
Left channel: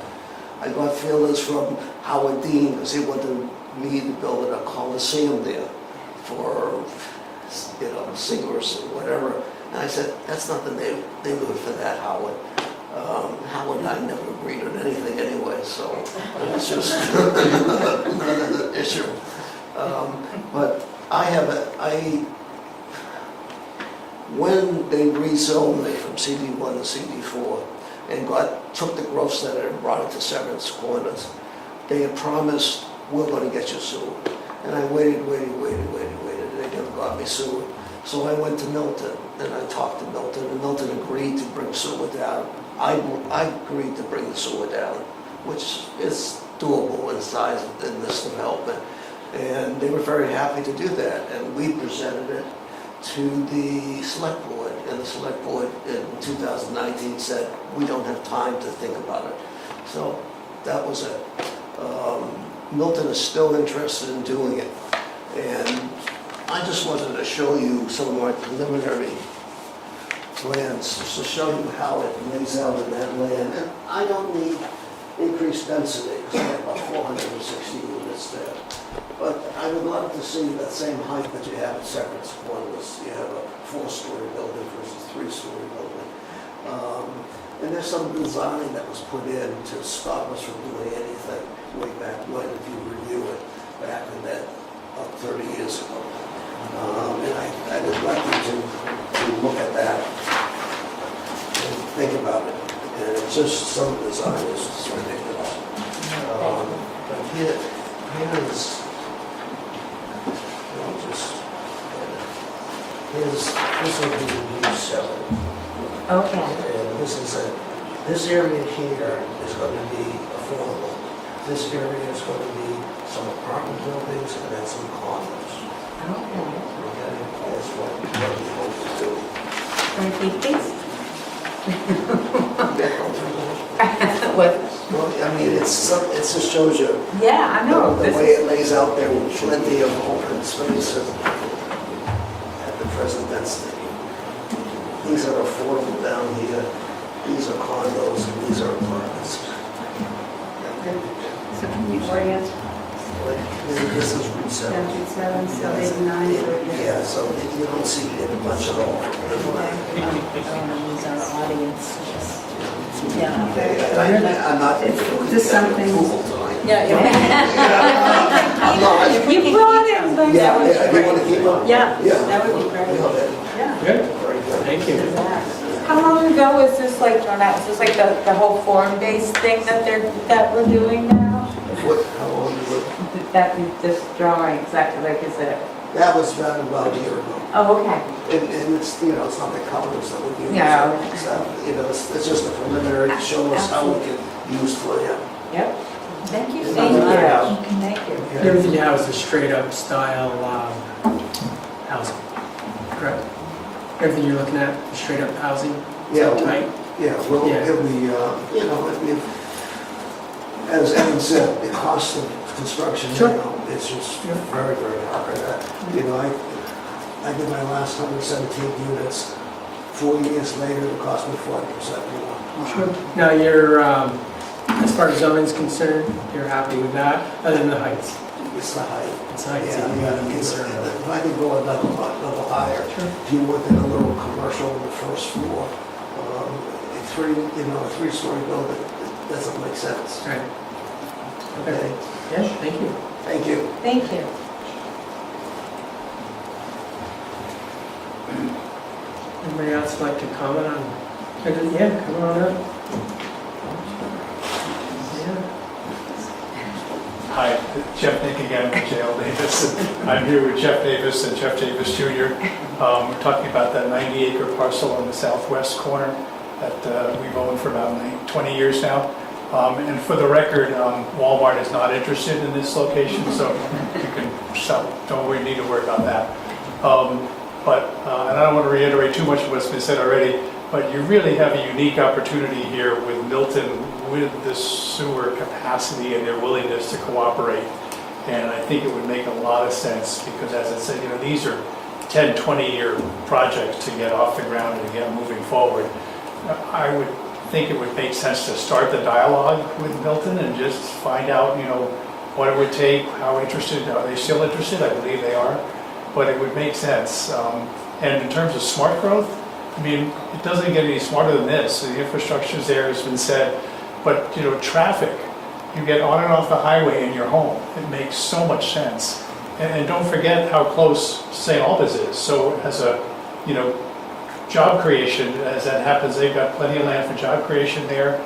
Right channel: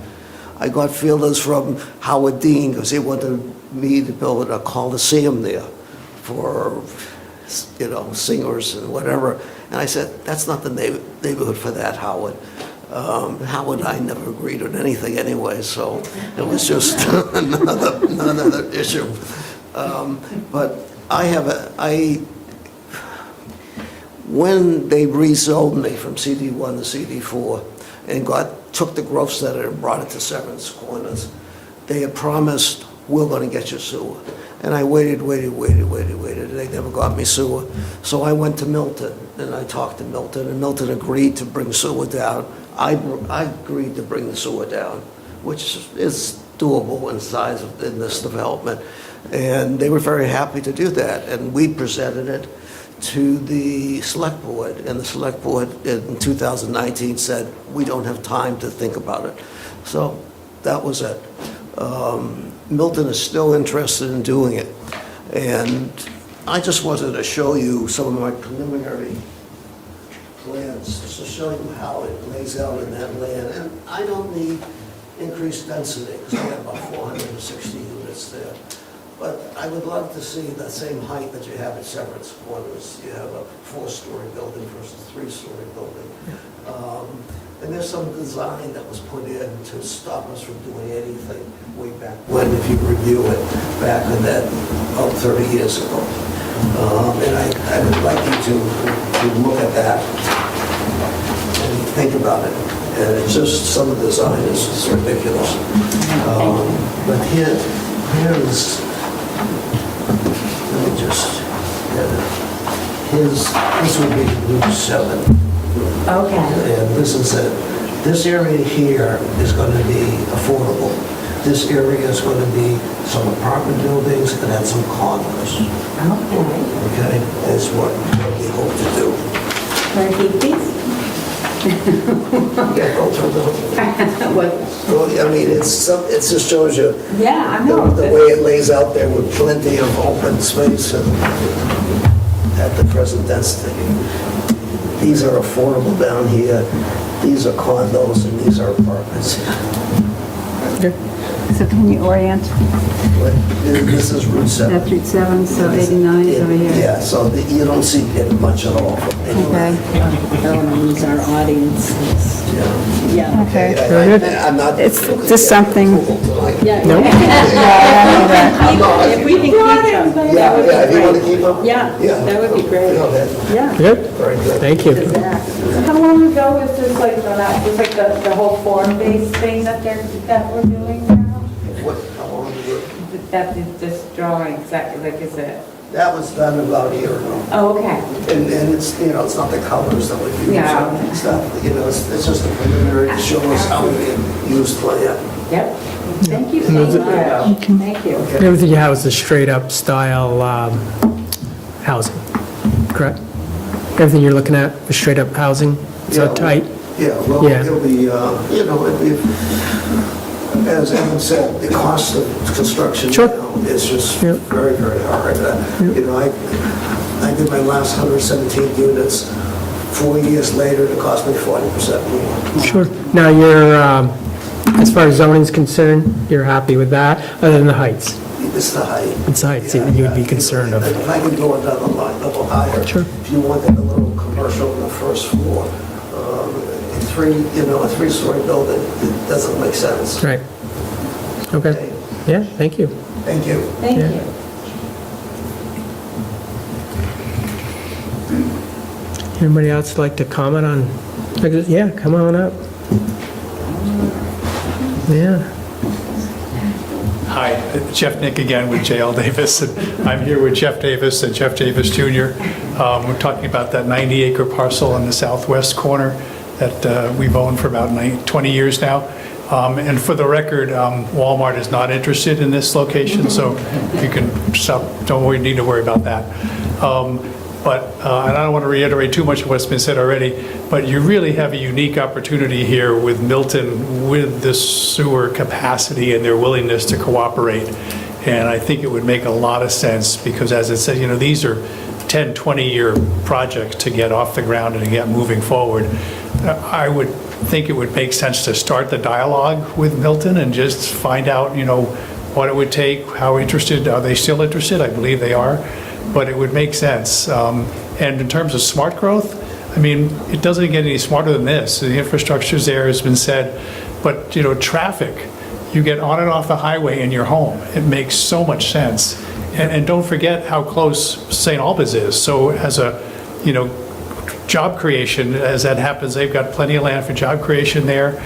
I got feelers from Howard Dean, because he wanted me to build a coliseum there for, singers and whatever. And I said, that's not the neighborhood for that, Howard. Howard and I never agreed on anything anyway, so it was just another issue. But when they rezoned me from CD1 to CD4 and took the growth center and brought it to Severance Corners, they had promised, we're going to get you sewer. And I waited, and they never got me sewer. So I went to Milton, and I talked to Milton, and Milton agreed to bring sewer down. I agreed to bring the sewer down, which is doable in size in this development. And they were very happy to do that. And we presented it to the select board, and the select board in 2019 said, we don't have time to think about it. So that was it. Milton is still interested in doing it. And I just wanted to show you some of my preliminary plans, just to show you how it lays out in that land. And I don't need increased density, because I have about 460 units there. But I would love to see that same height that you have at Severance Corners. You have a 4-story building versus a 3-story building. And there's some design that was put in to stop us from doing anything way back when, if you review it, back in that, about 30 years ago. And I would like you to look at that and think about it. And it's just, some of the design is just ridiculous. But here's, let me just get it. This would be Route 7. Okay. And this is it. This area here is going to be affordable. This area is going to be some apartment buildings and then some condos. Okay. Okay? That's what we hope to do. Want to keep these? Yeah, go through the Well, I mean, it just shows you Yeah, I know. the way it lays out there with plenty of open space and at the present density. These are affordable down here. These are condos and these are apartments. So can you orient? This is Route 7. That's Route 7, so 89 is over here. Yeah, so you don't see it much at all from anywhere. Okay. I want to use our audience. Yeah. Okay. I'm not. It's just something. Yeah. If we can keep them. Yeah, if you want to keep them? Yeah, that would be great. Yeah. Good, Very good. thank you. How long ago was this like the whole form-based thing that we're doing now? How long ago? This drawing, is it? That was done about a year ago. Oh, okay. And it's, it's not the colors that we use. Yeah. It's not, it's just a preliminary to show us how we can use plan. Yep. Thank you so much. Thank you. Everything you have is a straight-up style housing, correct? Everything you're looking at is straight-up housing? Is that tight? Yeah, well, Yeah. it'll be, as Evan said, the cost of construction Sure. now is just Yep. very, very hard. I did my last 117 units. 4 years later, it cost me 40% more. Sure. Now, you're, as far as zoning's concerned, you're happy with that, other than the heights? It's the height. It's the heights that you would be concerned of. If I can go another level higher. Sure. If you wanted a little commercial on the first floor, a 3-story building, it doesn't make sense. Right. Okay. Yeah, thank you. Thank you. Thank Yeah. you. Anybody else like to comment on? Yeah, come on up. Yeah. Hi, Jeff Nick again with J.L. Davis. I'm here with Jeff Davis and Jeff Davis Jr. We're talking about that 90-acre parcel in the southwest corner that we've owned for about 20 years now. And for the record, Walmart is not interested in this location, so you can stop. Don't need to worry about that. And I don't want to reiterate too much of what's been said already, but you really have a unique opportunity here with Milton, with this sewer capacity and their willingness to cooperate. And I think it would make a lot of sense because, as it said, these are 10, 20-year projects to get off the ground and to get moving forward, I would think it would make sense to start the dialogue with Milton and just find out, what it would take, how interested, are they still interested? I believe they are, but it would make sense. And in terms of smart growth, I mean, it doesn't get any smarter than this. The infrastructure's there, has been said, but, traffic, you get on and off the highway in your home. It makes so much sense. And don't forget how close St. Albans is. So as a, job creation, as that happens, they've got plenty of land for job creation there.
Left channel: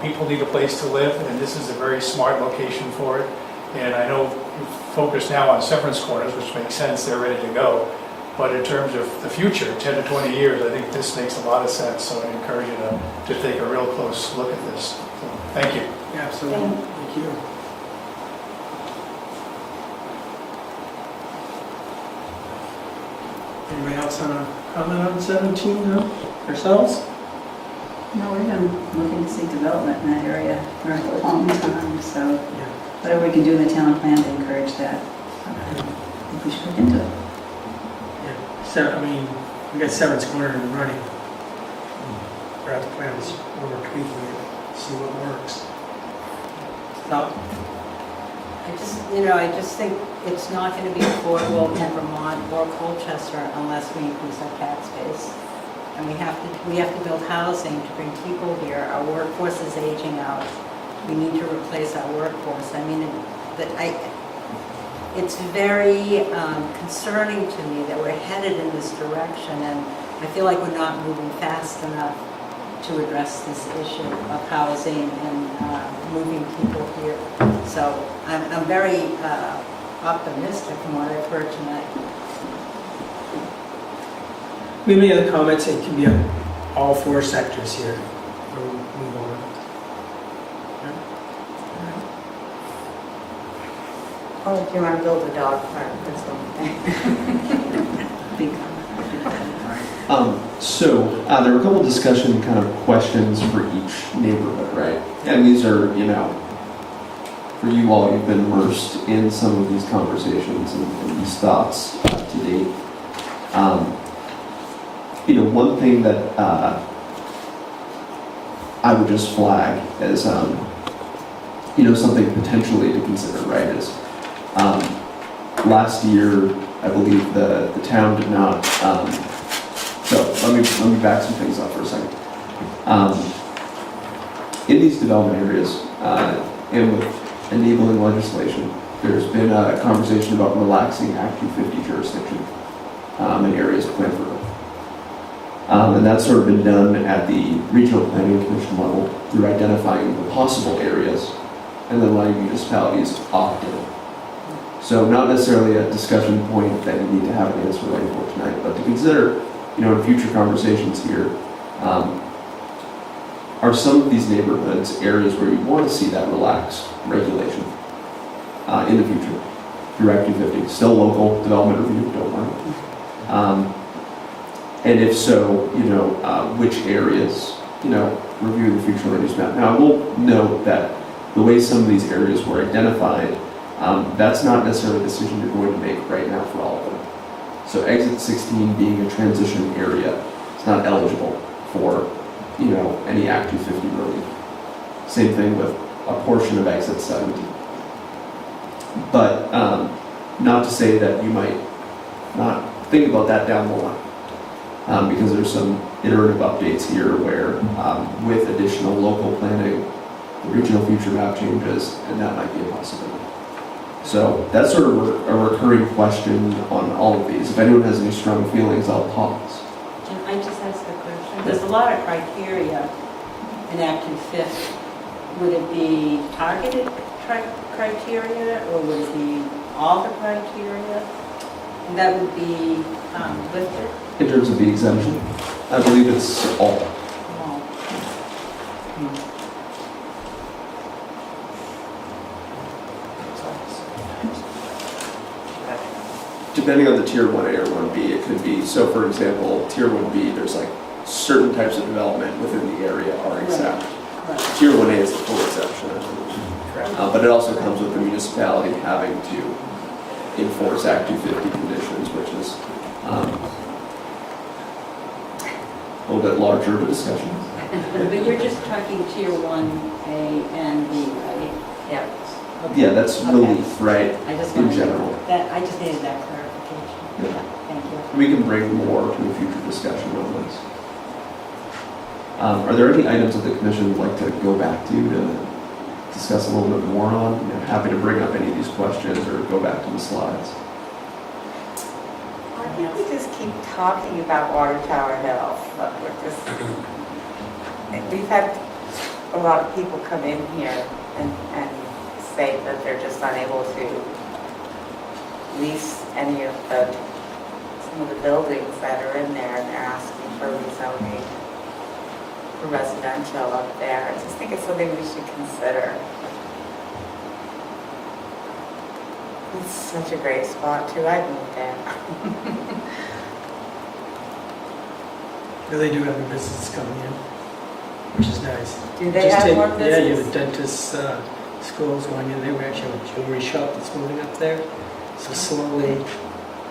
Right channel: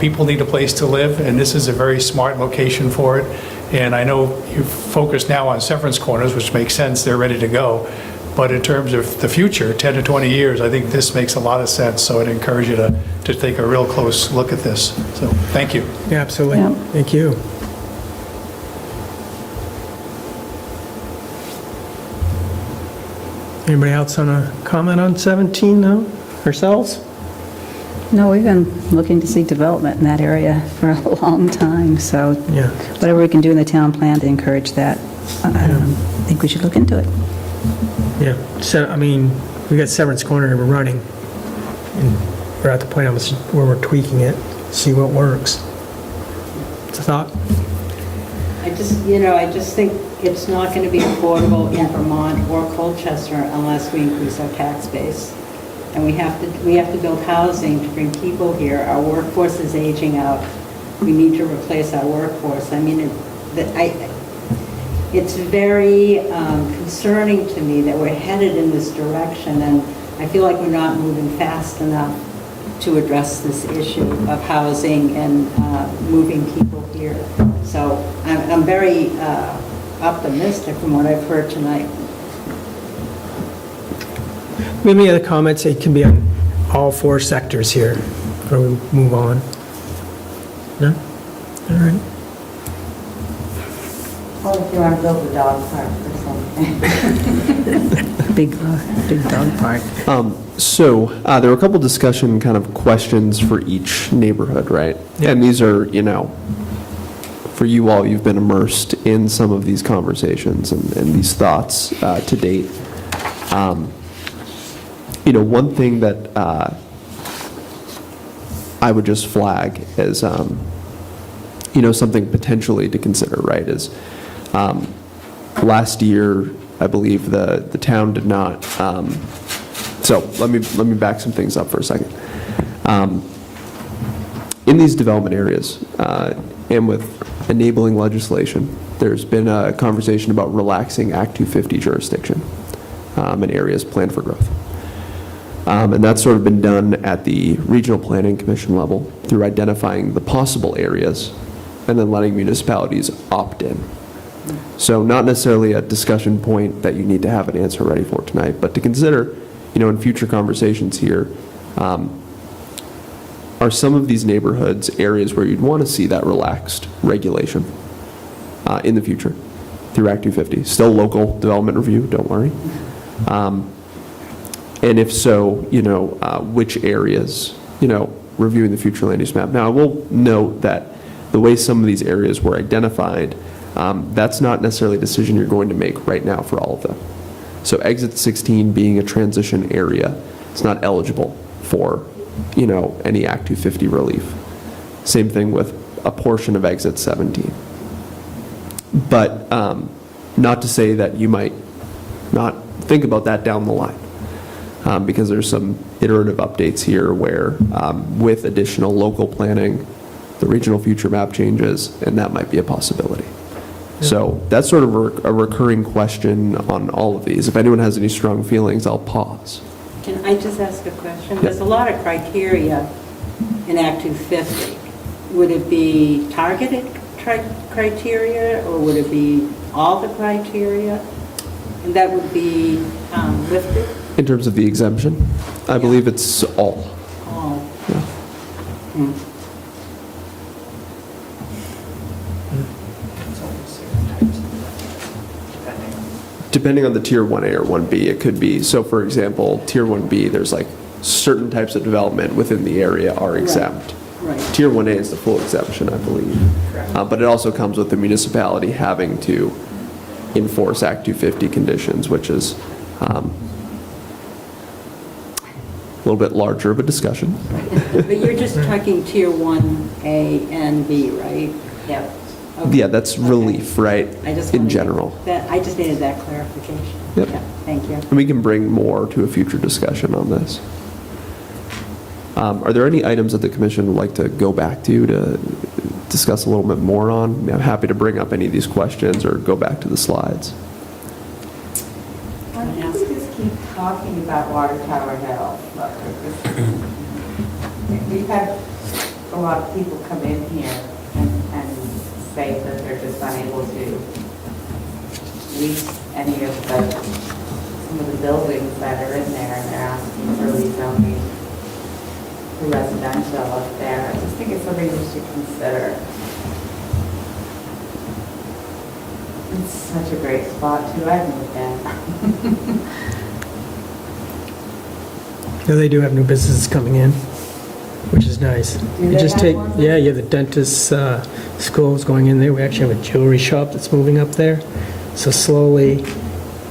People need a place to live, and this is a very smart location for it. And I know you focus now on Severance Corners, which makes sense, they're ready to go. But in terms of the future, 10 to 20 years, I think this makes a lot of sense. So I'd encourage you to take a real close look at this. So thank you. Yeah, absolutely. Yeah. Thank you. Anybody else want to comment on 17 now? Ourselves? No, we've been looking to see development in that area for a long time, so Yeah. whatever we can do in the town plan to encourage that, I think we should look into it. Yeah. So, I mean, we got Severance Corner and we're running. And we're at the point where we're tweaking it, see what works. What's the thought? I just think it's not going to be affordable in Vermont or Colchester unless we increase our tax base. And we have to build housing to bring people here. Our workforce is aging out. We need to replace our workforce. I mean, it's very concerning to me that we're headed in this direction, and I feel like we're not moving fast enough to address this issue of housing and moving people here. So I'm very optimistic from what I've heard tonight. Maybe other comments, it can be on all four sectors here, or we'll move on. No? All right. Well, if you want to build a dog park or something. Big dog park. So there were a couple discussion kind of questions for each neighborhood, right? Yeah. And these are, for you all, you've been immersed in some of these conversations and these thoughts to date. One thing that I would just flag as, something potentially to consider, right, is last year, I believe the town did not, so let me back some things up for a second. In these development areas, and with enabling legislation, there's been a conversation about relaxing Act 250 jurisdiction in areas planned for growth. And that's sort of been done at the Regional Planning Commission level through identifying the possible areas and then letting municipalities opt in. So not necessarily a discussion point that you need to have an answer ready for tonight, but to consider, in future conversations here, are some of these neighborhoods areas where you'd want to see that relaxed regulation in the future through Act 250? Still local development review, don't worry. And if so, which areas, reviewing the future land use map. Now, I will note that the way some of these areas were identified, that's not necessarily a decision you're going to make right now for all of them. So exit 16 being a transition area, it's not eligible for, any Act 250 relief. Same thing with a portion of exit 17. But not to say that you might not think about that down the line. Because there's some iterative updates here where with additional local planning, the regional future map changes, and that might be a possibility. So that's sort of a recurring question on all of these. If anyone has any strong feelings, I'll pause. Can I just ask a question? There's a lot of criteria in Act 250. Would it be targeted criteria, or would it be all the criteria? And that would be lifted? In terms of the exemption, I believe it's all. Oh. Depending on the tier 1A or 1B, it could be. So for example, tier 1B, there's like certain types of development within the area are exempt. Right. Tier 1A is the full exemption, I believe. But it also comes with the municipality having to enforce Act 250 conditions, which is, A little bit larger of a discussion. But you're just talking tier 1A and B, right? Yeah. Okay. Yeah, that's relief, right, I just in wanted- general. I just needed that clarification. Yep. Yeah, thank you. And we can bring more to a future discussion on this. Are there any items that the commission would like to go back to discuss a little bit more on? I mean, I'm happy to bring up any of these questions or go back to the slides. I think we just keep talking about Water Tower Hill. Look, we've had a lot of people come in here and say that they're just unable to lease any of some of the buildings that are in there, and they're asking for rezoning for residential up there. I just think it's something we should consider. It's such a great spot too. I've moved in. Yeah, they do have new businesses coming in, which is nice. Do You they just have take- more Yeah, you have business? a dentist schools going in there. We actually have a jewelry shop that's moving up there. So slowly,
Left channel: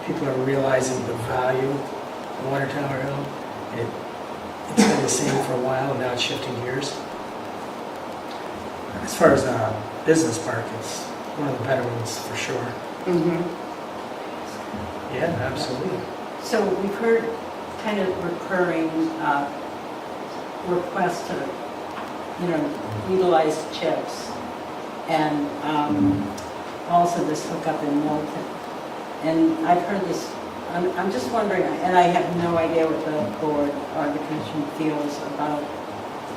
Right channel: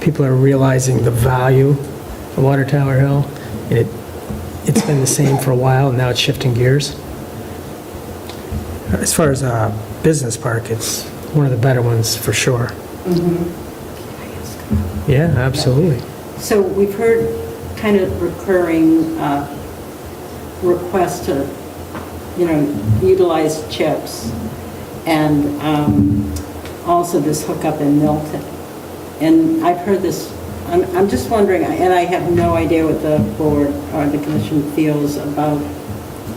people are realizing the value of Water Tower Hill. It's been the same for a while, and now it's shifting gears. As far as a business park, it's one of the better ones for sure. Yeah, absolutely. So we've heard kind of recurring requests to, utilize chips, and also this hookup in Milton. And I've heard this, I'm just wondering, and I have no idea what the board or the commission feels about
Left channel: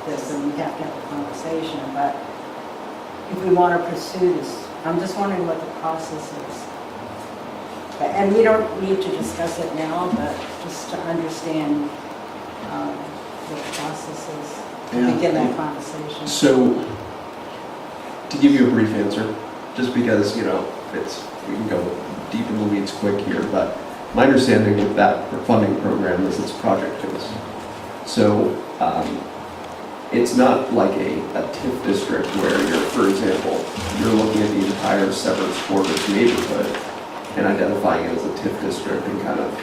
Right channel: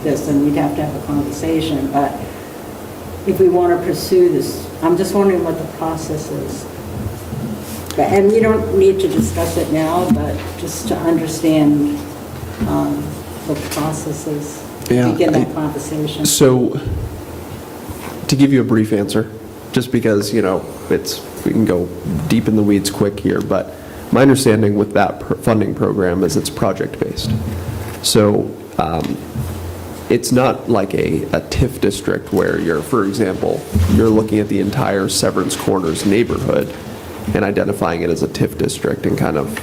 this, and you'd have to have a conversation, but if we want to pursue this, I'm just wondering what the process is. And you don't need to discuss it now, but just to understand the processes, Yeah. begin that conversation. So, to give you a brief answer, just because, we can go deep in the weeds quick here, but my understanding with that funding program is it's project-based. So, it's not like a TIF district where for example, you're looking at the entire Severance Corners neighborhood and identifying it as a TIF district and kind of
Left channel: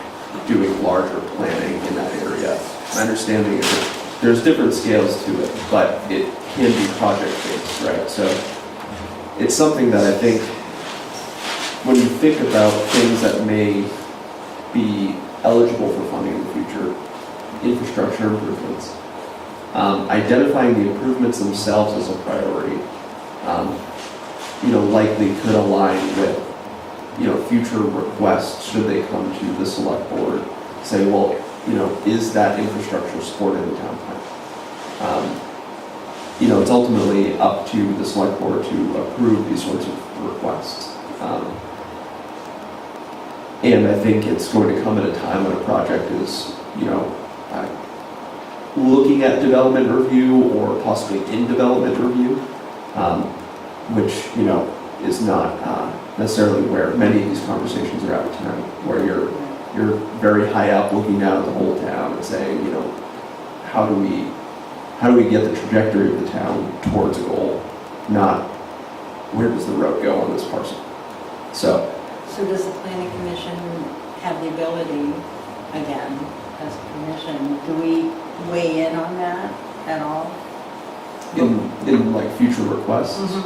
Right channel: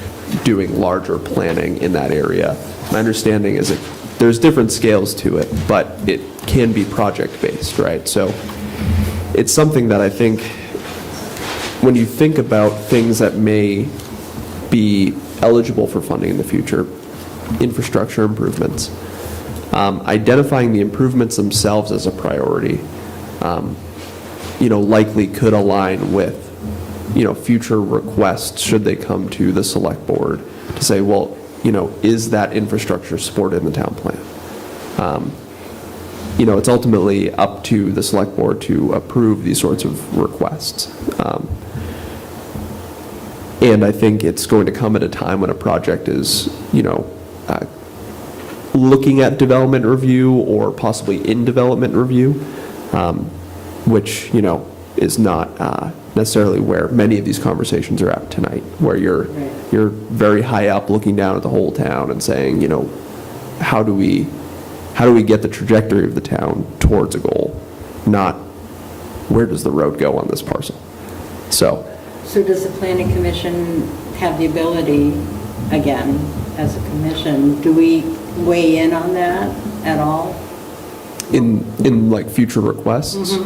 doing larger planning in that area. My understanding is that there's different scales to it, but it can be project-based, right? So it's something that I think when you think about things that may be eligible for funding in the future, infrastructure improvements, identifying the improvements themselves as a priority, likely could align with future requests should they come to the select board to say, well, is that infrastructure supported in the town plan? It's ultimately up to the select board to approve these sorts of requests. And I think it's going to come at a time when a project is, looking at development review or possibly in development review, which, is not necessarily where many of these conversations are at tonight, where you're very high up looking down at the whole town and saying, how do we get the trajectory of the town towards a goal, not where does the road go on this parcel. So does the planning commission have the ability, again, as a commission, do we weigh in on that at all? in like future requests?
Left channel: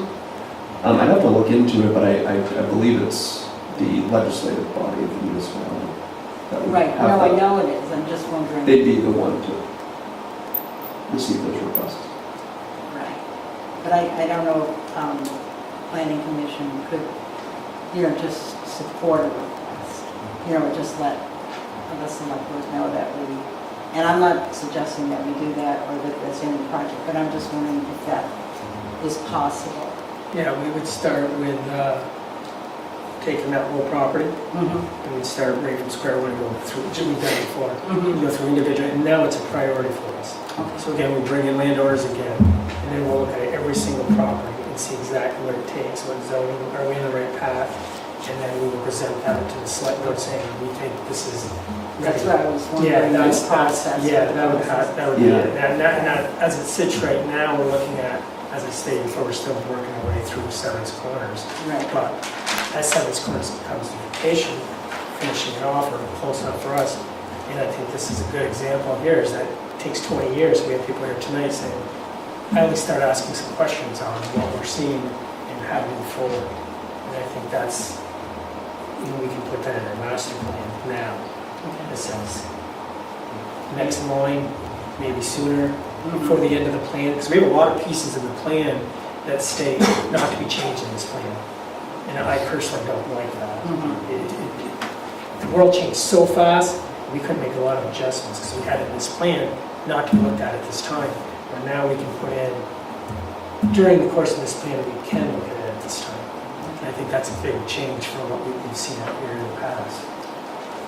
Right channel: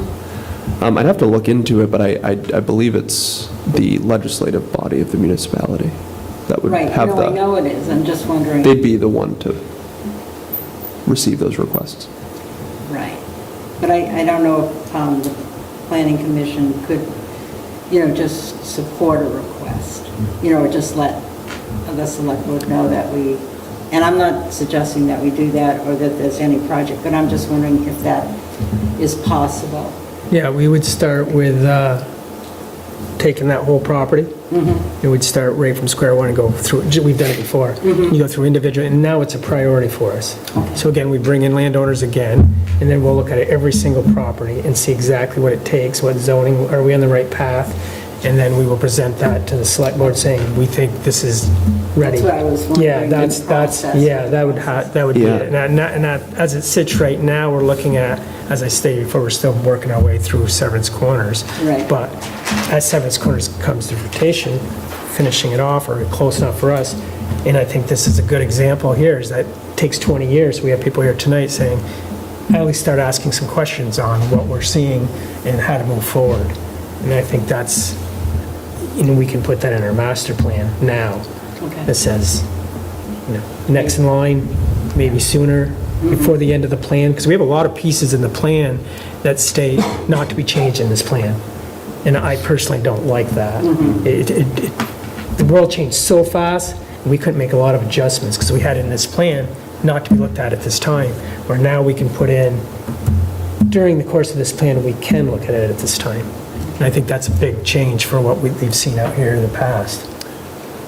I'd have to look into it, but I believe it's the legislative body of the municipality that would Right, have no, that. I know it is, I'm just wondering. They'd be the one to receive those requests. Right, but I don't know if the planning commission could, just support a request, or just let the select board know that we, and I'm not suggesting that we do that or that there's any project, but I'm just wondering if that is possible. Yeah, we would start with taking that whole property, and we'd start right from square one and go through, we've done it before. You go through individual, and now it's a priority for us. So again, we bring in landowners again, and then we'll look at every single property and see exactly what it takes, what zoning, are we on the right path? And then we will present that to the select board saying, we think this is ready. That's what I was wondering. Yeah, that's, the process. yeah, that would be Yeah. it. And as it sits right now, we're looking at, as I stated before, we're still working our way through Severance Corners. Right. But as Severance Corners comes to fruition, finishing it off or close enough for us. And I think this is a good example here, is that it takes 20 years. We have people here tonight saying, at least start asking some questions on what we're seeing and how to move forward. And I think that's, we can put that in our master plan now. That says, next in line, maybe sooner, before the end of the plan, because we have a lot of pieces in the plan that stay not to be changed in this plan. And I personally don't like that. The world changed so fast, and we couldn't make a lot of adjustments because we had it in this plan not to be looked at this time, where now we can put in, during the course of this plan, we can look at it at this time. And I think that's a big change for what we've seen out here in the past.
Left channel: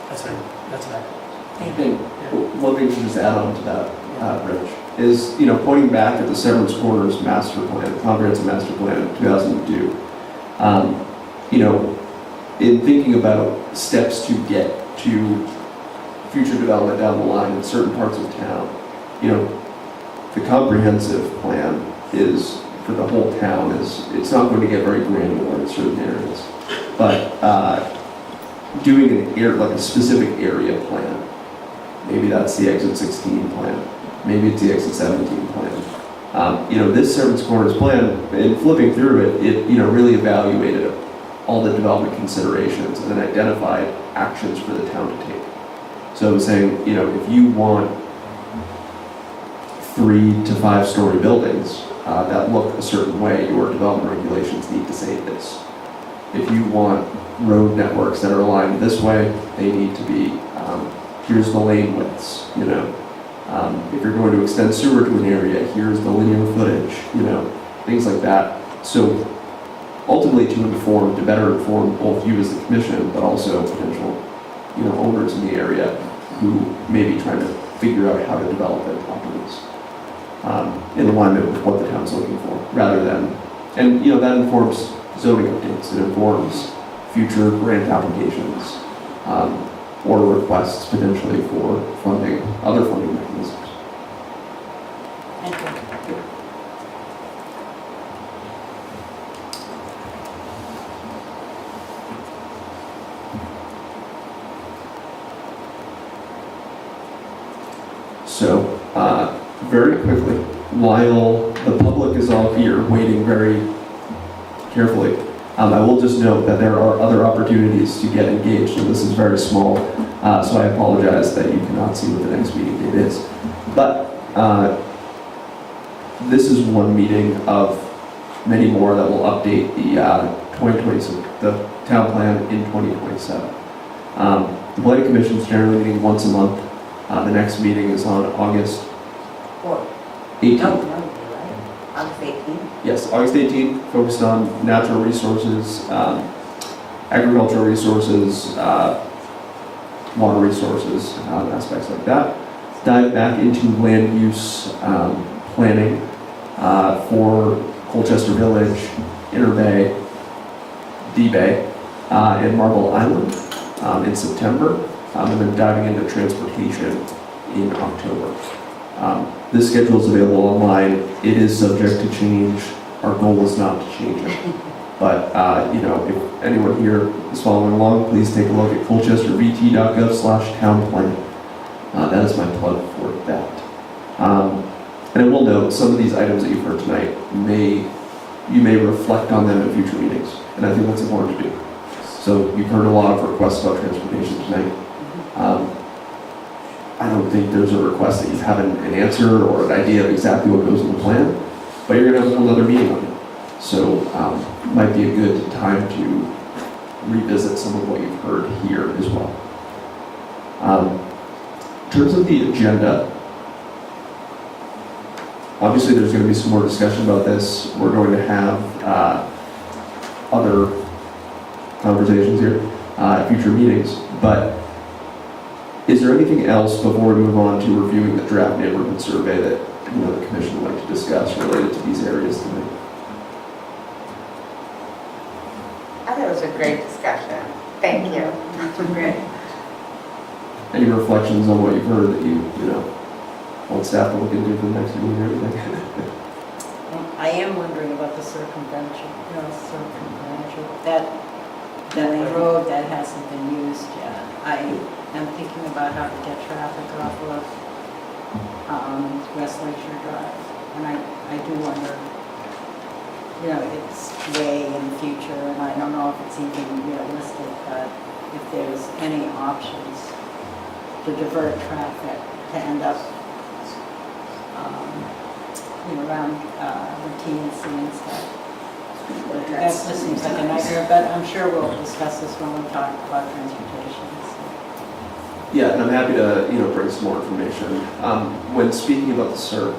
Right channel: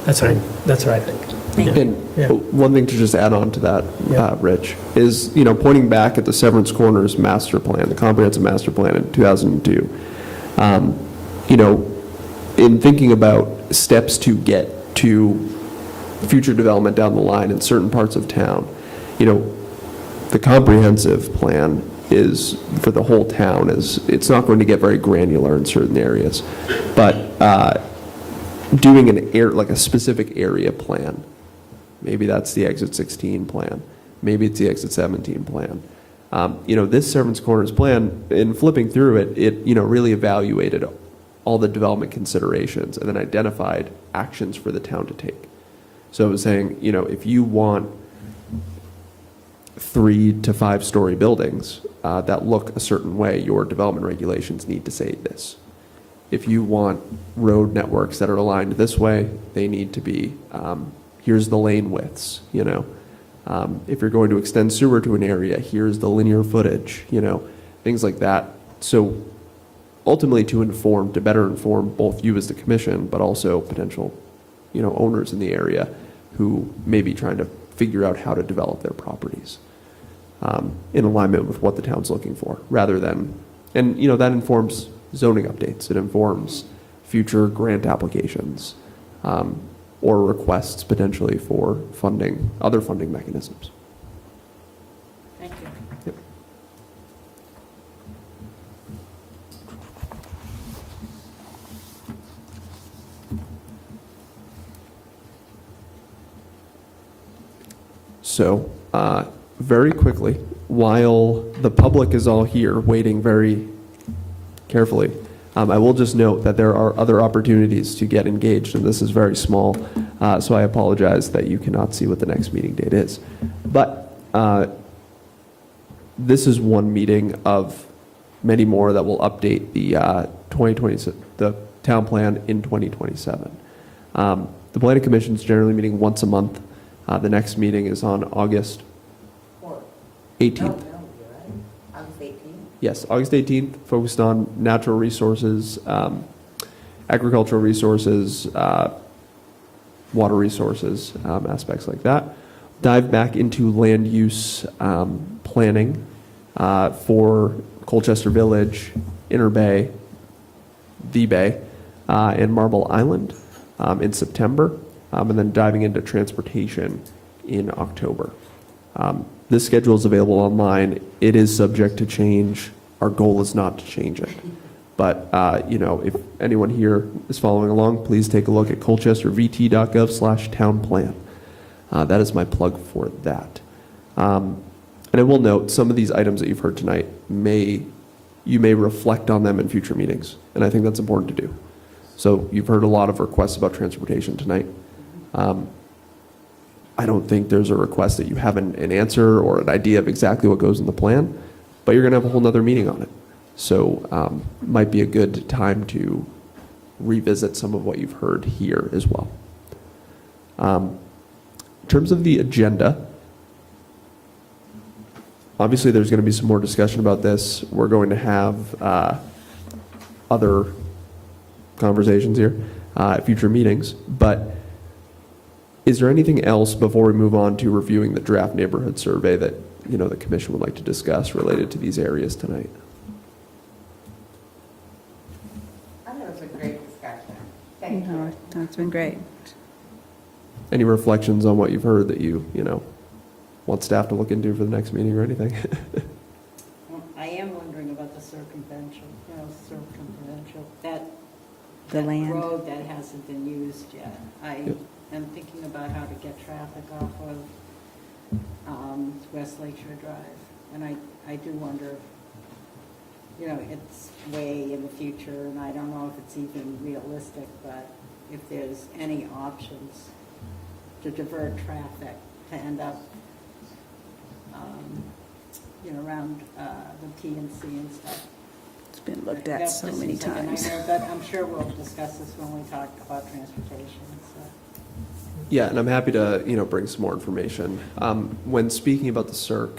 That's what I think. And Yeah. one thing to just add on to that, Rich, is, pointing back at the Severance Corners master plan, the comprehensive master plan in 2002, in thinking about steps to get to future development down the line in certain parts of town, the comprehensive plan is, for the whole town, it's not going to get very granular in certain areas, but doing like a specific area plan. Maybe that's the Exit 16 plan. Maybe it's the Exit 17 plan. This Severance Corners plan, in flipping through it really evaluated all the development considerations and then identified actions for the town to take. So it was saying, if you want 3 to 5 story buildings that look a certain way, your development regulations need to say this. If you want road networks that are aligned this way, they need to be, here's the lane widths, if you're going to extend sewer to an area, here's the linear footage, things like that. So ultimately to better inform both you as the commission, but also potential, owners in the area who may be trying to figure out how to develop their properties in alignment with what the town's looking for, rather than, and that informs zoning updates, it informs future grant applications, or requests potentially for funding, other funding mechanisms. So, very quickly, while the public is all here waiting very carefully, I will just note that there are other opportunities to get engaged, and this is very small, so I apologize that you cannot see what the next meeting date is. But this is one meeting of many more that will update the 2027, the town plan in 2027. The Planning Commission is generally meeting once a month. The next meeting is on August 18th. No, right? August 18th? Yes, August 18th, focused on natural resources, agricultural resources, water resources, aspects like that. Dive back into land use planning for Colchester Village, Inner Bay, D Bay, and Marble Island in September, and then diving into transportation in October. This schedule is available online. It is subject to change. Our goal is not to change it. But, if anyone here is following along, please take a look at colchestervt.gov/townplan. That is my plug for that. And I will note, some of these items that you've heard tonight, you may reflect on them in future meetings. And I think that's important to do. So you've heard a lot of requests about transportation tonight. I don't think there's a request that you have an answer or an idea of exactly what goes in the plan, but you're going to have a whole other meeting on it. So might be a good time to revisit some of what you've heard here as well. In terms of the agenda, obviously there's going to be some more discussion about this. We're going to have other conversations here at future meetings, but is there anything else before we move on to reviewing the draft neighborhood survey that the commission would like to discuss related to these areas tonight? I thought it was a great discussion. Thank you. Great. Any reflections on what you've heard that you want staff to look into for the next meeting or anything? I am wondering about the circumvention, that that road that hasn't been used yet. I am thinking about how to get traffic off of West Lakeshore Drive. And I do wonder, you know, it's way in the future, and I don't know if it's even realistic, but if there's any options to divert traffic to end up, you know, around the TNC and stuff. That just seems like a nightmare, but I'm sure we'll discuss this when we talk about transportation. Yeah, and I'm happy to, bring some more information. When speaking about the CERC,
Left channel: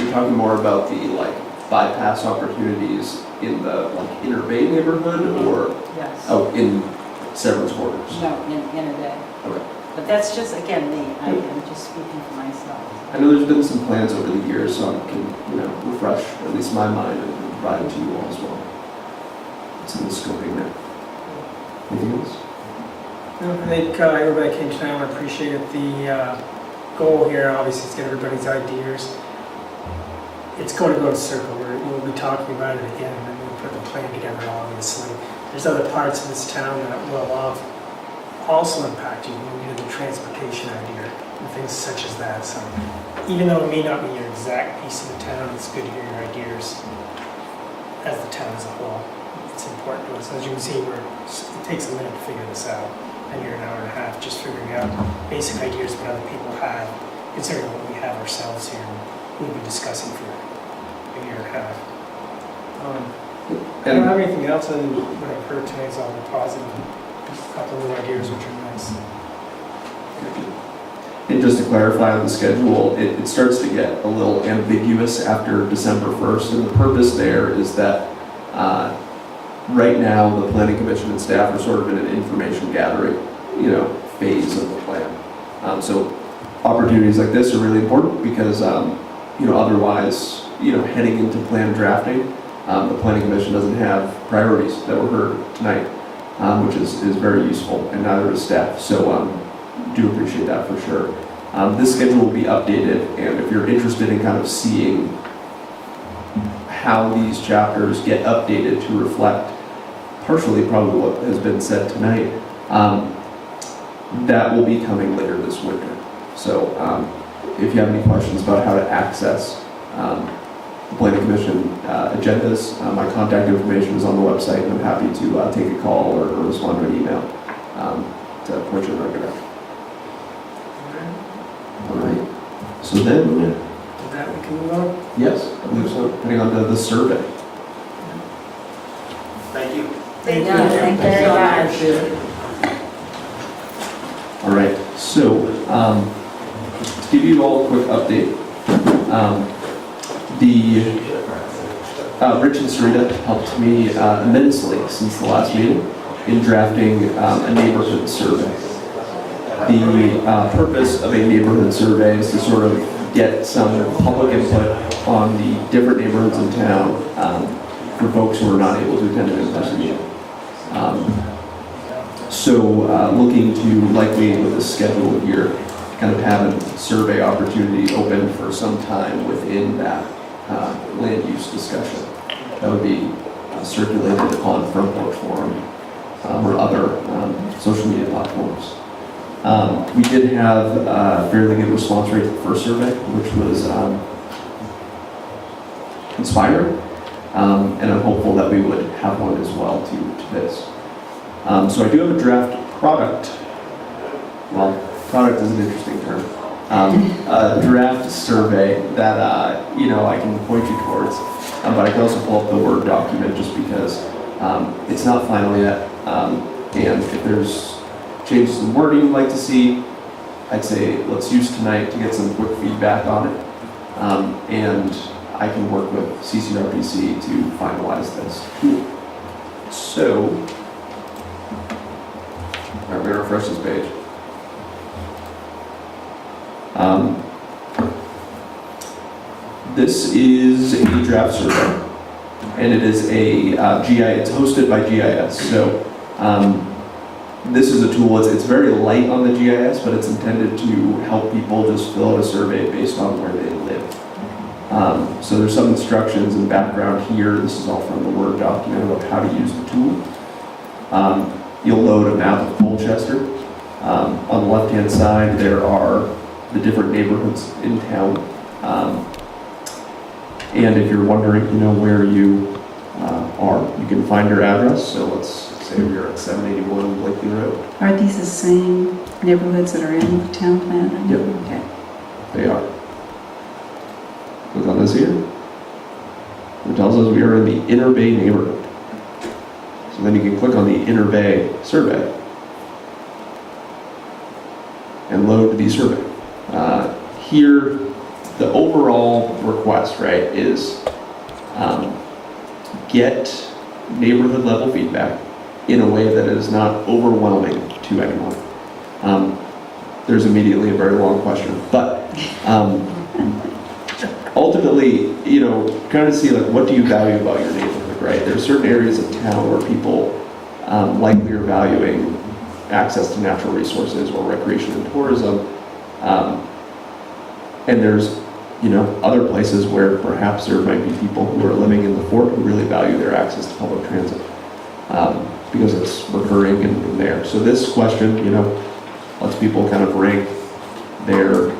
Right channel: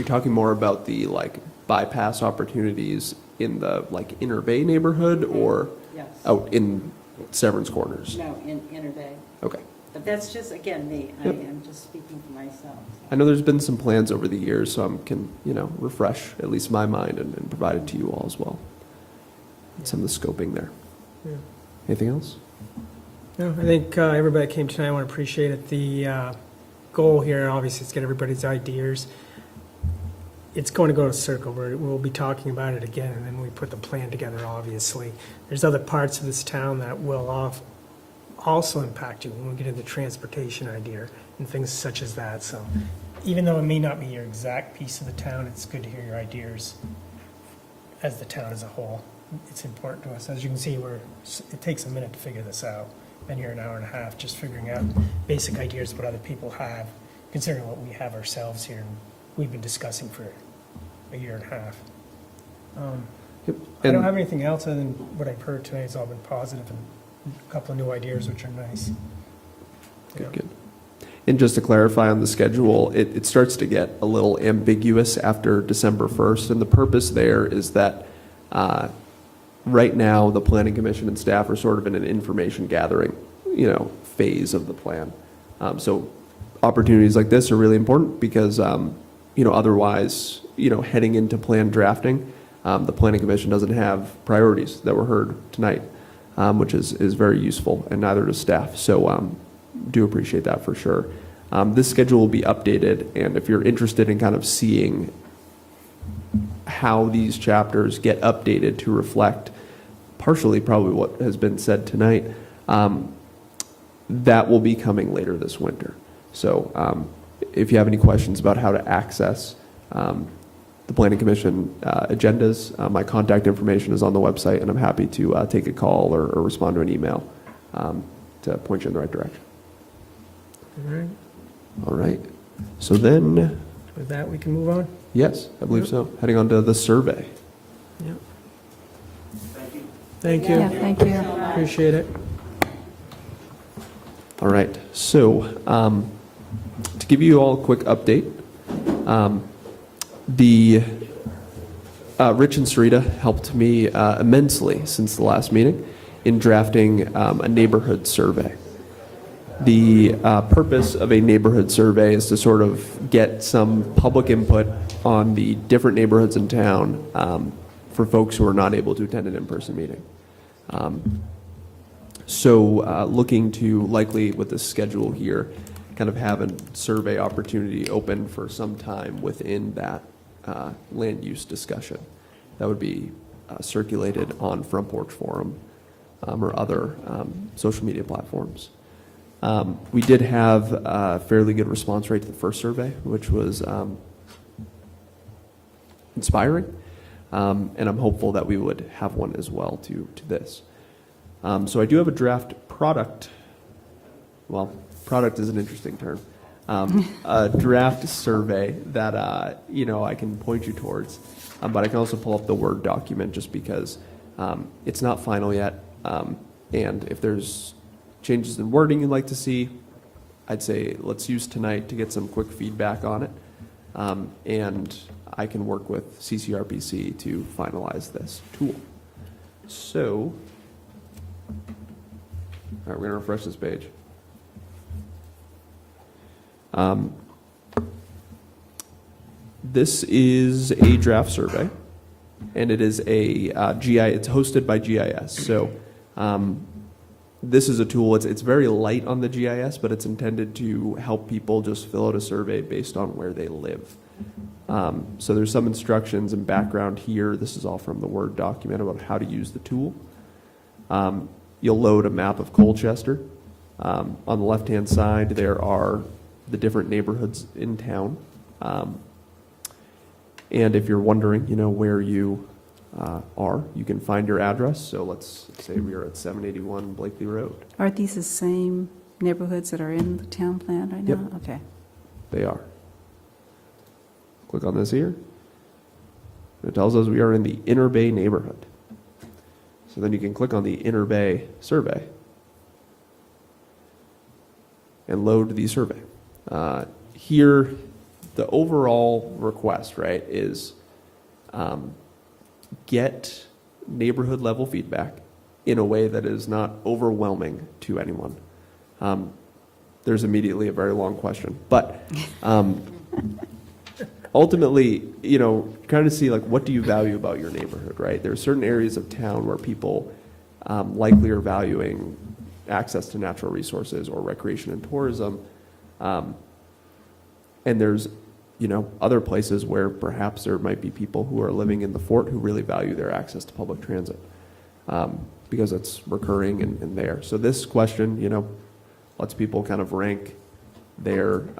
you're talking more about the, bypass opportunities in the, Inner Bay neighborhood, or, Yes. in Severance Quarters? No, in a day. Okay. But that's just, again, me. I'm just speaking for myself. I know there's been some plans over the years, so I can, refresh at least my mind and provide it to you all as well. It's in the scoping there. Anything else? No, I think everybody came tonight. I want to appreciate it. The goal here, obviously, is to get everybody's ideas. It's going to go to circle. We'll be talking about it again, and then we'll put the plan together, obviously. There's other parts of this town that will also impact you. Maybe the transportation idea and things such as that. So even though it may not be your exact piece of the town, it's good to hear your ideas as the town as a whole. It's important to us. As you can see, it takes a minute to figure this out. And you're an hour and a half just figuring out basic ideas what other people have, considering what we have ourselves here. We've been discussing for a year and a half. I don't have anything else other than what I've heard tonight is all very positive, and a couple of new ideas which are nice. And just to clarify on the schedule, it starts to get a little ambiguous after December 1st, and the purpose there is that right now the Planning Commission and staff are sort of in an information gathering, phase of the plan. So opportunities like this are really important because, otherwise, heading into plan drafting, the Planning Commission doesn't have priorities that were heard tonight, which is very useful, and neither does staff. So do appreciate that for sure. This schedule will be updated, and if you're interested in kind of seeing how these chapters get updated to reflect partially probably what has been said tonight, that will be coming later this winter. So if you have any questions about how to access the Planning Commission agendas, my contact information is on the website, and I'm happy to take a call or respond to an email to point you in the right direction. All right. So then, With that, we can move on. yes, I believe so. Heading on to the survey. Thank you. Thank you very much. Appreciate it. All right. So to give you all a quick update, Rich and Sarita helped me immensely since the last meeting in drafting a neighborhood survey. The purpose of a neighborhood survey is to sort of get some public input on the different neighborhoods in town for folks who are not able to attend an in-person meeting. Looking to likely with the schedule here, kind of have a survey opportunity open for some time within that land use discussion. That would be circulated on Front Porch Forum or other social media platforms. We did have a fairly good response rate to the first survey, which was inspiring, and I'm hopeful that we would have one as well to this. So I do have a draft product. Well, product is an interesting term. A draft survey that I can point you towards, but I can also pull up the Word document just because it's not final yet, and if there's changes in wording you'd like to see, I'd say let's use tonight to get some quick feedback on it, and I can work with CCRPC to finalize this. So, I'm going to refresh this page. This is a draft survey, and it is a GIS. It's hosted by GIS. So this is a tool. It's very light on the GIS, but it's intended to help people just fill out a survey based on where they live. So there's some instructions and background here. This is all from the Word document about how to use the tool. You'll load a map of Colchester. On the left-hand side, there are the different neighborhoods in town. And if you're wondering, where you are, you can find your address. So let's say we're at 781 Blakely Road. Are these the same neighborhoods that are in the town plan? Yep. Okay. They are. Click on this here. It tells us we are in the Inner Bay neighborhood. So then you can click on the Inner Bay survey and load the survey. Here, the overall request, right, is get neighborhood level feedback in a way that is not overwhelming to anyone. There's immediately a very long question, but ultimately, kind of see like what do you value about your neighborhood, right? There's certain areas of town where people likely are valuing access to natural resources or recreation and tourism, and there's other places where perhaps there might be people who are living in the fort who really value their access to public transit because it's recurring in there. So this question, lets people kind of rank their,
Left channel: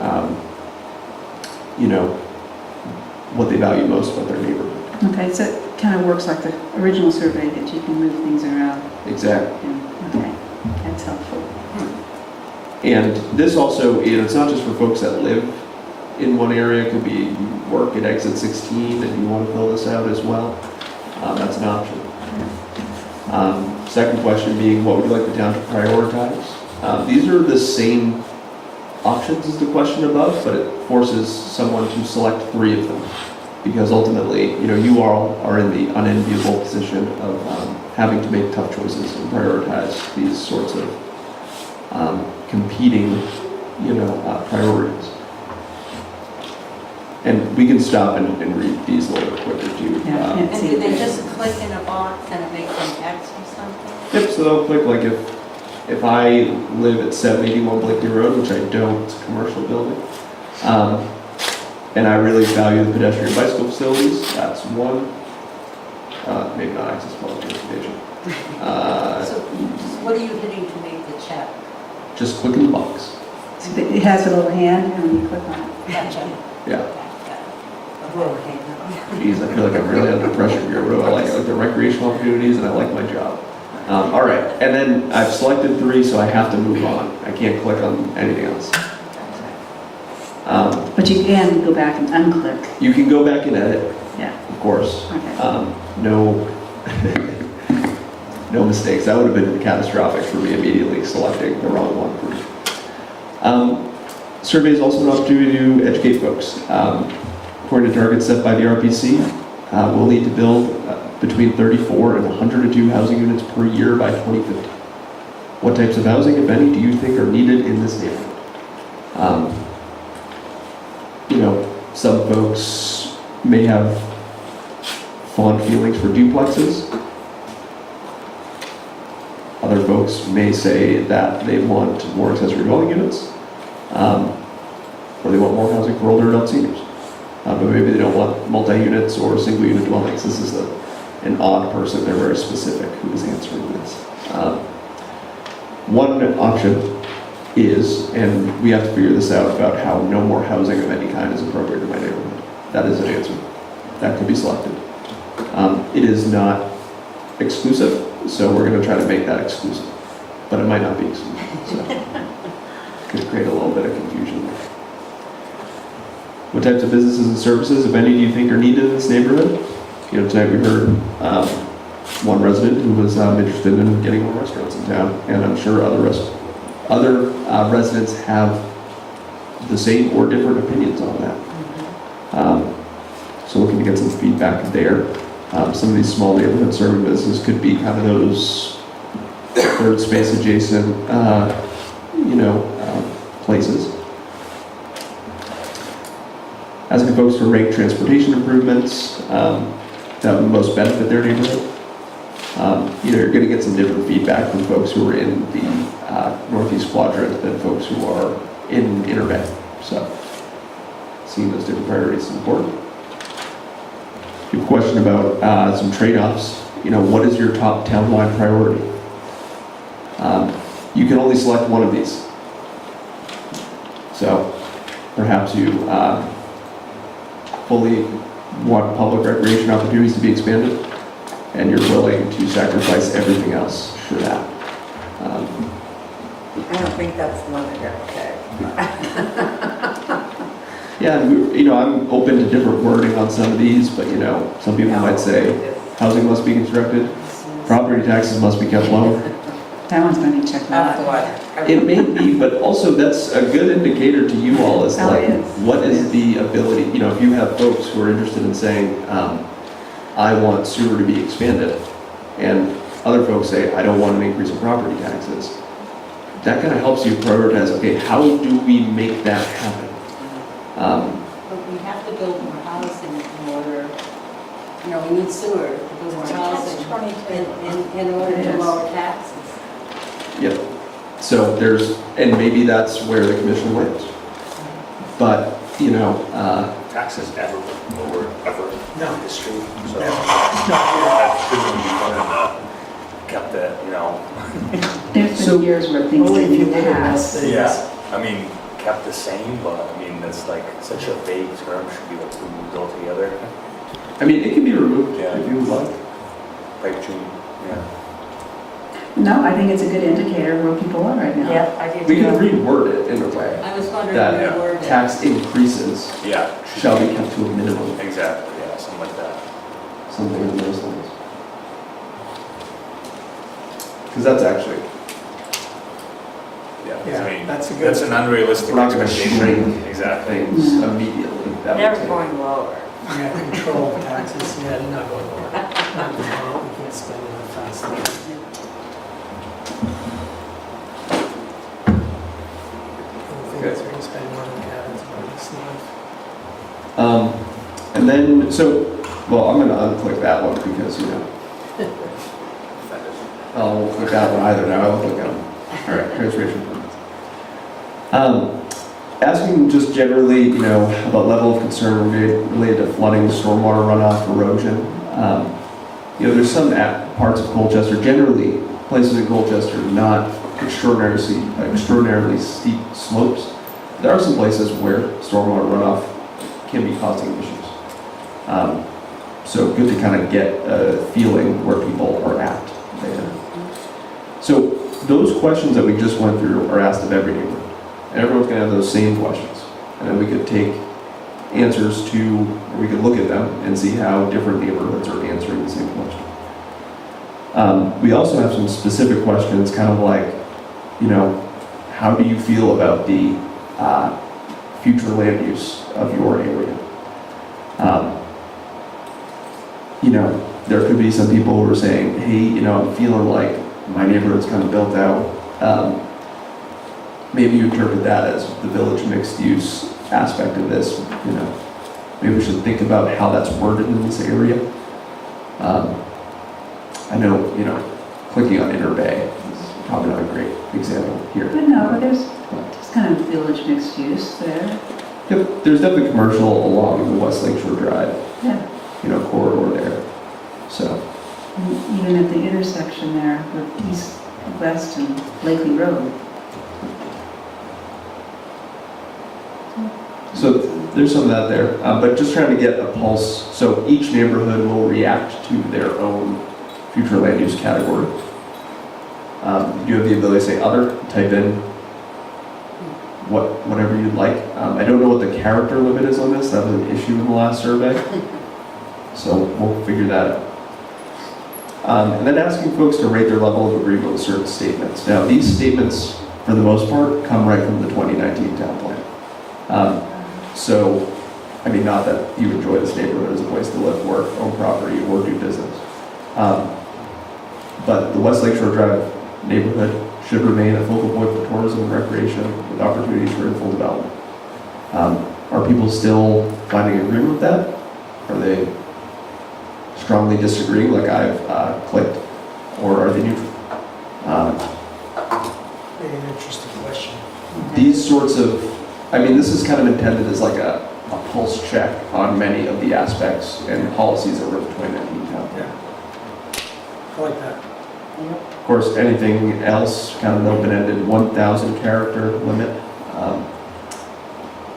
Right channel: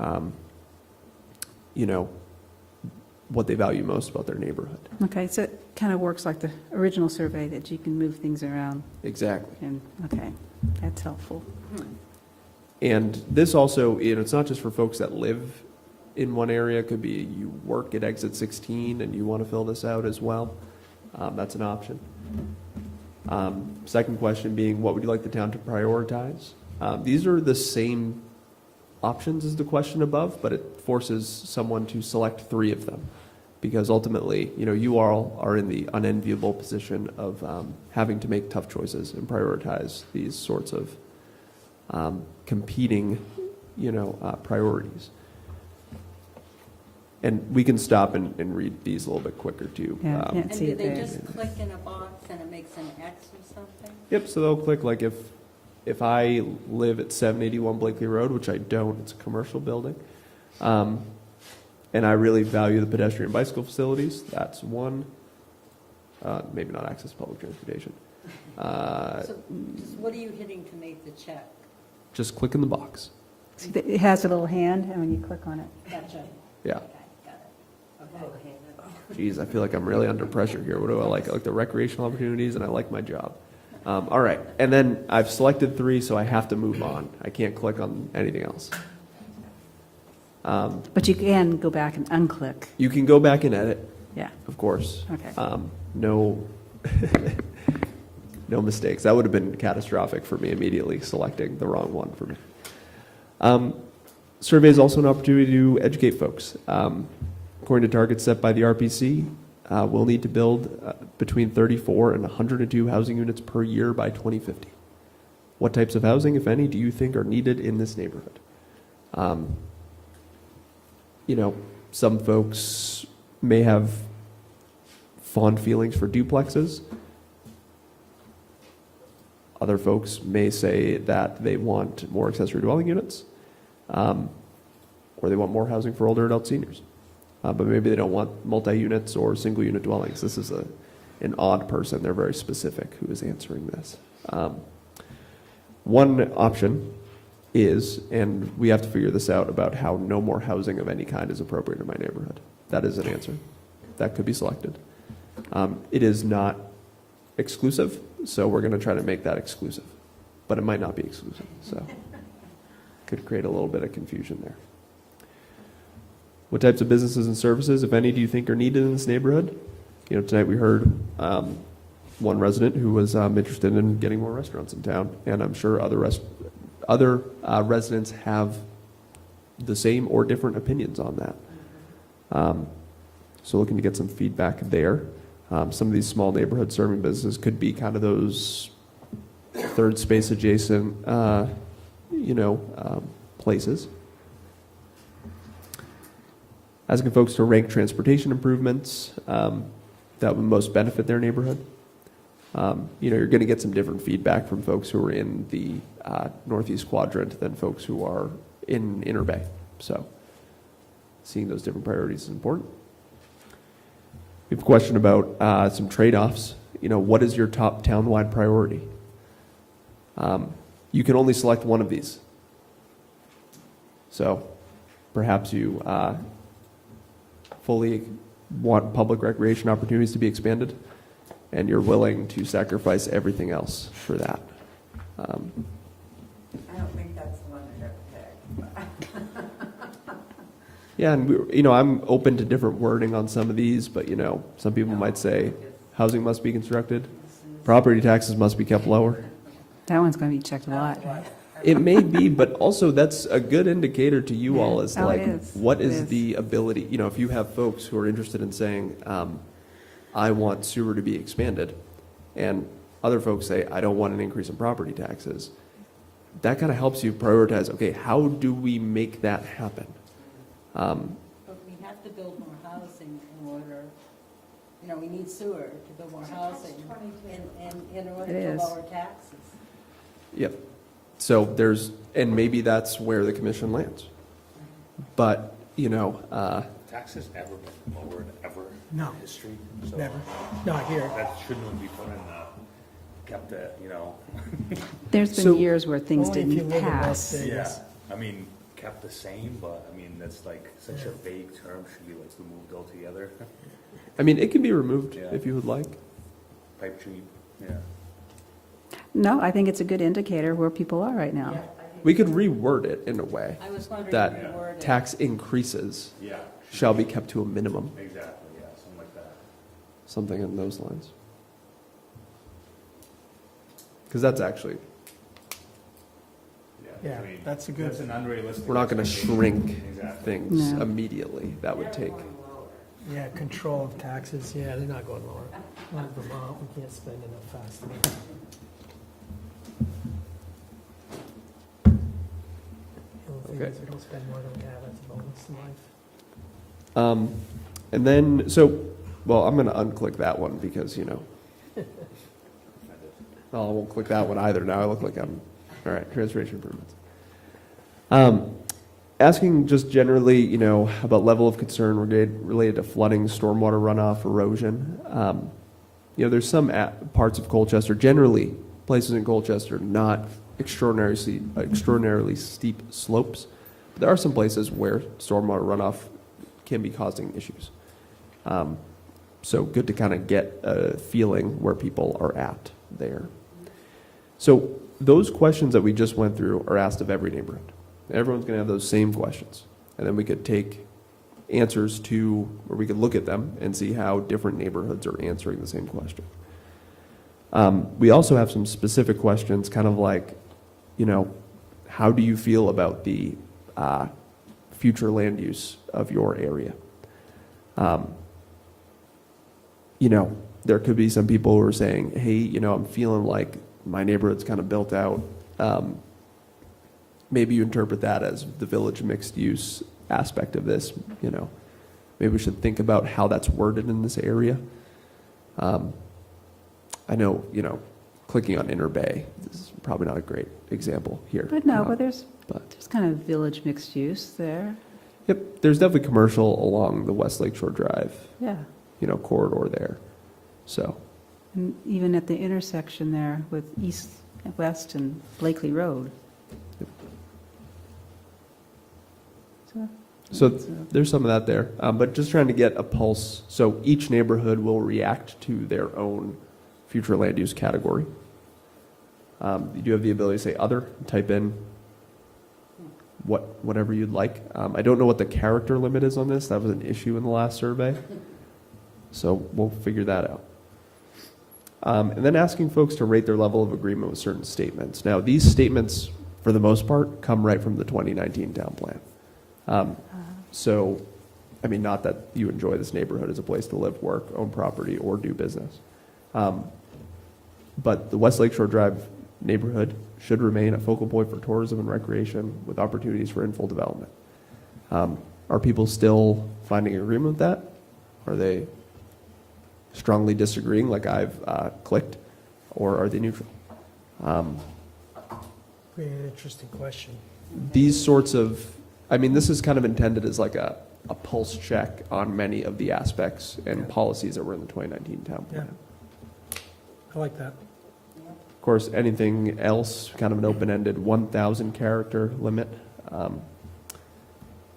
what they value most about their neighborhood. Okay, so it kind of works like the original survey that you can move things around. Exactly. Yeah. Okay, that's helpful. And this also, it's not just for folks that live in one area. It could be you work at exit 16 and you want to fill this out as well. That's an option. Second question being, what would you like the town to prioritize? These are the same options as the question above, but it forces someone to select 3 of them. Because ultimately, you all are in the unenviable position of having to make tough choices and prioritize these sorts of competing, priorities. And we can stop and read these a little bit quicker too. Yeah, I can't And see do it. they just click in a box and it makes them X or something? Yep, so they'll click like if I live at 781 Blakely Road, which I don't, it's a commercial building, and I really value the pedestrian bicycle facilities, that's 1. Maybe not access public transportation. So what are you hitting to make the check? Just click in the box. So it has a little hand and when you click on it. Gotcha. Yeah. A roll hand. Geez, I feel like I'm really under pressure here. What do I like? I like the recreational opportunities and I like my job. All right, and then I've selected 3, so I have to move on. I can't click on anything else. But you can go back and unclick. You can go back and edit, Yeah. of course. Okay. No, no mistakes. That would have been catastrophic for me immediately selecting the wrong one. Survey is also an opportunity to educate folks. According to targets set by the RPC, we'll need to build between 34 and 102 housing units per year by 2050. What types of housing, if any, do you think are needed in this neighborhood? Some folks may have fond feelings for duplexes. Other folks may say that they want more accessory dwelling units, or they want more housing for older adult seniors. But maybe they don't want multi-units or single-unit dwellings. This is an odd person. They're very specific who is answering this. One option is, and we have to figure this out about how no more housing of any kind is appropriate in my neighborhood. That is an answer. That can be selected. It is not exclusive, so we're going to try to make that exclusive. But it might not be exclusive. So it could create a little bit of confusion there. What types of businesses and services, if any, do you think are needed in this neighborhood? Tonight we heard one resident who was interested in getting more restaurants in town, and I'm sure other residents have the same or different opinions on that. So looking to get some feedback there. Some of these small neighborhood serving businesses could be kind of those third space adjacent, places. Asking folks to rank transportation improvements that would most benefit their neighborhood. You're going to get some different feedback from folks who are in the northeast quadrant than folks who are in Inner Bay. So, seeing those different priorities is important. A question about some trade-offs. What is your top townwide priority? You can only select one of these. So perhaps you fully want public recreation opportunities to be expanded, and you're willing to sacrifice everything else for that. I don't think that's the one that you're okay. Yeah, and I'm open to different wording on some of these, but some people might say housing must be constructed, property taxes must be kept low. That one's going to be checked Off the out. water. It may be, but also that's a good indicator to you all as Oh, like, it is. what is the ability, if you have folks who are interested in saying, I want sewer to be expanded, and other folks say, I don't want an increase in property taxes, that kind of helps you prioritize, okay, how do we make that happen? But we have to build more housing in order, we need sewer to build more housing in order to lower taxes. Yep. So and maybe that's where the commission lands. But, Taxes never lowered, ever No. in history. So No. that shouldn't be fun kept that, There's been years where things didn't pass. Yeah, I mean, kept the same, but I mean, that's like such a vague term, should be like moved all together. I mean, it can be removed Yeah. if you would like. Right, June, yeah. No, I think it's a good indicator where people are right now. Yep, I do. We can reword it in a way I was wondering that what word. tax increases Yeah. shall be kept to a minimum, Exactly, yeah, something like that. something in those lines. Because that's actually, Yeah, I mean, that's a good- that's an unrealistic we're not going to expectation. shrink Exactly. things immediately. That would Never take- going lower. We got control taxes, yeah, not going lower. Not going lower, we can't spend enough fast. Okay. We're gonna spend more than we have, it's part of this month. And then, I'm going to unclick that one because, I won't click that one either now, I'll click that one. All right, conservation permits. Asking just generally, about level of concern related to flooding, stormwater runoff, erosion. There's some parts of Colchester, generally places in Colchester, not extraordinarily steep slopes. There are some places where stormwater runoff can be causing issues. So good to kind of get a feeling where people are at there. So those questions that we just went through are asked of every neighborhood. Everyone's going to have those same questions. And then we could take answers we could look at them and see how different neighborhoods are answering the same question. We also have some specific questions, kind of like, how do you feel about the future land use of your area? There could be some people who are saying, hey, I'm feeling like my neighborhood's kind of built out. Maybe you interpret that as the village mixed use aspect of this, Maybe we should think about how that's worded in this area. I know, clicking on Inner Bay is probably not a great example here. But no, there's kind of village mixed use there. Yep, there's definitely commercial along the West Lakeshore Drive, Yeah. corridor there. So, And even at the intersection there with East, West, and Blakely Road. so there's some of that there, but just trying to get a pulse. So each neighborhood will react to their own future land use category. You have the ability to say other, type in whatever you'd like. I don't know what the character limit is on this. That was an issue in the last survey. So we'll figure that out. And then asking folks to rate their level of agreement with certain statements. Now, these statements, for the most part, come right from the 2019 town plan. So, not that you enjoy this neighborhood as a place to live, work, own property, or do business. But the West Lakeshore Drive neighborhood should remain a focal point for tourism and recreation with opportunities for full development. Are people still finding agreement with that? Are they strongly disagreeing like I've clicked? Or are they neutral? Maybe an interesting question. These sorts of, this is kind of intended as like a pulse check on many of the aspects and policies that were in the 2019 town plan. Yeah. I like that. Of course, anything else, kind of open-ended, 1,000 character limit.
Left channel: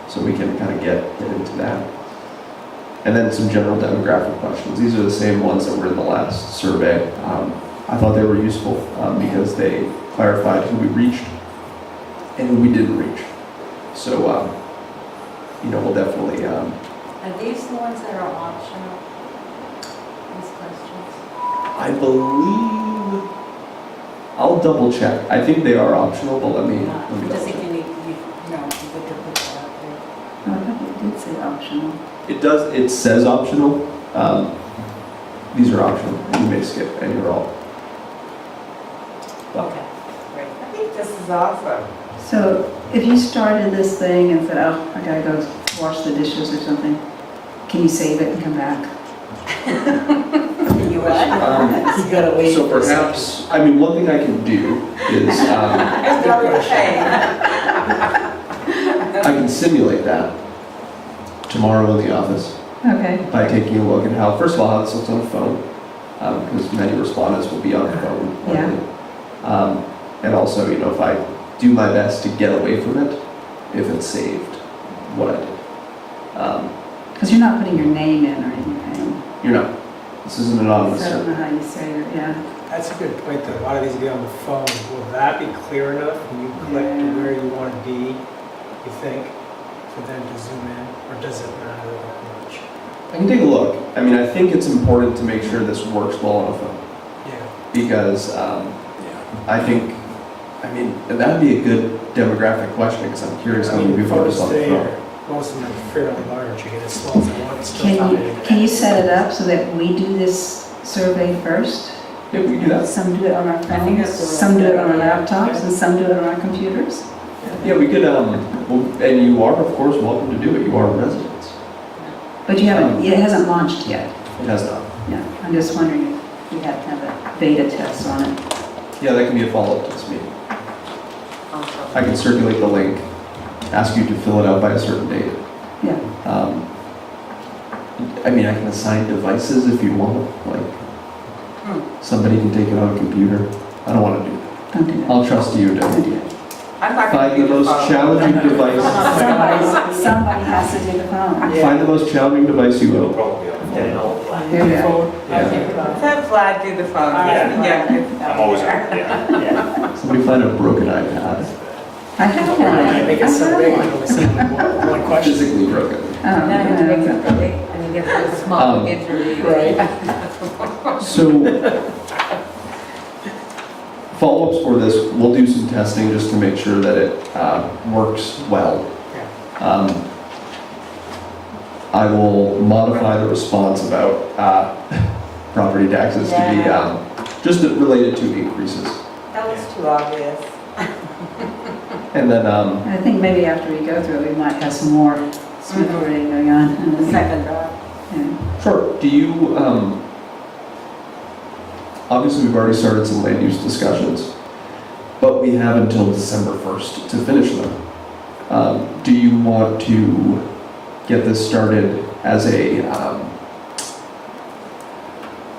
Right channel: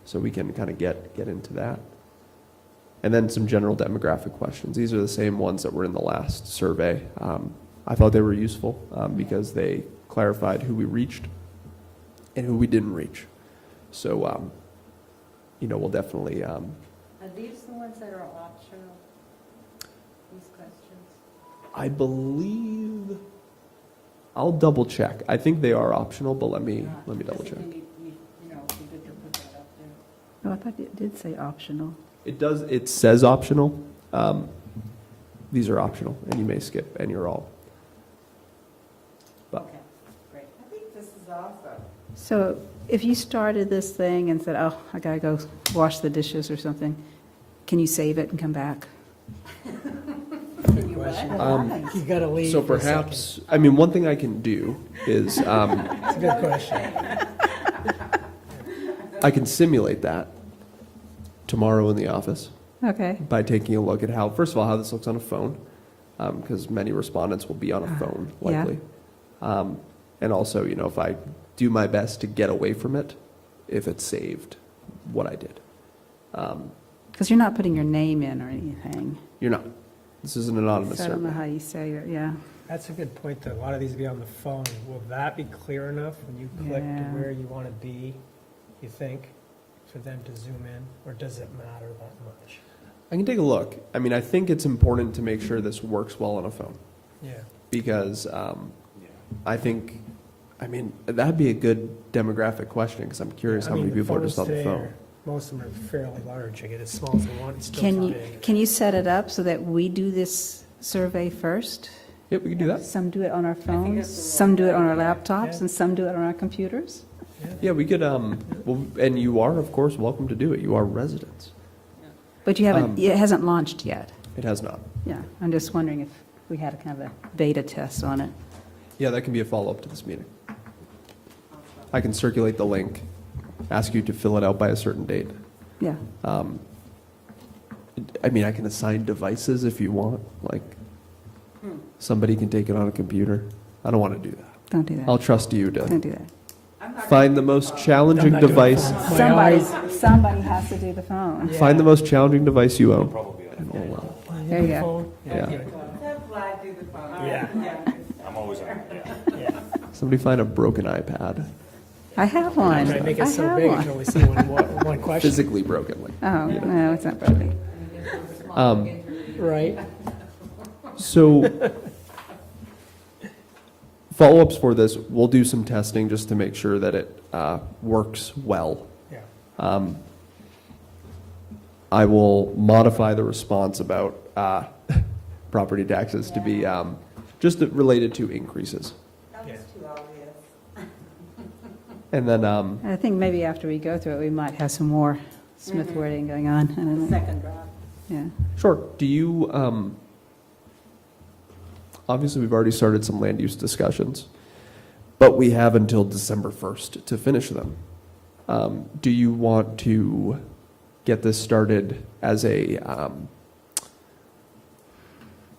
So we can kind of get into that. And then some general demographic questions. These are the same ones that were in the last survey. I thought they were useful because they clarified who we reached and who we didn't reach. So, we'll definitely... Are these the ones that are optional? These questions? I believe... I'll double check. I think they are optional, but let me I double just think check. you need, you could put that out there. I thought it did say optional. It says optional. These are optional. You may skip any or all. Well, Okay, great. I think this is awesome. So if you started this thing and said, oh, I gotta go wash the dishes or something, can you save it and come back? You what? You gotta wait. So perhaps, one thing I can do is I can simulate that tomorrow in the office Okay. by taking a look at how, first of all, how this looks on the phone, because many respondents will be on the phone. Yeah. And also, if I do my best to get away from it, if it's saved, what I did. Because you're not putting your name in or anything. You're not. This isn't anonymous. So I don't know how you say it, yeah. That's a good point, though. A lot of these get on the phone. Will that be clear enough when you click to where you want to be, you think, for them to zoom in? Or does it matter that much? I can take a look. I think it's important to make sure this works well on a phone. Yeah. Because I think, that'd be a good demographic question, because I'm curious how many people are photos on the today phone. are, most of them are fairly large. You get as small as you want. Still Can you set it up so that we do this survey first? Yeah, we can do that. Some do it on our think phones, that's the some do it on our right laptops, and some do it on our computers. Yeah, we could, and you are, of course, welcome to do it. You are residents. But you haven't, it hasn't launched yet. It has not. Yeah, I'm just wondering if we have to have a beta test on it. Yeah, that can be a follow-up to this meeting. I can circulate the link, ask you to fill it out by a certain date. Yeah. I can assign devices if you want, like, somebody can take it on a computer. I don't want to do that. Don't do that. I'll trust you to Don't do that. I'm not find the gonna do most phone. challenging device. Somebody has to do the phone. Find the most challenging device you own. Probably on the phone. There you go. Have Vlad do the phone. I'm always, yeah. Somebody find a broken iPad, I have one. I make it so big, we'll see one question. physically broken. Then I have to make something big, and you get a small Um, interview. Right. So, follow-ups for this, we'll do some testing just to make sure that it works well. I will modify the response about property taxes to be just related to increases. That was too obvious. And then, I think maybe after we go through it, we might have some more smooth wording going on. Second draft. Yeah. sure, do you, obviously we've already started some land use discussions, but we have until December 1st to finish them. Do you want to get this started as a,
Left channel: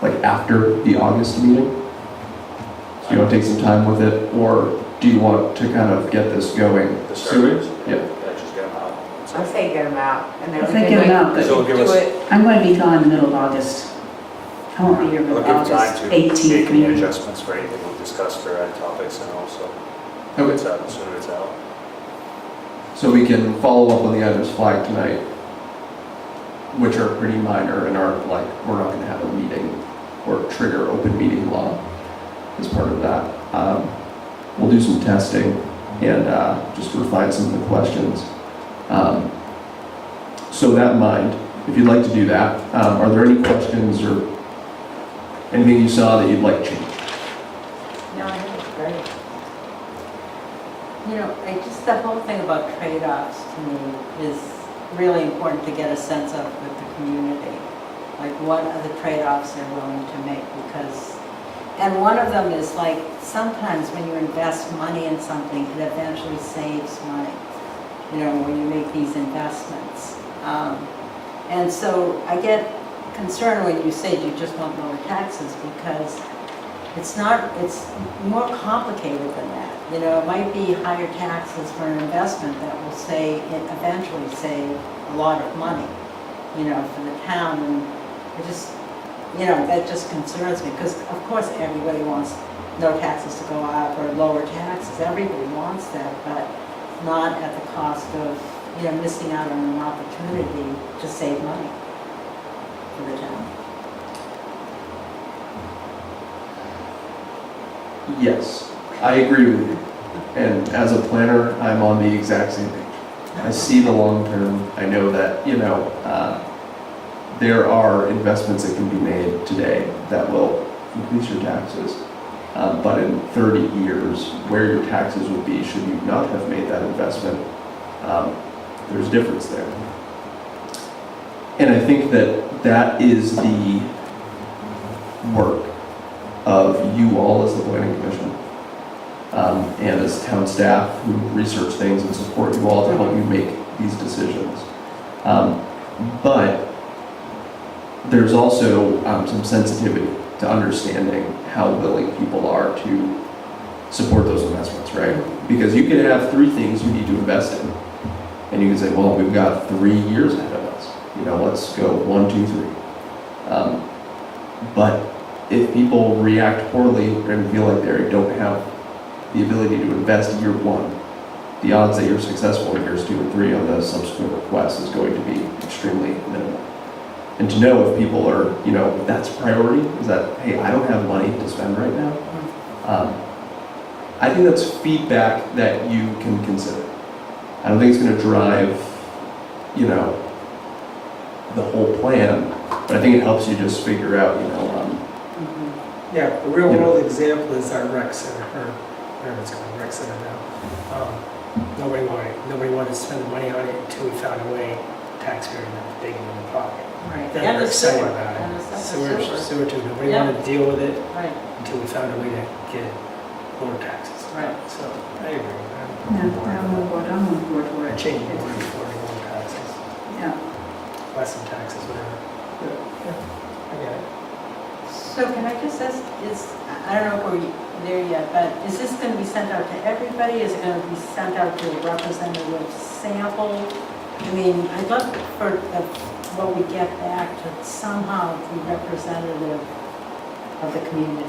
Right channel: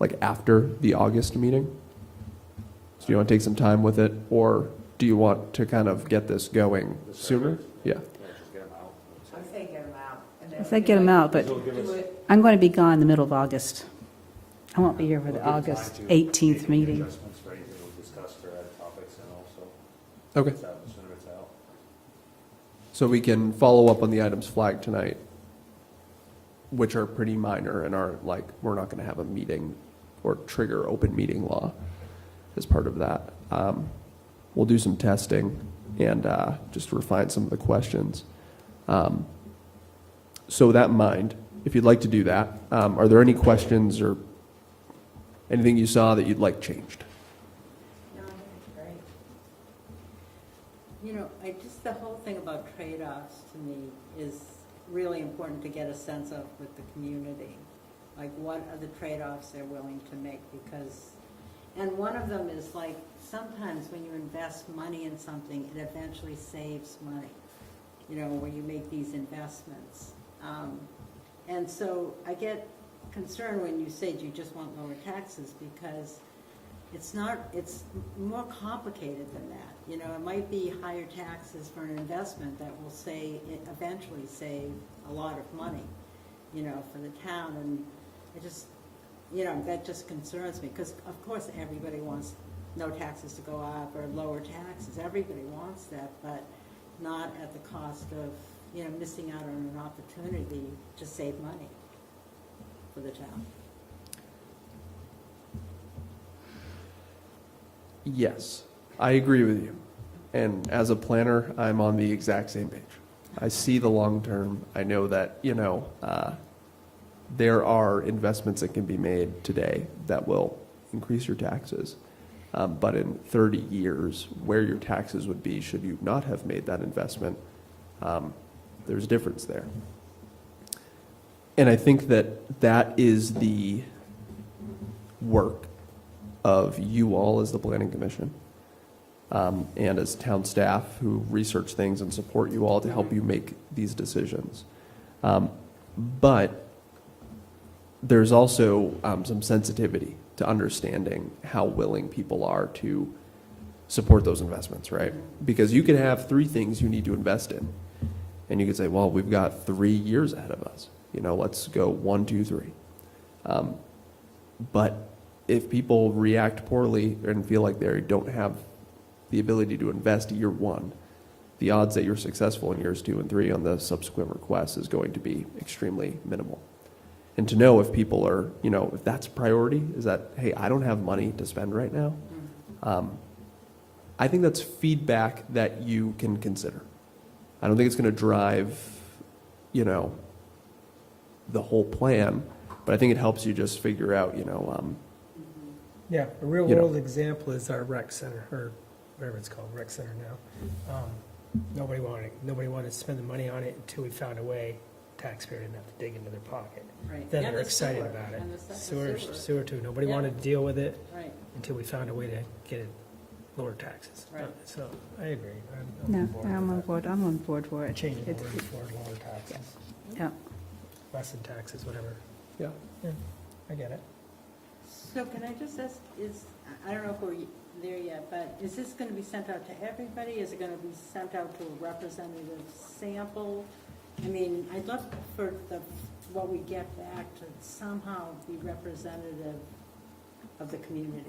like after the August meeting? So you want to take some time with it, or do you want to kind of get this going The sooner? surveys? Yeah. Just get them out. I say get them out, and then I we say can get 'em out, but- So it'll give do us, it. I'm going to be gone in the middle of August. I won't be here it'll until give time August to 18th. make any maybe. adjustments for anything we've discussed for ed topics and also, Okay. it's out, as soon as it's out. So we can follow up on the items flagged tonight, which are pretty minor and aren't like, we're not going to have a meeting or trigger open meeting law as part of that. We'll do some testing and just refine some of the questions. So with that in mind, if you'd like to do that, are there any questions or anything you saw that you'd like changed? No, I think it's great. The whole thing about trade-offs to me is really important to get a sense of with the community. Like, what are the trade-offs they're willing to make? Because, and one of them is like, sometimes when you invest money in something, it eventually saves money, when you make these investments. And so I get concerned when you say you just want lower taxes, because it's more complicated than that. You know, it might be higher taxes for an investment that will eventually save a lot of money, you know, for the town. And it just, you know, that just concerns me, because of course everybody wants no taxes to go up or lower taxes. Everybody wants that, but not at the cost of, you know, missing out on an opportunity to save money for the town. Yes, I agree with you. And as a planner, I'm on the exact same page. I see the long term. I know that, you know, there are investments that can be made today that will increase your taxes. But in 30 years, where your taxes would be should you not have made that investment, there's a difference there. And I think that that is the work of you all as the planning commission, and as town staff who research things and support you all to help you make these decisions. But there's also some sensitivity to understanding how willing people are to support those investments, right? Because you could have 3 things you need to invest in, and you can say, well, we've got 3 years ahead of us. You know, let's go 1, 2, 3. But if people react poorly and feel like they don't have the ability to invest year 1, the odds that you're successful in years 2 and 3 on the subsequent request is going to be extremely minimal. And to know if people are, you know, that's priority, is that, hey, I don't have money to spend right now. I think that's feedback that you can consider. I don't think it's going to drive, you know, the whole plan, but I think it helps you just figure out, you know, Yeah, the real world example is our rec center, or whatever it's called, rec center now. Nobody wanted to spend the money on it until we found a way, taxpayer not digging in the pocket. Right. Then And we're the excited sewer. about And it. the Sewer too, nobody Yeah. wanted to deal with it Right, until we found a way to get lower taxes. right. So, I agree. Yeah, I'm on board for I it. changed my mind for lower taxes, Yeah. less than taxes, whatever. Yeah, I get it. So can I just ask, I don't know if we're there yet, but is this going to be sent out to everybody? Is it going to be sent out to a representative sample? I mean, I'd love for what we get back to somehow be representative of the community.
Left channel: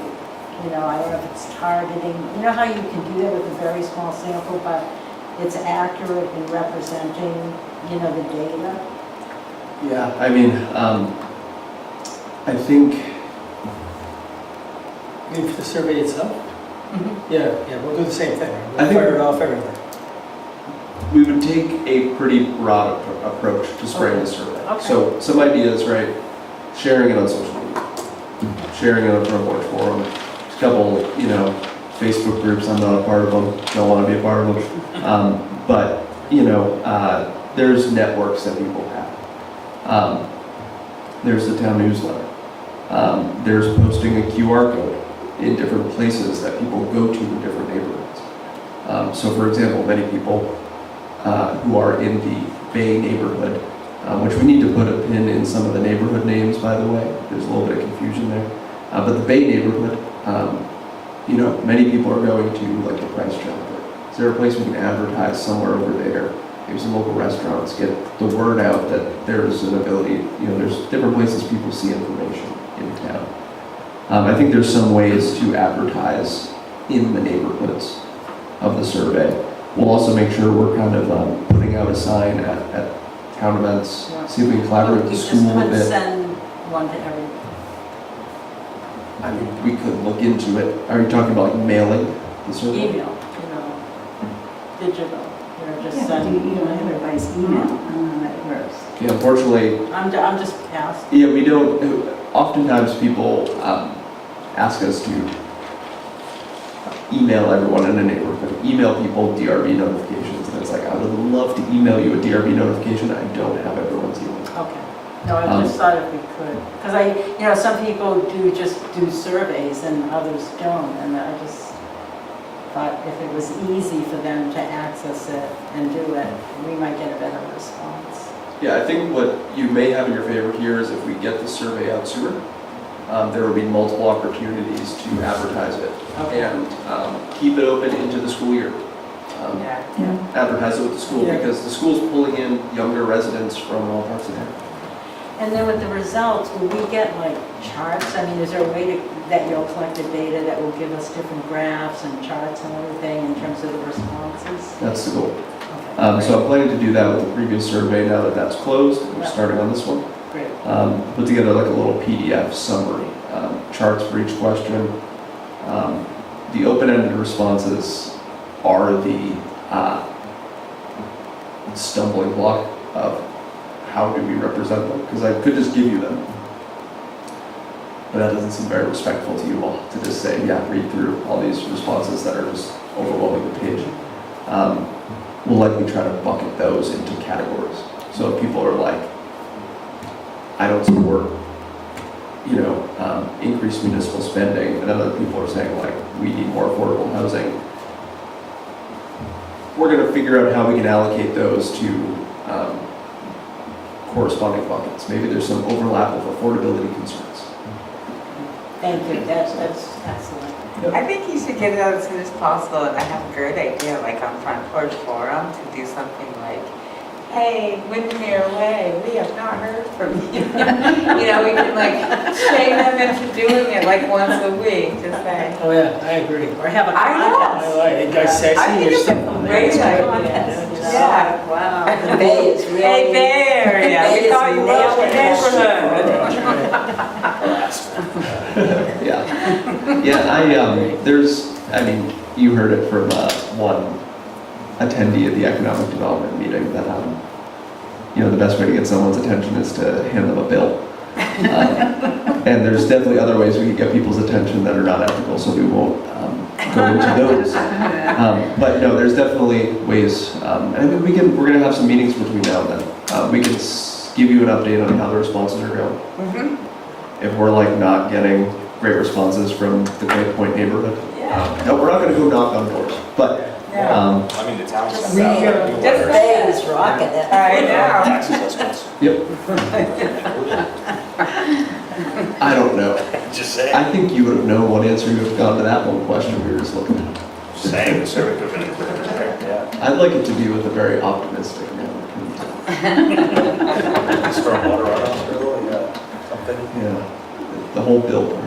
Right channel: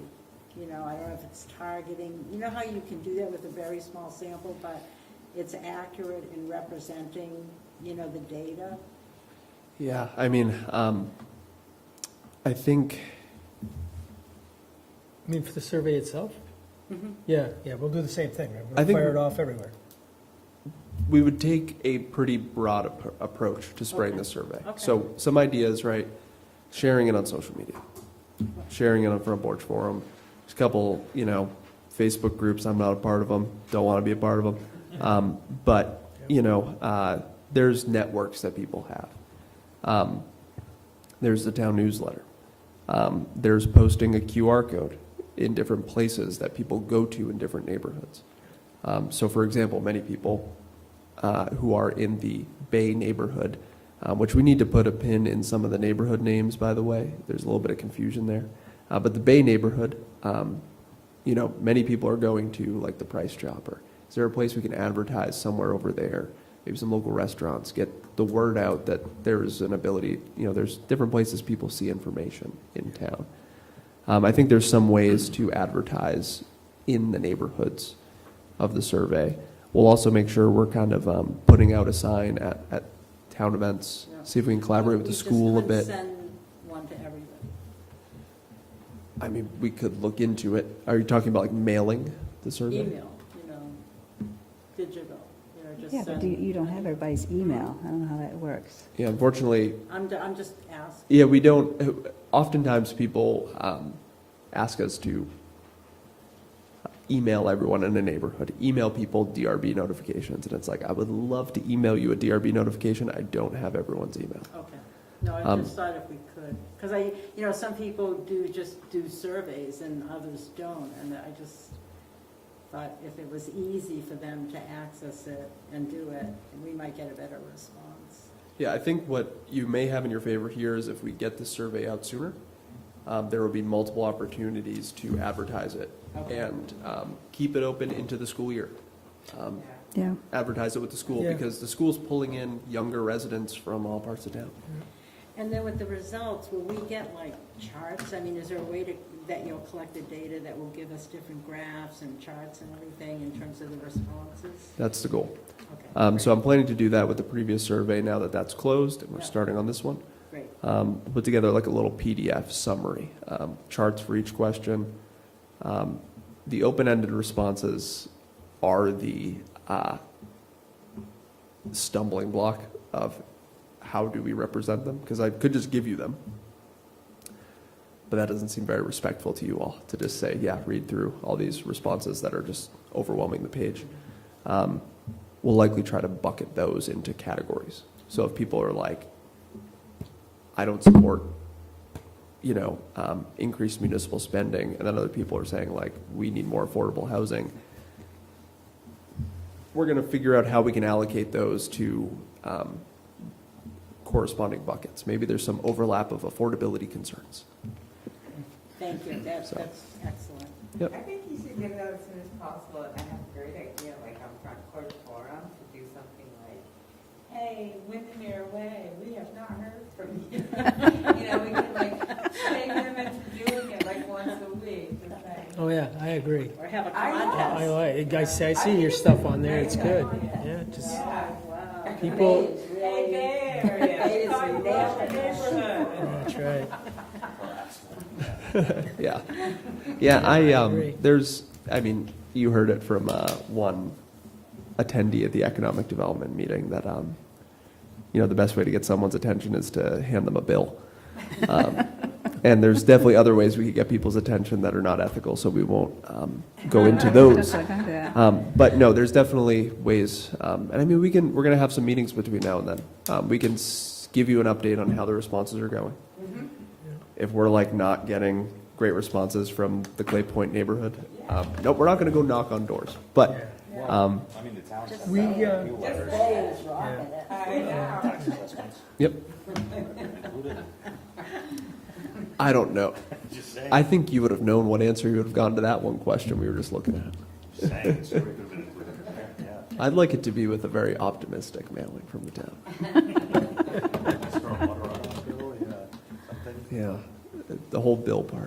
You know, I don't know if it's targeting, you know how you can do that with a very small sample, but it's accurate in representing, you know, the data? yeah, I mean, I think, You mean for the survey itself? Mm-hmm. Yeah, we'll do the same thing. I We'll think- fire it off everywhere. we would take a pretty broad approach to spraying the survey. Okay. So some ideas, right? Sharing it on social media, sharing it on front porch forum, a couple, you know, Facebook groups. I'm not a part of them. Don't want to be a part of them. But you know, there's networks that people have. There's the town newsletter. There's posting a QR code in different places that people go to in different neighborhoods. So for example, many people who are in the Bay neighborhood, which we need to put a pin in some of the neighborhood names, by the way. There's a little bit of confusion there. But the Bay neighborhood, you know, many people are going to like the Price Chopper. Is there a place we can advertise somewhere over there? Maybe some local restaurants, get the word out that there's an ability, you know, there's different places people see information in town. I think there's some ways to advertise in the neighborhoods of the survey. We'll also make sure we're kind of putting out a sign at town events, see if we can collaborate with the school a You just bit. couldn't send one to everybody. I mean, we could look into it. Are you talking about like mailing the survey? Email, you know, digital, you know, just Yeah, send. you don't have everybody's email, I don't know how that works. Yeah, unfortunately, I'm just asking. yeah, we don't, oftentimes people ask us to email everyone in a neighborhood, email people DRB notifications, and it's like, I would love to email you a DRB notification, I don't have everyone's email. Okay. No, I just thought if we could, because you know, some people do surveys and others don't, and I just thought if it was easy for them to access it and do it, we might get a better response. Yeah, I think what you may have in your favor here is if we get the survey out sooner, there will be multiple opportunities to advertise it Okay. and keep it open into the school year. Yeah. Advertise it with the school Yeah. because the school's pulling in younger residents from all parts of town. And then with the results, will we get like charts? I mean, is there a way to, that you'll collect the data that will give us different graphs and charts and everything in terms of the responses? That's the goal. Okay, So I'm planning to do that with the previous survey now that that's closed. I'm Yeah. starting on this one. great. Put together like a little PDF summary, charts for each question. The open-ended responses are the stumbling block of how do we represent them, because I could just give you them. But that doesn't seem very respectful to you all, to just say, yeah, read through all these responses that are just overwhelming the page. We'll likely try to bucket those into categories. So if people are like, I don't support, increased municipal spending, and other people are saying like, we need more affordable housing, we're gonna figure out how we can allocate those to corresponding buckets. Maybe there's some overlap of affordability concerns. Thank you, that's excellent. I think you should get it out as soon as possible, and I have a great idea, like on Front Porch Forum, to do something like, hey, Windermere Way, we have not heard from you. We can like shame them into doing it like once a week, just say. Oh, yeah, I agree. Or have a I know. contest. like it. I see your stuff on there. Great It's idea. Contest, you know? Yeah. Wow, the Bay is really. Hey, Bay Area, we Bay thought is you loved the neighborhood. Yeah, you heard it from one attendee at the economic development meeting that, the best way to get someone's attention is to hand them a bill. And there's definitely other ways we can get people's attention that are not ethical, so we won't go into those. But no, there's definitely ways, we're gonna have some meetings between now and then. We can give you an update on how the responses are going. If we're like not getting great responses from the Great Point neighborhood, no, we're not gonna go knock on doors, but, The town's Just sent out read your- a new Just letter. Bay is rocking it. I know. Tax assessments. yep. I don't know. Just saying. I think you would have known what answer you would have gotten to that one question we were just looking at. Just saying, the survey could have been yeah. I'd like it to be with a very optimistic note. Stormwater runoff, really, something. Yeah, the whole bill part.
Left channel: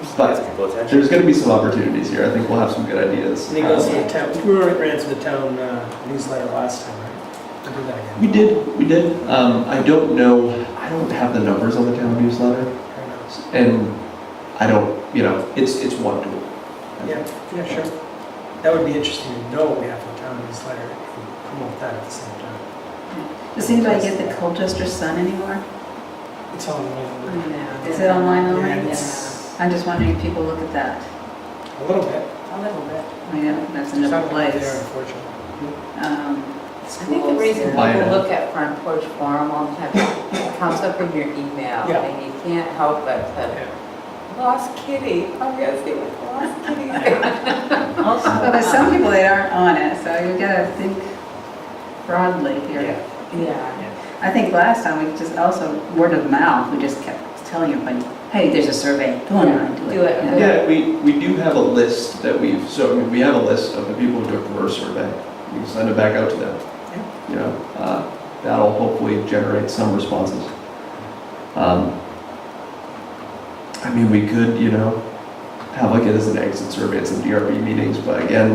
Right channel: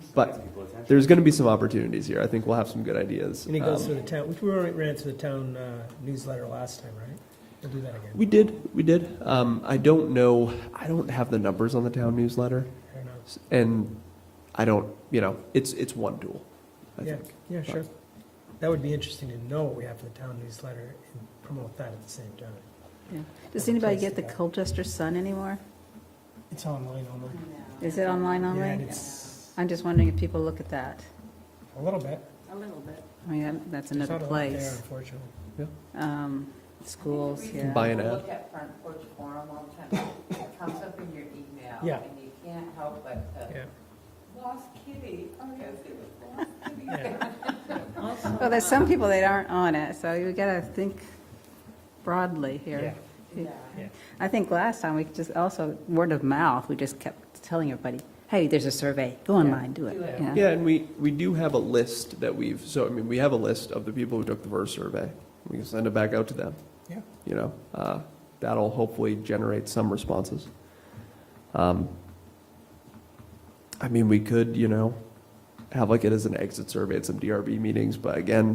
Gets But people attention. there's going to be some opportunities here. I think we'll have some good ideas. We go see the town, we were ran through the town newsletter last time, right? We'll do that again. We did. I don't know, I don't have the numbers on the town newsletter, and I don't, it's one tool. Yeah, sure. That would be interesting to know what we have in the town newsletter and promote that at the same time. Does anybody get the Colchester Sun anymore? It's online. Is it online Yeah, only? it's I'm just wondering if people look at that. a little bit. A little bit. I know, that's There's another something there, place. unfortunately. I think the reason Buy it. people look at Front Porch Forum all the time, it comes up in your email, Yeah. and you can't help but to, lost kitty, I'm gonna see what lost kitty is. Also, Well, there's some people that aren't on it, so you gotta think broadly here. Yeah. I think last time we just also, word of mouth, we just kept telling everybody, hey, there's a survey, go online, do it. Do it. Yeah, we do have a list that we have a list of the people who took the first survey. We can send it back out to them. That'll hopefully generate some responses. We could, have like it as an exit survey at some DRB meetings, but again,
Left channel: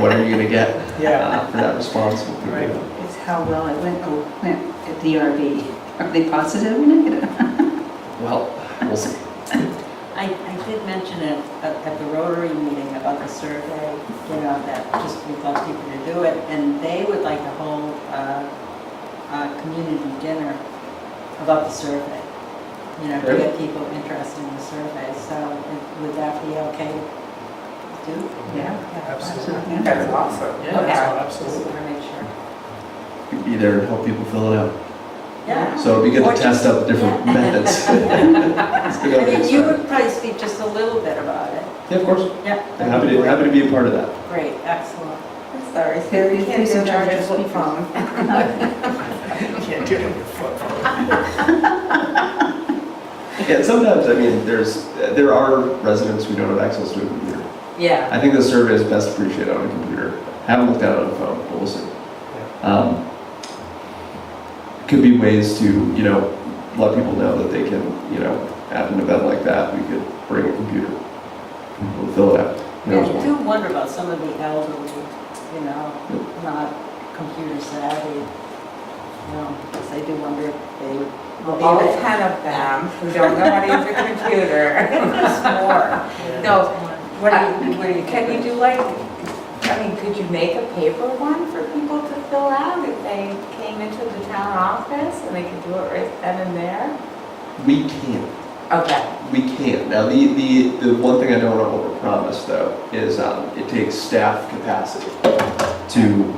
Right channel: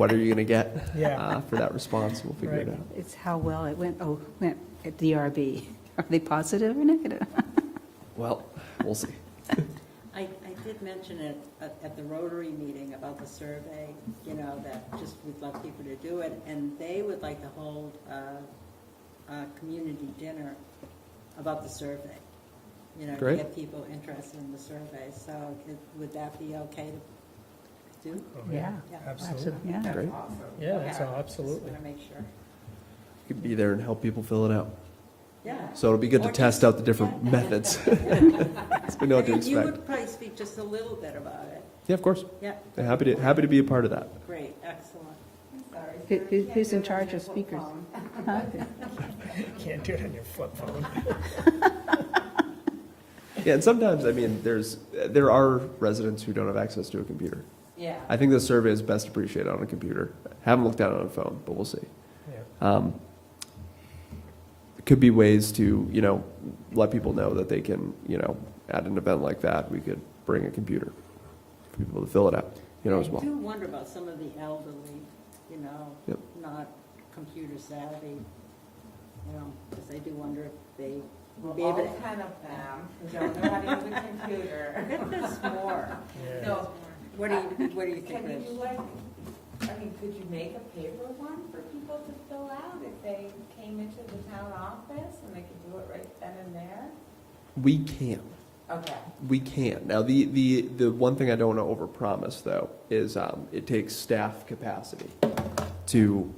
what are you gonna get for that response? Right. It's how well it went at DRB. Are they positive or negative? Well, we'll see. I did mention it at the Rotary meeting about the survey, that just we'd love people to do it, and they would like to hold a community dinner about the survey, to Great. get people interested in the survey, so would that be okay to do? Yeah. Absolutely. That's awesome. Yeah, Okay. absolutely. Just wanna make sure. We'd be there to help people fill it out. Yeah. So it'd be good Or to test out the different methods. You would probably speak just a little bit about it. Yeah, of course. Yeah. I'm happy to be a part of that. Great, excellent. I'm sorry, Yeah, Sarah, you you can't please do don't charge that us with what phone. Can't do it with your foot. And sometimes, I mean, there are residents who don't have access to a computer. Yeah. I think the survey is best appreciated on a computer. Haven't looked at it on a phone, but we'll see. Could be ways to, let people know that they can, at an event like that, we could bring a computer. We'll fill it out. Yeah, I do wonder about some of the elderly, not computer savvy. Because I do wonder if they would. Well, all 10 of them who don't know how to use a computer. It's more. No, What do you can we do like, could you make a paper one for people to fill out if they came into the town office and they could do it right then and there? We can't. Okay. We can't. Now, the one thing I don't want to overpromise, though, is it takes staff capacity to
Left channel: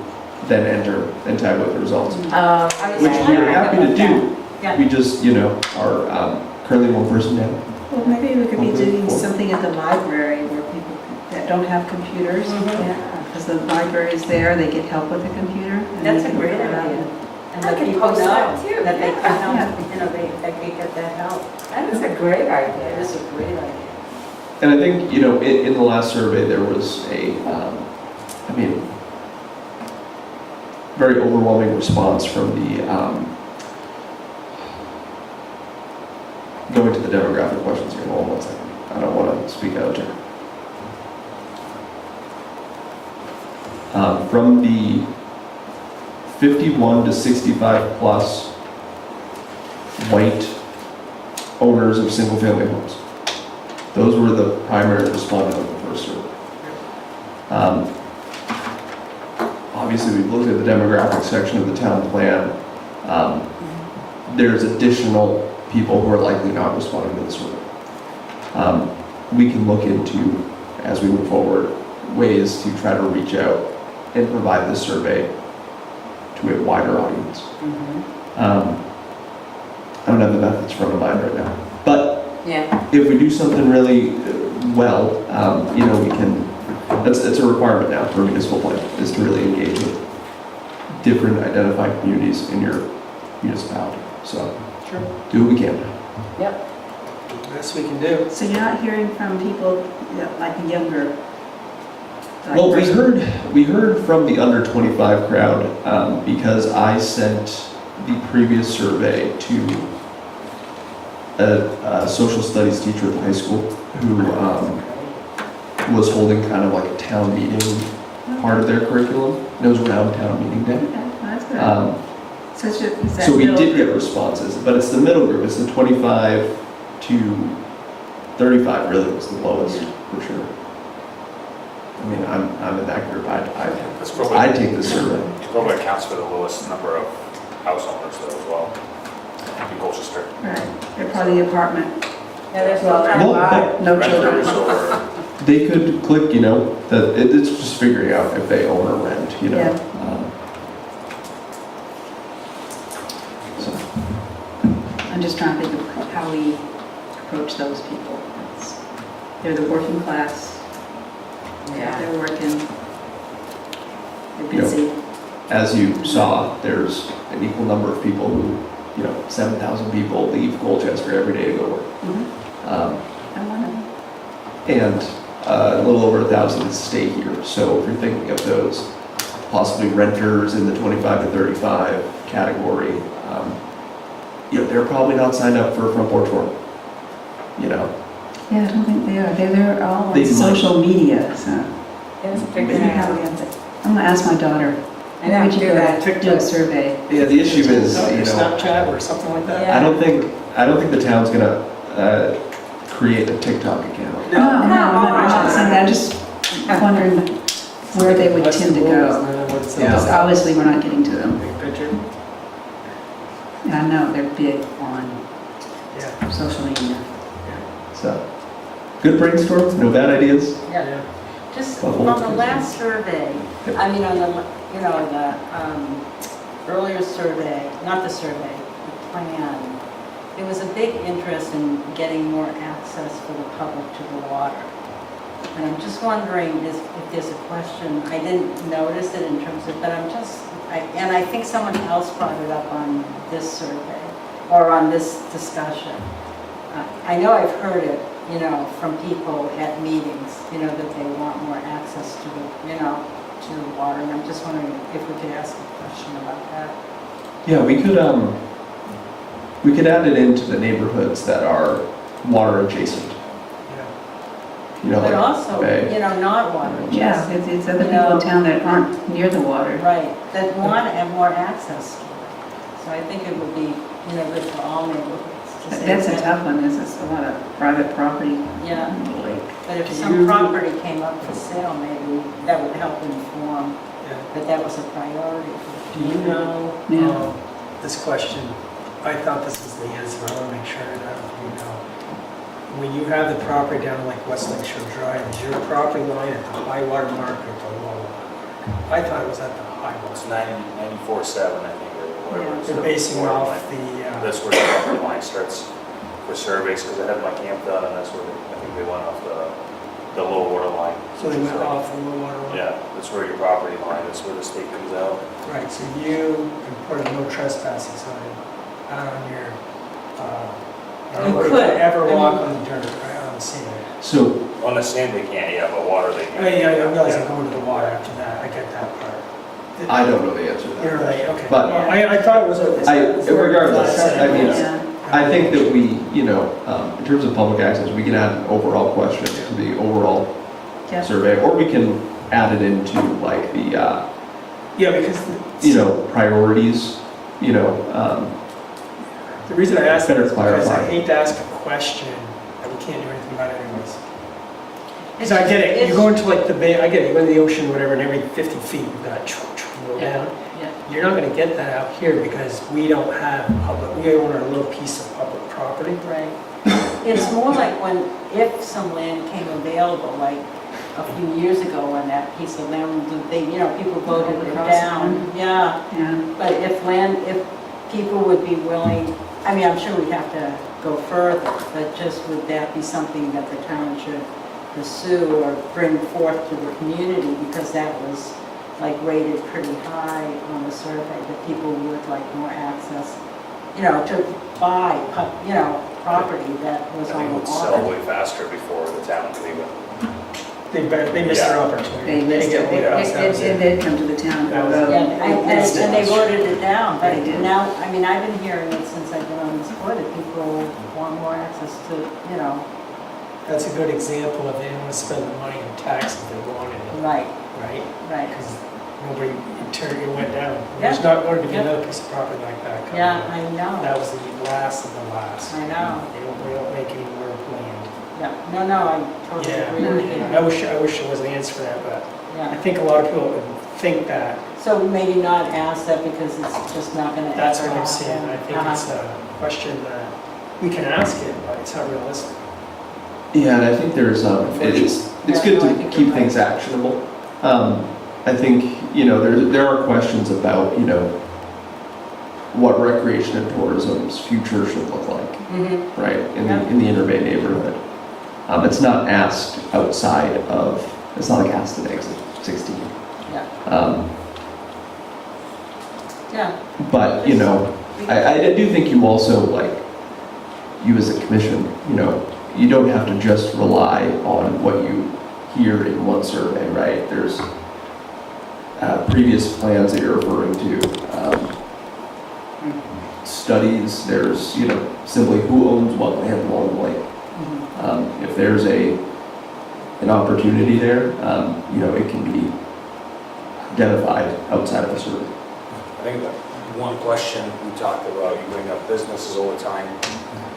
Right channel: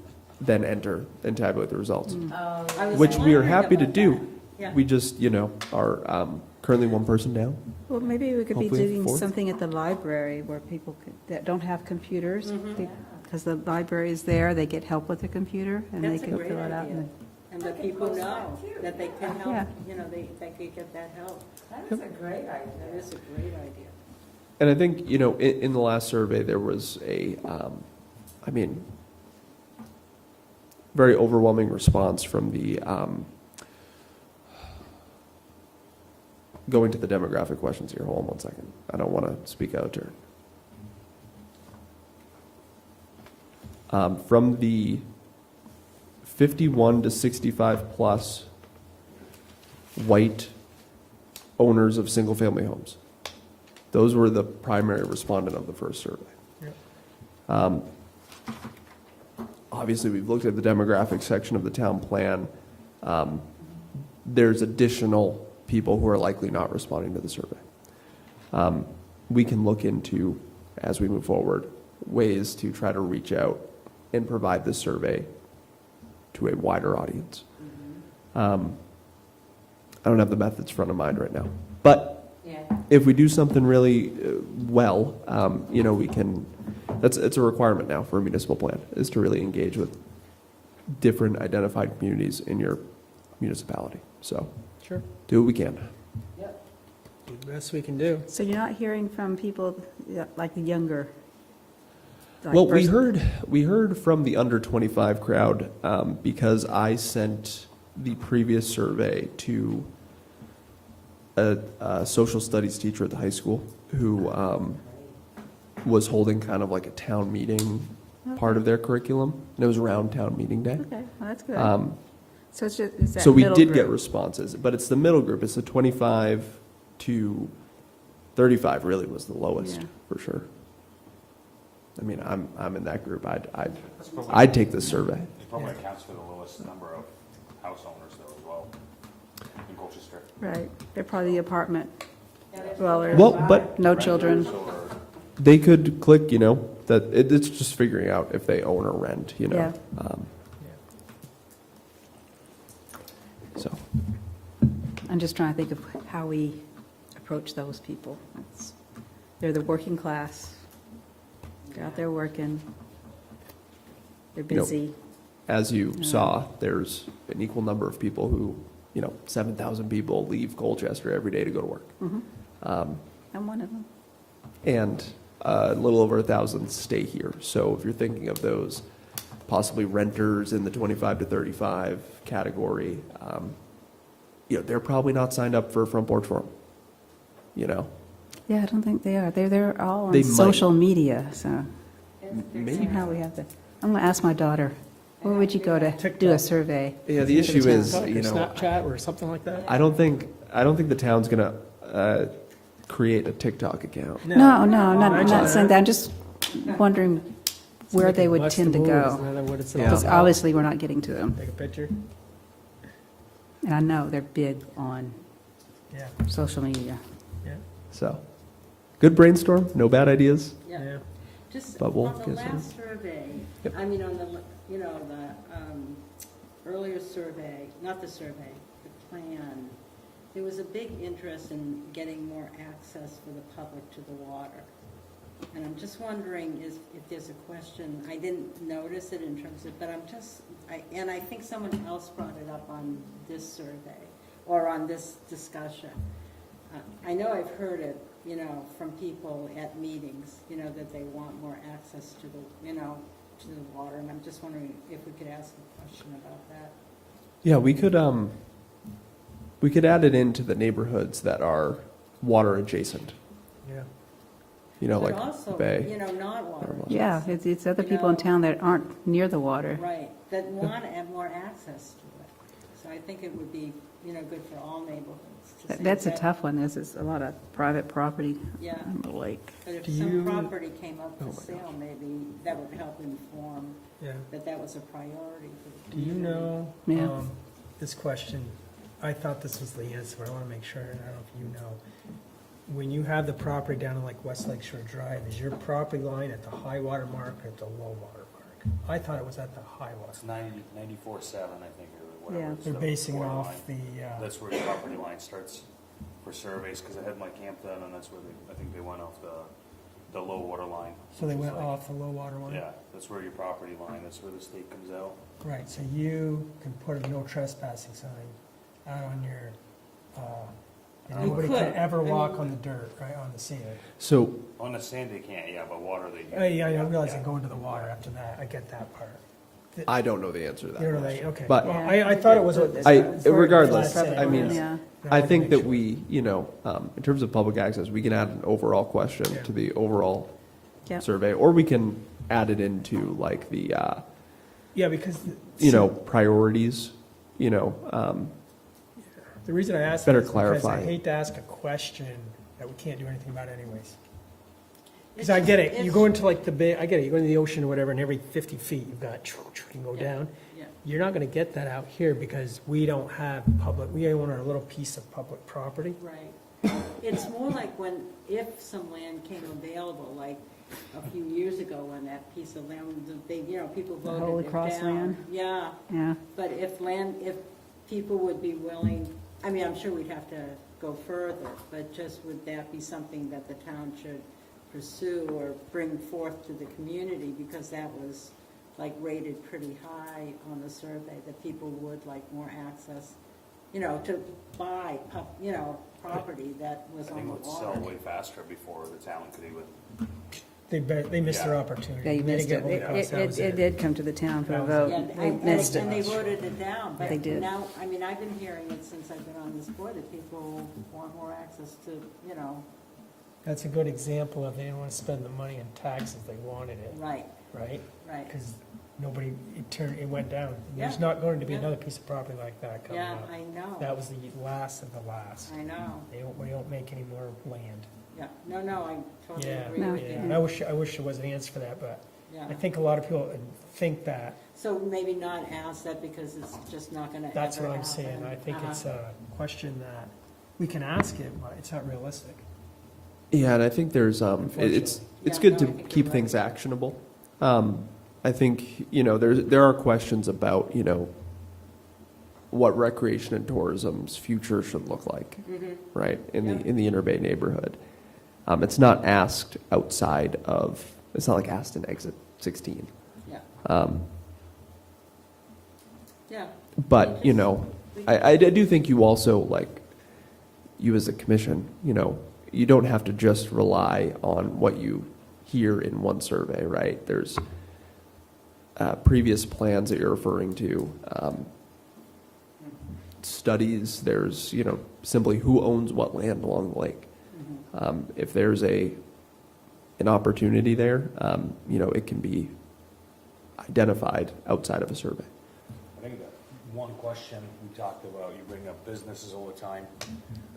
then enter and tabulate the results, which we are happy to do. We just, are currently one person down. Well, maybe we could be Hopefully doing four. something at the library where people that don't have computers, because the library is there, they get help with a computer. and That's they a can great fill it out. idea. And I that can people post know that too, that they yeah. can Yeah. help, they can get that help. That is a great It idea. is a great idea. And I think, in the last survey, there was very overwhelming response from the, going to the demographic questions here. Hold on one second. I don't want to speak out of turn. From the 51 to 65 plus white owners of single-family homes. Those were the primary respondents of the first survey. Obviously, we've looked at the demographic section of the town plan. There's additional people who are likely not responding to the survey. We can look into, as we move forward, ways to try to reach out and provide this survey to a wider audience. I don't have the methods front of mind right now, but Yeah. if we do something really well, we can, it's a requirement now for a municipal plan, is to really engage with different identified communities in your municipality. So, Sure. do what we can. Yep. Best we can do. So you're not hearing from people like younger? Well, we heard from the under 25 crowd because I sent the previous survey to a social studies teacher at the high school who was holding kind of like a town meeting part of their curriculum. It was around town meeting day. Okay, that's good. Is that So we middle did get group? responses, but it's the middle group. It's the 25 to 35 really was the lowest for sure. I mean, I'm in that group. I'd take this survey. It probably accounts for the lowest number of house owners though as well in Colchester. Right, they're part of the apartment. Yeah, there's Well, but No children. Renters or they could click, that it's just figuring out if they own or rent, Yeah. So, I'm just trying to think of how we approach those people. They're the working class, Yeah. they're working, they're Yeah. busy. as you saw, there's an equal number of people who, 7,000 people leave Colchester every day to go work. Mhm. I want And a little over 1,000 stay here. So if you're thinking of those possibly renters in the 25 to 35 category, they're probably not signed up for a front porch forum. Yeah, I don't think they are. They're all They on might. social media, so. It's maybe figuring how out. we have it. I'm gonna ask my daughter. I know, Why don't you do go that. do a survey? Yeah, the issue is, Snapchat or something like that? Yeah. I don't think the town's gonna create a TikTok account. No, I'm just wondering where they would tend to go. Because obviously, we're not getting to them. Big picture? And I know they're big on social media. So, good brainstorm, no bad ideas. Yeah. Just The on whole the thing. last survey, I mean, on the, the earlier survey, not the survey, the plan, there was a big interest in getting more access for the public to the water. And I'm just wondering if there's a question, I didn't notice it in terms of, but and I think someone else brought it up on this survey, or on this discussion. I know I've heard it, you know, from people at meetings, you know, that they want more access to the, you know, to the water. And I'm just wondering if we could ask a question about that. Yeah, we could add it into the neighborhoods that are water adjacent. You know, But like also, Bay. you know, not water. Yeah, it's other people in town that aren't near the water. Right, that want to have more access to it. So I think it would be, you know, good for all neighborhoods. to say That's a that. tough one, is it's a lot of private property. Yeah, Like, but if Do some you- property came up for sale, maybe that would help inform that that was a priority. Do you know, Yeah. this question, I thought this was the answer, I want to make sure that you know. When you have the property down like West Lake Shore Drive, is your property line at the high water mark or the low water mark? I thought it was at the high It's water. 94.7, I think, or whatever. it's They're the basing water off line. the, That's where the property line starts for surveys, because I had my camp done, and that's where I think they went off the low water line. so they went off the low water line? Yeah, that's where your property line, that's where the state comes out. Right, so you can put a no trespassing sign out on your, You nobody could. can ever walk on the dirt, right, on the sand. So, On the sand they can't, yeah, but water they Oh, can. yeah, I realize I'm going to the water after that, I get that part. I don't know the answer to You're that. right, okay. But- Well, I thought it was regardless, I mean, yeah. I think that we, you know, in terms of public access, we can add an overall question to the overall Yeah. survey, or we can add it into like the, Yeah, because. you know, priorities, you know, The reason I asked that Better is because I clarify. hate to ask a question that we can't do anything about anyways. Because I get it, you go into like the bay, I get it, you go to the ocean, whatever, and every 50 feet, you got go down. Yeah. You're not gonna get that out here because we don't have public, we own our little piece of public property. Right. It's more like when, if some land came available, like a few years ago when that piece of land, they, you know, people voted it down. Yeah, Yeah. but if people would be willing, I mean, I'm sure we'd have to go further, but just would that be something that the town should pursue or bring forth to the community? Because that was like rated pretty high on the survey, that people would like more access, you know, to buy, you know, property that was I on think it the would sell water. way faster before the town could even. They missed their Yeah. opportunity. They missed didn't it. get what else was It in. did come to the town. That was- Yeah, and missed it. they voted it down, but They did. now, I mean, I've been hearing it since I've been on this board, that people want more access to, you know, That's a good example of they didn't want to spend the money on taxes, they wanted it, right, right? right. Because nobody, it went down. Yeah. There's not going to be Yeah. another piece of property like that coming Yeah, up. I know, That was the last of the last. I know. They don't make any more land. Yeah, no, I totally agree with you. I wish there was an answer for that, but I Yeah, think a lot of people would think that. so maybe not ask that because it's just not gonna. That's ever what I'm happen. saying. I think it's a question that we can ask it, but it's not realistic. yeah, and I think there's, it's Yeah, good no, I to think keep you're things actionable. I think, you know, there are questions about, you know, what recreation and tourism's future should look like, Mhm. right, Yeah. in the Inner Bay neighborhood. It's not asked outside of, it's not like asked at exit 16. Yeah, yeah. But, you know, I do think you also, like, you as a commission, you know, you don't have to just rely on what you hear in one survey, right? There's previous plans that you're referring to, studies, there's, you know, simply who owns what land along the lake. Mhm. If there's an opportunity there, you know, it can be identified outside of the survey. I think that one question we talked about, you bring up businesses all the time.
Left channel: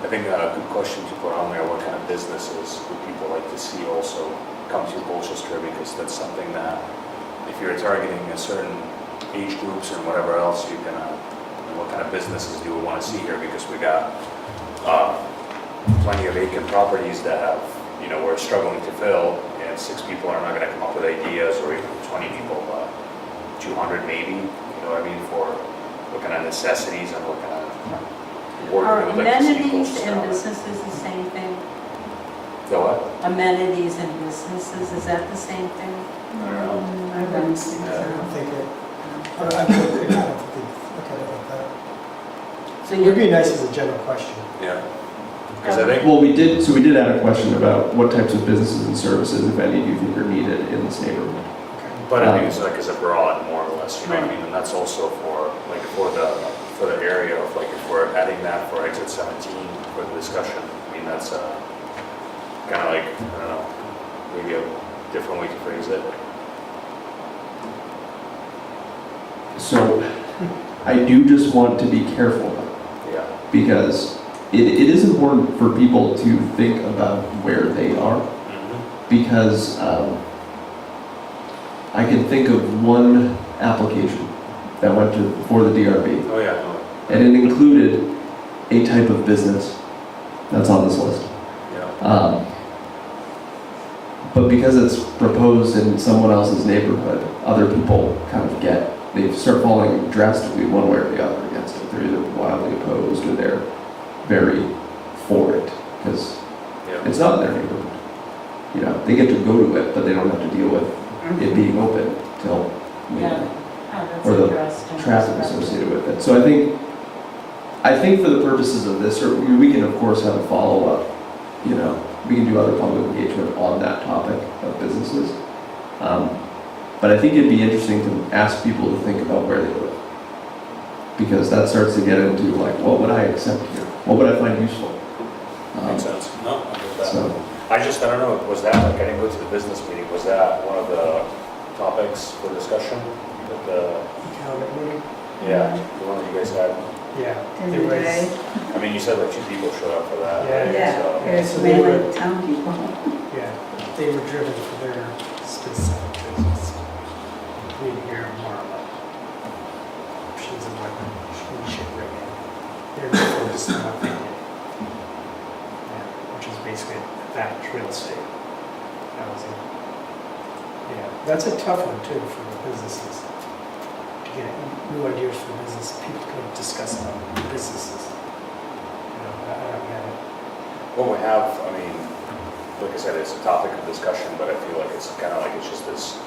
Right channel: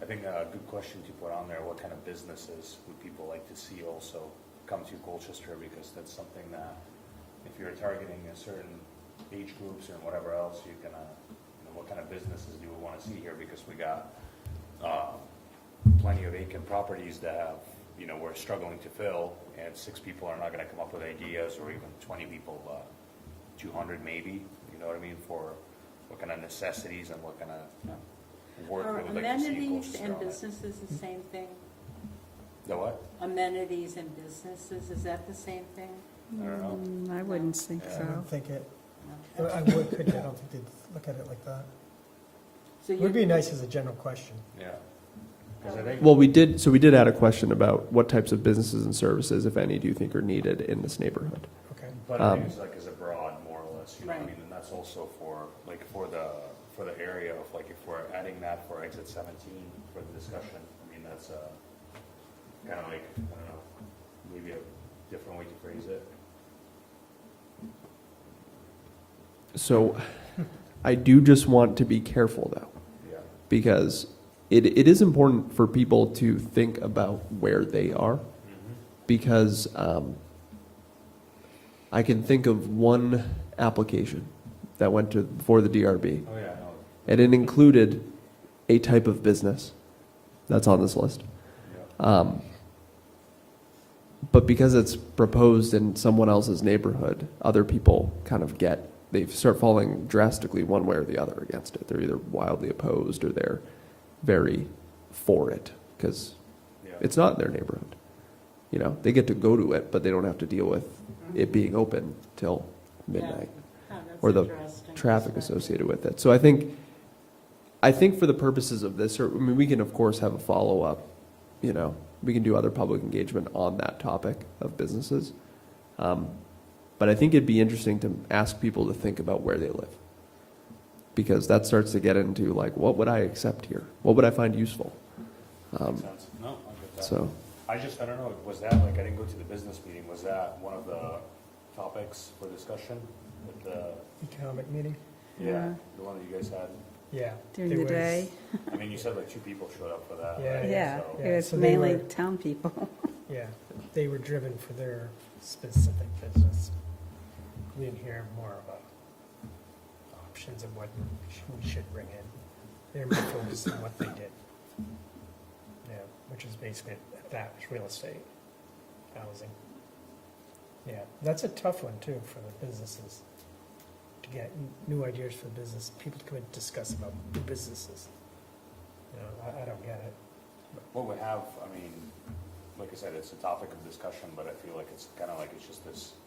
I think a good question to put on there, what kind of businesses would people like to see also come to Colchester? Because that's something that, if you're targeting a certain age groups and whatever else, you can, what kind of businesses do we want to see here? Because we got plenty of vacant properties that have, you know, we're struggling to fill, and 6 people are not going to come up with ideas, or even 20 people, 200 maybe, you know what I mean, for what kind of necessities and what kind of work Are we would like to see in amenities Colchester. and businesses the same thing? The what? Amenities and businesses, is that the same thing? I don't know. I wouldn't say I so. don't think it, I don't think they look at it like that. So It would be nice as a general question. Yeah. Because I think, Well, we did have a question about what types of businesses and services, if any, do you think are needed in this neighborhood? but I think it's like as a broad, more or less, you know what I mean? And that's also for, like, for the area of, like, if we're adding that for exit 17 for the discussion, I mean, that's kind of like, I don't know, maybe a different way to phrase it. So I do just want to be careful though, Yeah. because it is important for people to think about where they are, because I can think of one application that went for the DRB, Oh, yeah, no, and it included a type of business that's on this list. yeah. But because it's proposed in someone else's neighborhood, other people kind of they start falling drastically one way or the other against it. They're either wildly opposed or they're very for it, because Yeah. it's not their neighborhood. You know, they get to go to it, but they don't have to deal with it being open till, you know, or the traffic associated with it. So I think for the purposes of this, or we can of course have a follow-up, you know, we can do other public engagement on that topic of businesses. But I think it'd be interesting to ask people to think about where they live. Because that starts to get into like, what would I accept here? What would I find useful? Makes sense. No, I get that. So, I don't know, was that, like, I didn't go to the business meeting, was that one of the topics for discussion? With the, yeah, the one that you guys had? Yeah. I mean, you said like 2 people showed up for that. Yeah. right? Yeah, So- there's mainly town people. Yeah, they were driven for their specific business. We hear more about options and what we should bring in. They're focused on what they did. Yeah, which is basically that real estate. Housing. Yeah, that's a tough one too for the businesses. To get new ideas for business, people can discuss about businesses. You know, I don't get it. Well, we have, I mean, like I said, it's a topic of discussion, but I feel like it's kind of like it's just this,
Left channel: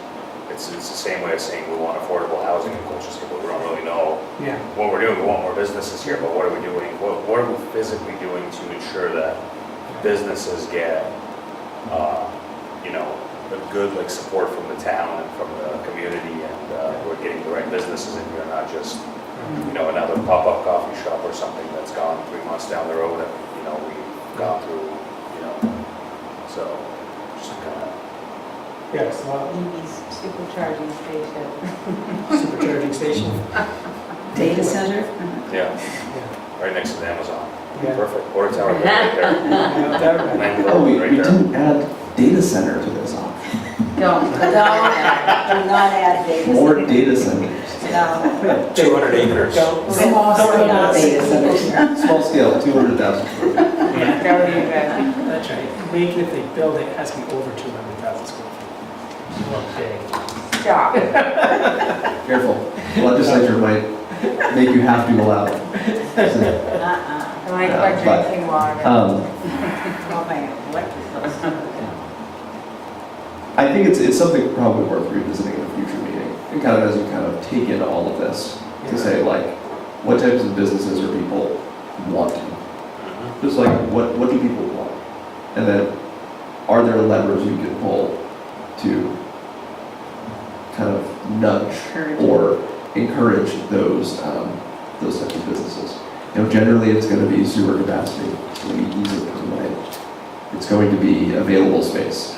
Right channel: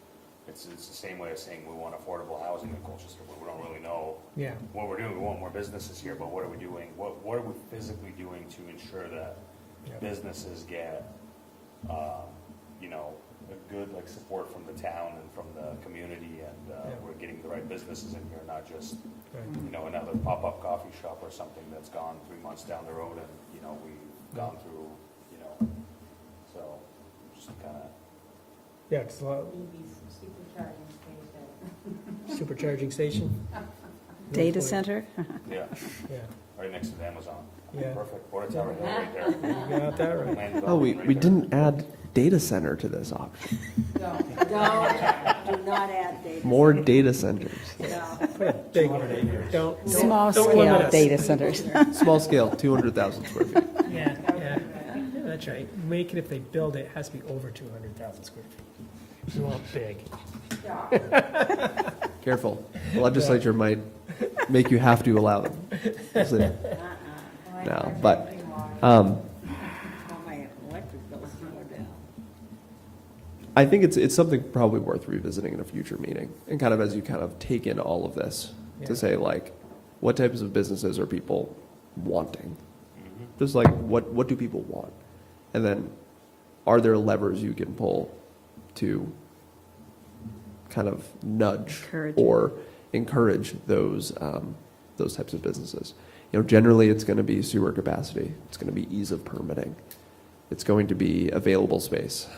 it's the same way of saying we want affordable housing in Colchester, but we don't really know Yeah. what we're doing. We want more businesses here, but what are we doing? What are we physically doing to ensure that businesses get, you know, a good like support from the town and from the community, and we're getting the right businesses in here, not just, you know, another pop-up coffee shop or something that's gone 3 months down the road and, you know, we've gone through, you know, so just kind of. Yeah, it's a lot of EV's supercharging station. supercharging station. Data center? Yeah, Yeah. right next to the Amazon. Yeah. Perfect. Water tower right there. Yeah, that- Land oh, we right there. didn't add data center to this option. Don't not add data. More data centers. No. 200 acres. Small scale data centers. Small scale, 200,000 square feet. Yeah, That would be good. that's right. Make it, if they build it, it has to be over 200,000 square feet. Not big. Stop. Careful, the legislature might make you have to allow it. I like Yeah, my but, drinking water. Not my electric bill. I think it's something probably worth revisiting in a future meeting, and kind of as you kind of take in all of this, to say like, what types of businesses are people wanting? Just like, what do people want? And then, are there levers you can pull to kind of nudge or encourage those types of businesses? You know, generally it's going to be sewer capacity, it's going to be ease of accumulate, it's going to be available space,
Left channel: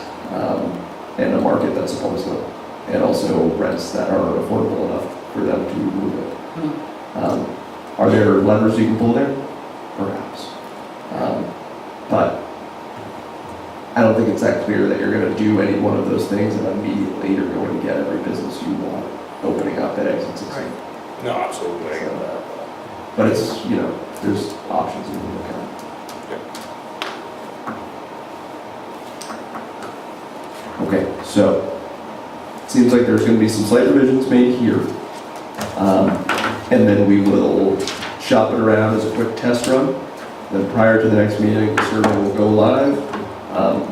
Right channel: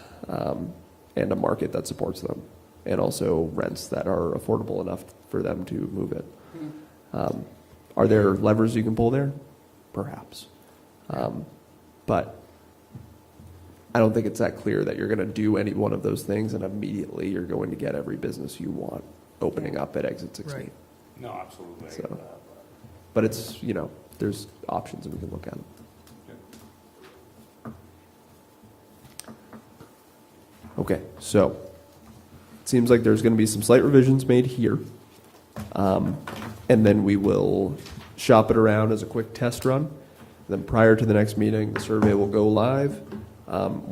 and a market that supports them, and also rents that are affordable enough for them to move it. Are there levers you can pull there? Perhaps. But I don't think it's that clear that you're going to do any one of those things and immediately you're going to get every business you want opening up at exit 16. No, absolutely. I get that. But it's, you know, there's options you can look at. Okay, so it seems like there's going to be some slight revisions made here. And then we will shop it around as a quick test run. Then prior to the next meeting, the survey will go live.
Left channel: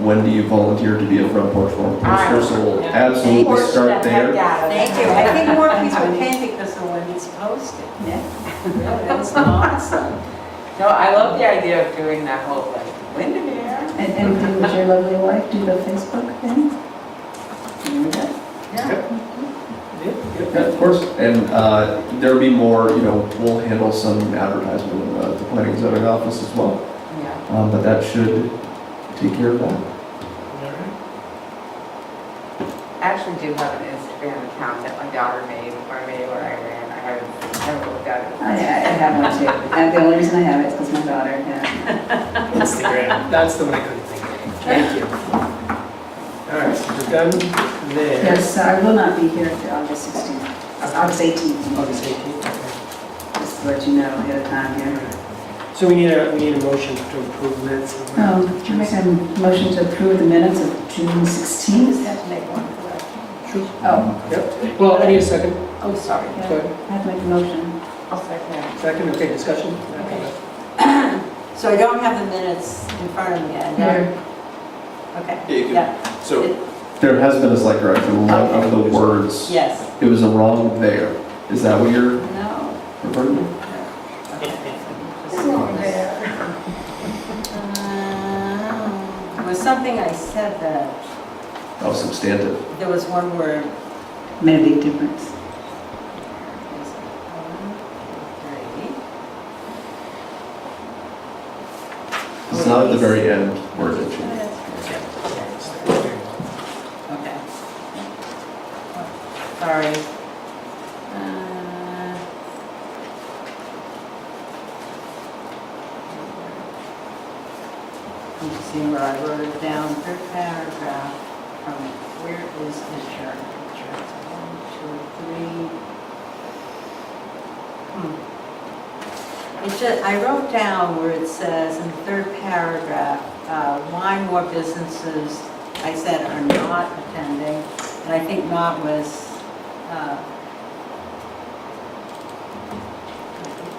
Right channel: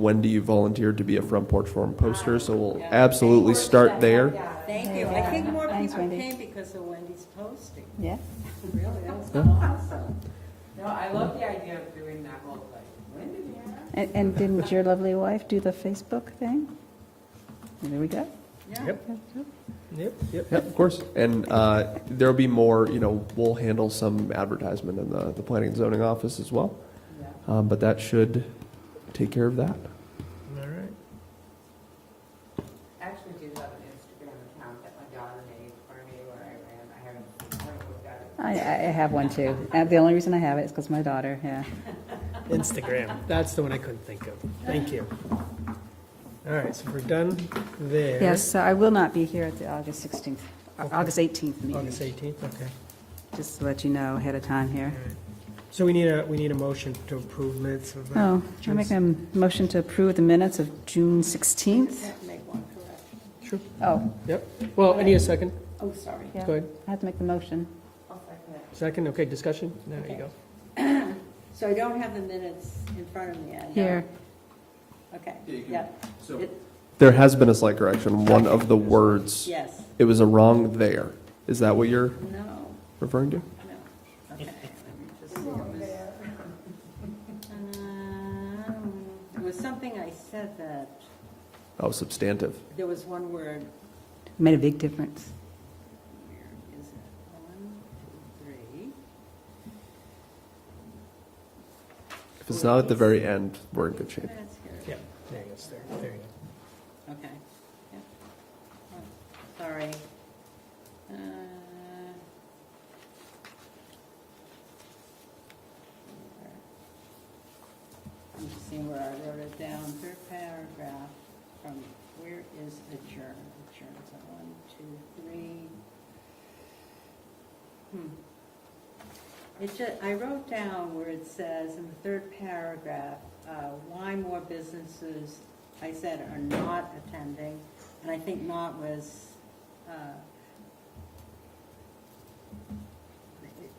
When do you volunteer to be a front porch forum poster? So we'll absolutely start there. Thank you. I think more people can because of when it's posted. Yeah. That was awesome. No, I love the idea of doing that whole like Windermere. And anything with your lovely wife, do the Facebook thing? Yeah. Yeah, of course. And there'll be more, we'll handle some advertisement in the planning and zoning office as well. Yeah. But that should take care of that. I actually do have an Instagram account that my daughter made for me where I ran. I haven't looked at it. I have one too. And the only reason I have it is because my daughter, yeah. Instagram, that's the one I couldn't think of. Thank you. All right, so we're done there. Yes, I will not be here for August 16th, August 18th. August 18th, okay. Just to let you know ahead of time here. So we need a motion to approve minutes. I make a motion to approve the minutes of June 16th. Have to make one for that. Oh, Yep. Well, I need a second. Oh, sorry. Go ahead. I have to make a motion. I'll second that. Second, okay, discussion? So I don't have the minutes in front of me yet. Here. Okay, yeah. So there has been a slight correction. One of the words, Yes. it was a wrong there. Is that what you're No. referring to? It was something I said that, Oh, substantive. there was one word. Made a big difference. It's not at the very end where it should. Okay. Sorry. I'm just seeing where I wrote it down, third paragraph from, where is adjourn? Adjourn. 1, 2, 3. It's just, I wrote down where it says in the third paragraph, why more businesses, I said, are not attending, and I think not was,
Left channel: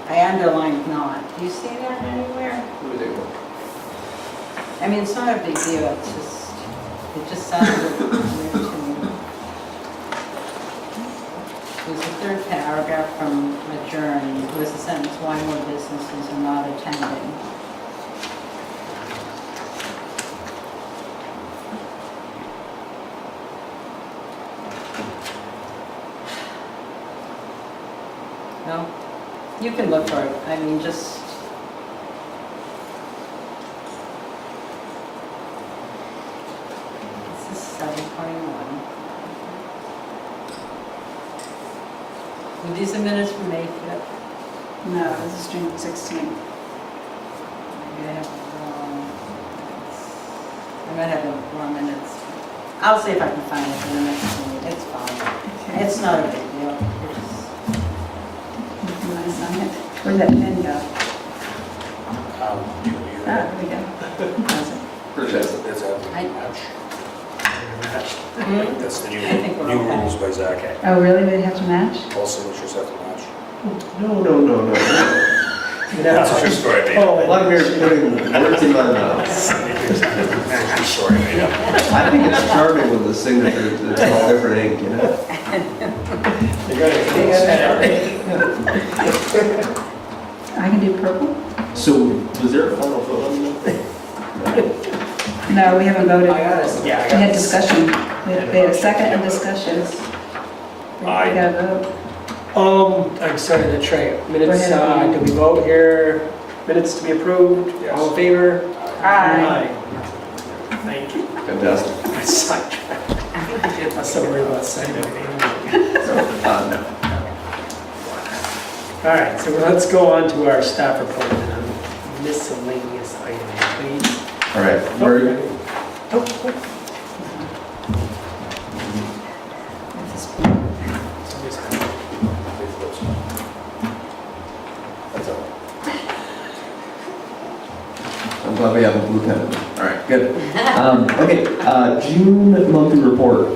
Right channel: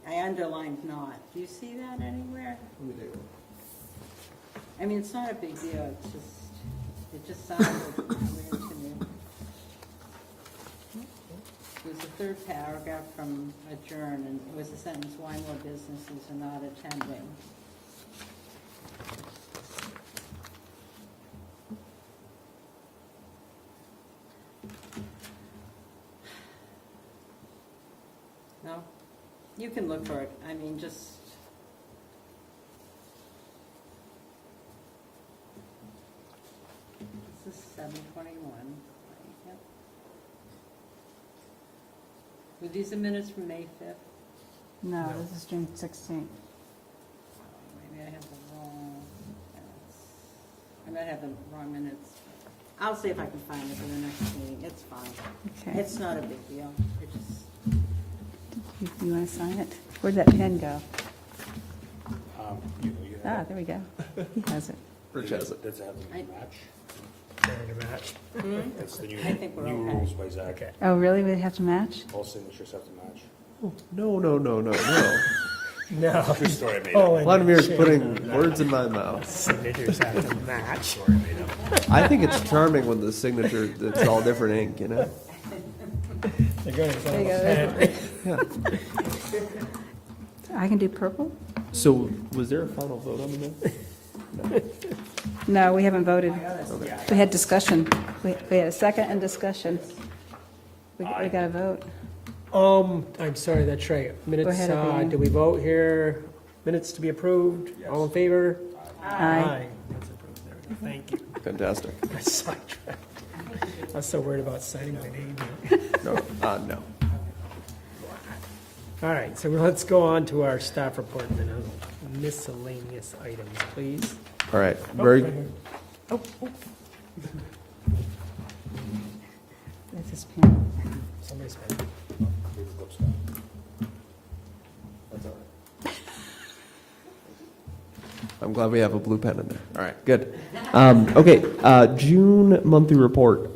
I underlined not. Do you see that anywhere? I mean, it's not a big deal, it just sounded weird to me. It was the third paragraph from Adjourn, it was the sentence, why more businesses are not attending. No? You can look for it, I mean, just. This is 7:21. Were these the minutes from May 5th? No, this is June 16th. Maybe I have the wrong. I might have the wrong minutes. I'll see if I can find it in the next meeting, it's fine. It's not a big deal. You want to sign it? Where'd that pen go? You Ah, here we go. How's it? Purchase. It's a I- match. Mhm. That's the I think we're new okay. rules by Zach. Oh, really? They have to match? All signatures have to match. No. That's a true story, man. Oh, I'm here putting words in my mouth. True story, man. I think it's charming with the signature, it's all different ink, I can do purple? So, was there a final vote on that? No, we haven't voted. We Yeah, had discussion. We had a second and discussion. We Aye. got a vote. I'm sorry, the tray. Minutes, Go ahead. do we vote here? Minutes to be approved? Yes. All in favor? Aye. Thank you. Fantastic. I sidetracked. I'm so worried about saying anything. No. All right, so let's go on to our staff report and miscellaneous items, please. All right, where are you? I'm glad we have a blue pen. All right, good. Okay, June monthly report.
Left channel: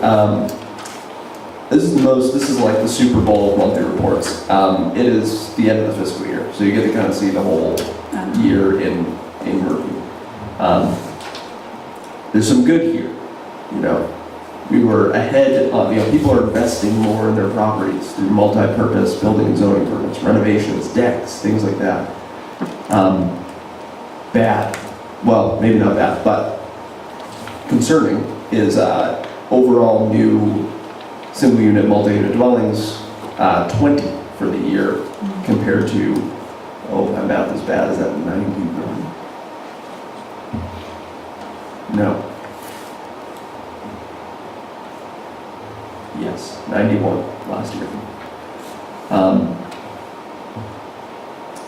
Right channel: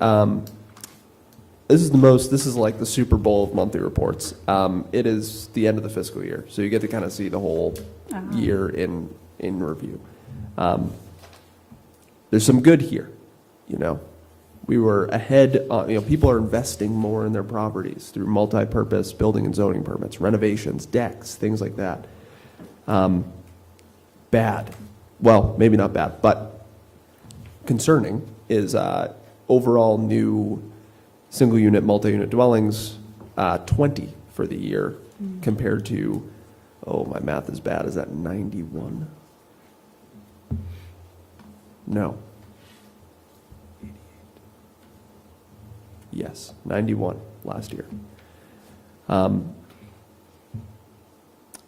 This is like the Super Bowl of monthly reports. It is the end of the fiscal year, so you get to kind of see the whole year in review. There's some good here, We were ahead on, people are investing more in their properties through multi-purpose building and zoning permits, renovations, decks, things like that. Bad, well, maybe not bad, but concerning is overall new single-unit, multi-unit dwellings, 20 for the year compared to, oh, my math is bad, is that 91? No. Yes, 91 last year.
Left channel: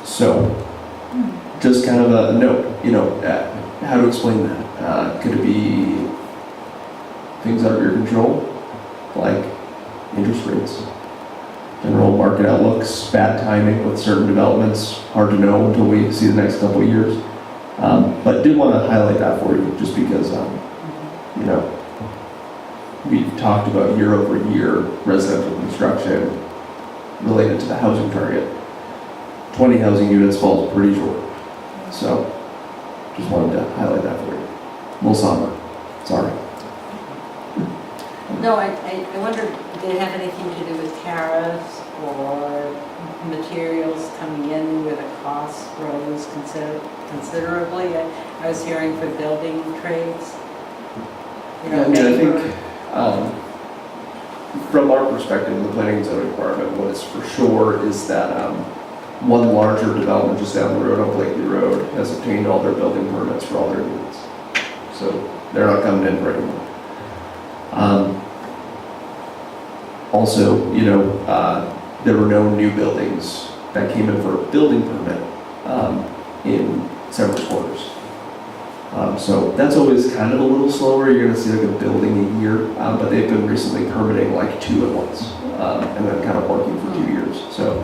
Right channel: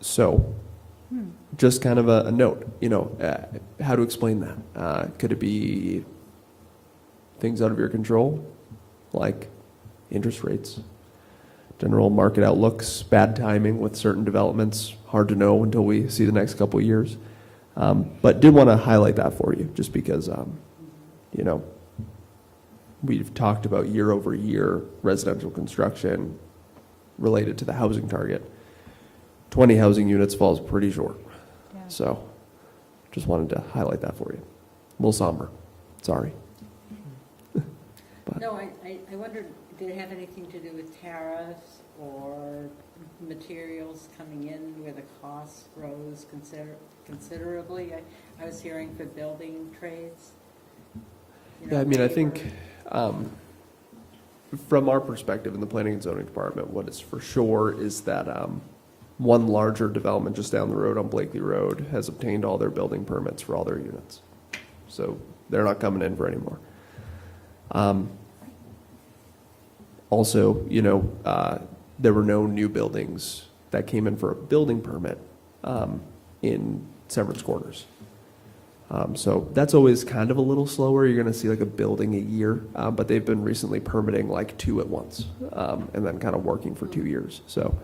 So, just kind of a note, how to explain that? Could it be things out of your control, like interest rates, general market outlooks, bad timing with certain developments, hard to know until we see the next couple of years. But did want to highlight that for you, just because, we've talked about year-over-year residential construction related to the housing target. 20 housing units falls pretty short. So, just wanted to highlight that for you. A little somber, sorry. No, I wondered, did it have anything to do with tariffs or materials coming in where the cost rose considerably? I was hearing for building trades. I think from our perspective, the planning and zoning department, what is for sure is that one larger development just down the road on Blakely Road has obtained all their building permits for all their units. So they're not coming in for anymore. Also, there were no new buildings that came in for a building permit in several quarters. So that's always kind of a little slower. You're going to see like a building a year, but they've been recently permitting like 2 at once, and then kind of working for 2 years. So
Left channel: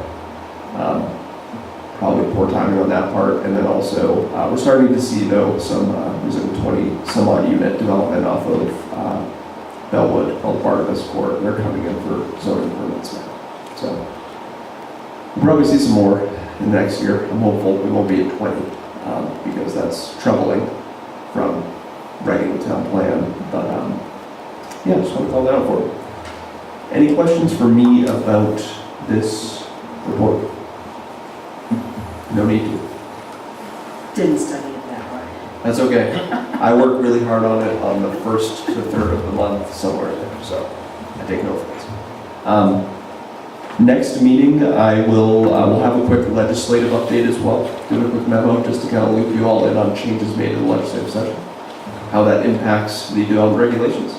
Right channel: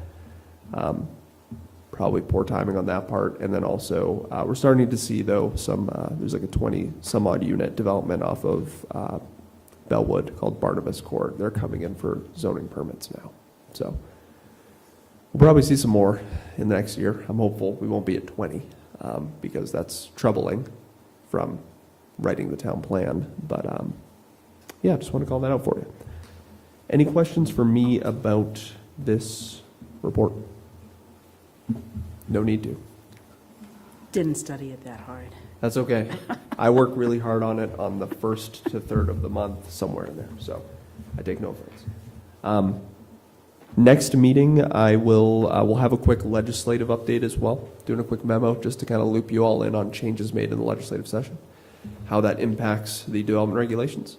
probably poor timing on that part. And then also we're starting to see though some 20 some odd unit development off of Bellwood called part of this court. They're coming in for zoning permits now. So we'll probably see some more in the next year. I'm hopeful we won't be at 20 because that's troubling from writing the town plan. But yeah, just want to call that out for you. Any questions for me about this report? No need to. Didn't study it that hard. That's okay. I work really hard on it on the 1st to 3rd of the month, somewhere in there, so I take no offense. Next meeting, we'll have a quick legislative update as well. Do a quick memo just to kind of loop you all in on changes made in the legislative session, how that impacts the development regulations.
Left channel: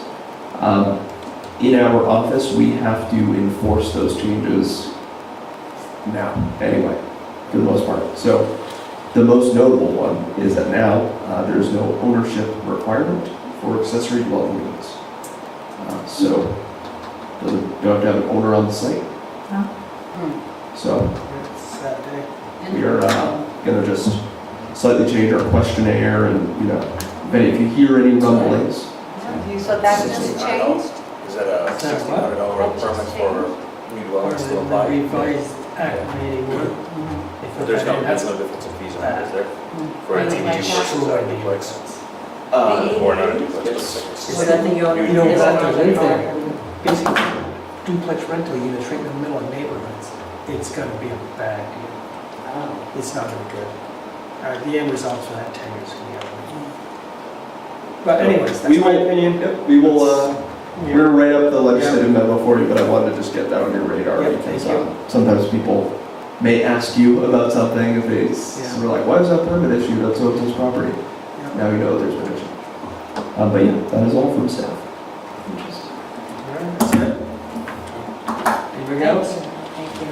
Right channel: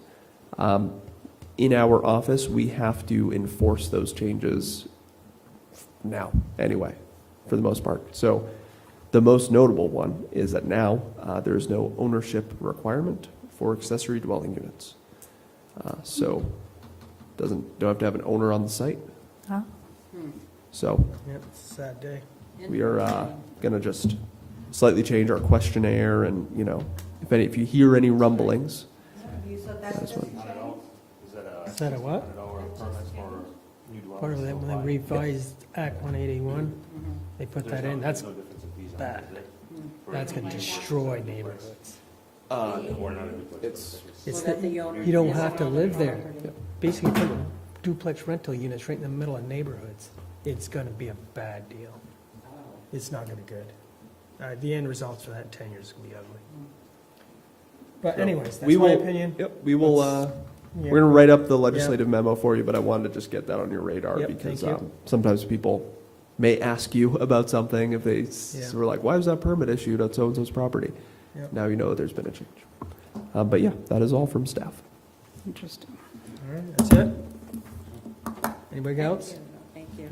In our office, we have to enforce those changes now, anyway, for the most part. So the most notable one is that now there's no ownership requirement for accessory dwelling units. So you don't have to have an owner on the site. So we are going to just slightly change our questionnaire, and if you hear any rumblings. So that just changed? Is that a $1,600 permit for new dwellings to apply? But there's no difference in fees on it, is there? For a duplex or a duplex? Or not a duplex. Without the owner. You don't have to live there. Basically, duplex rental units right in the middle of neighborhoods, it's gonna be a bad deal. It's not gonna be good. The end results for that 10 years can be ugly. But anyways, that's my opinion. Yep, we will, we're gonna write up the legislative memo for you, but I wanted to just get that on your radar because sometimes people may ask you about something if they were like, why is that permit issued on so-and-so's property? Now you know there's been a change. But yeah, that is all from staff. Alright, that's it. Anybody else?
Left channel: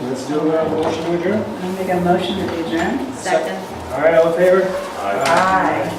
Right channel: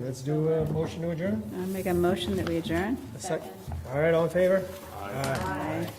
Let's do a motion to adjourn. I make a motion to adjourn. Second. All right, all in favor? Aye.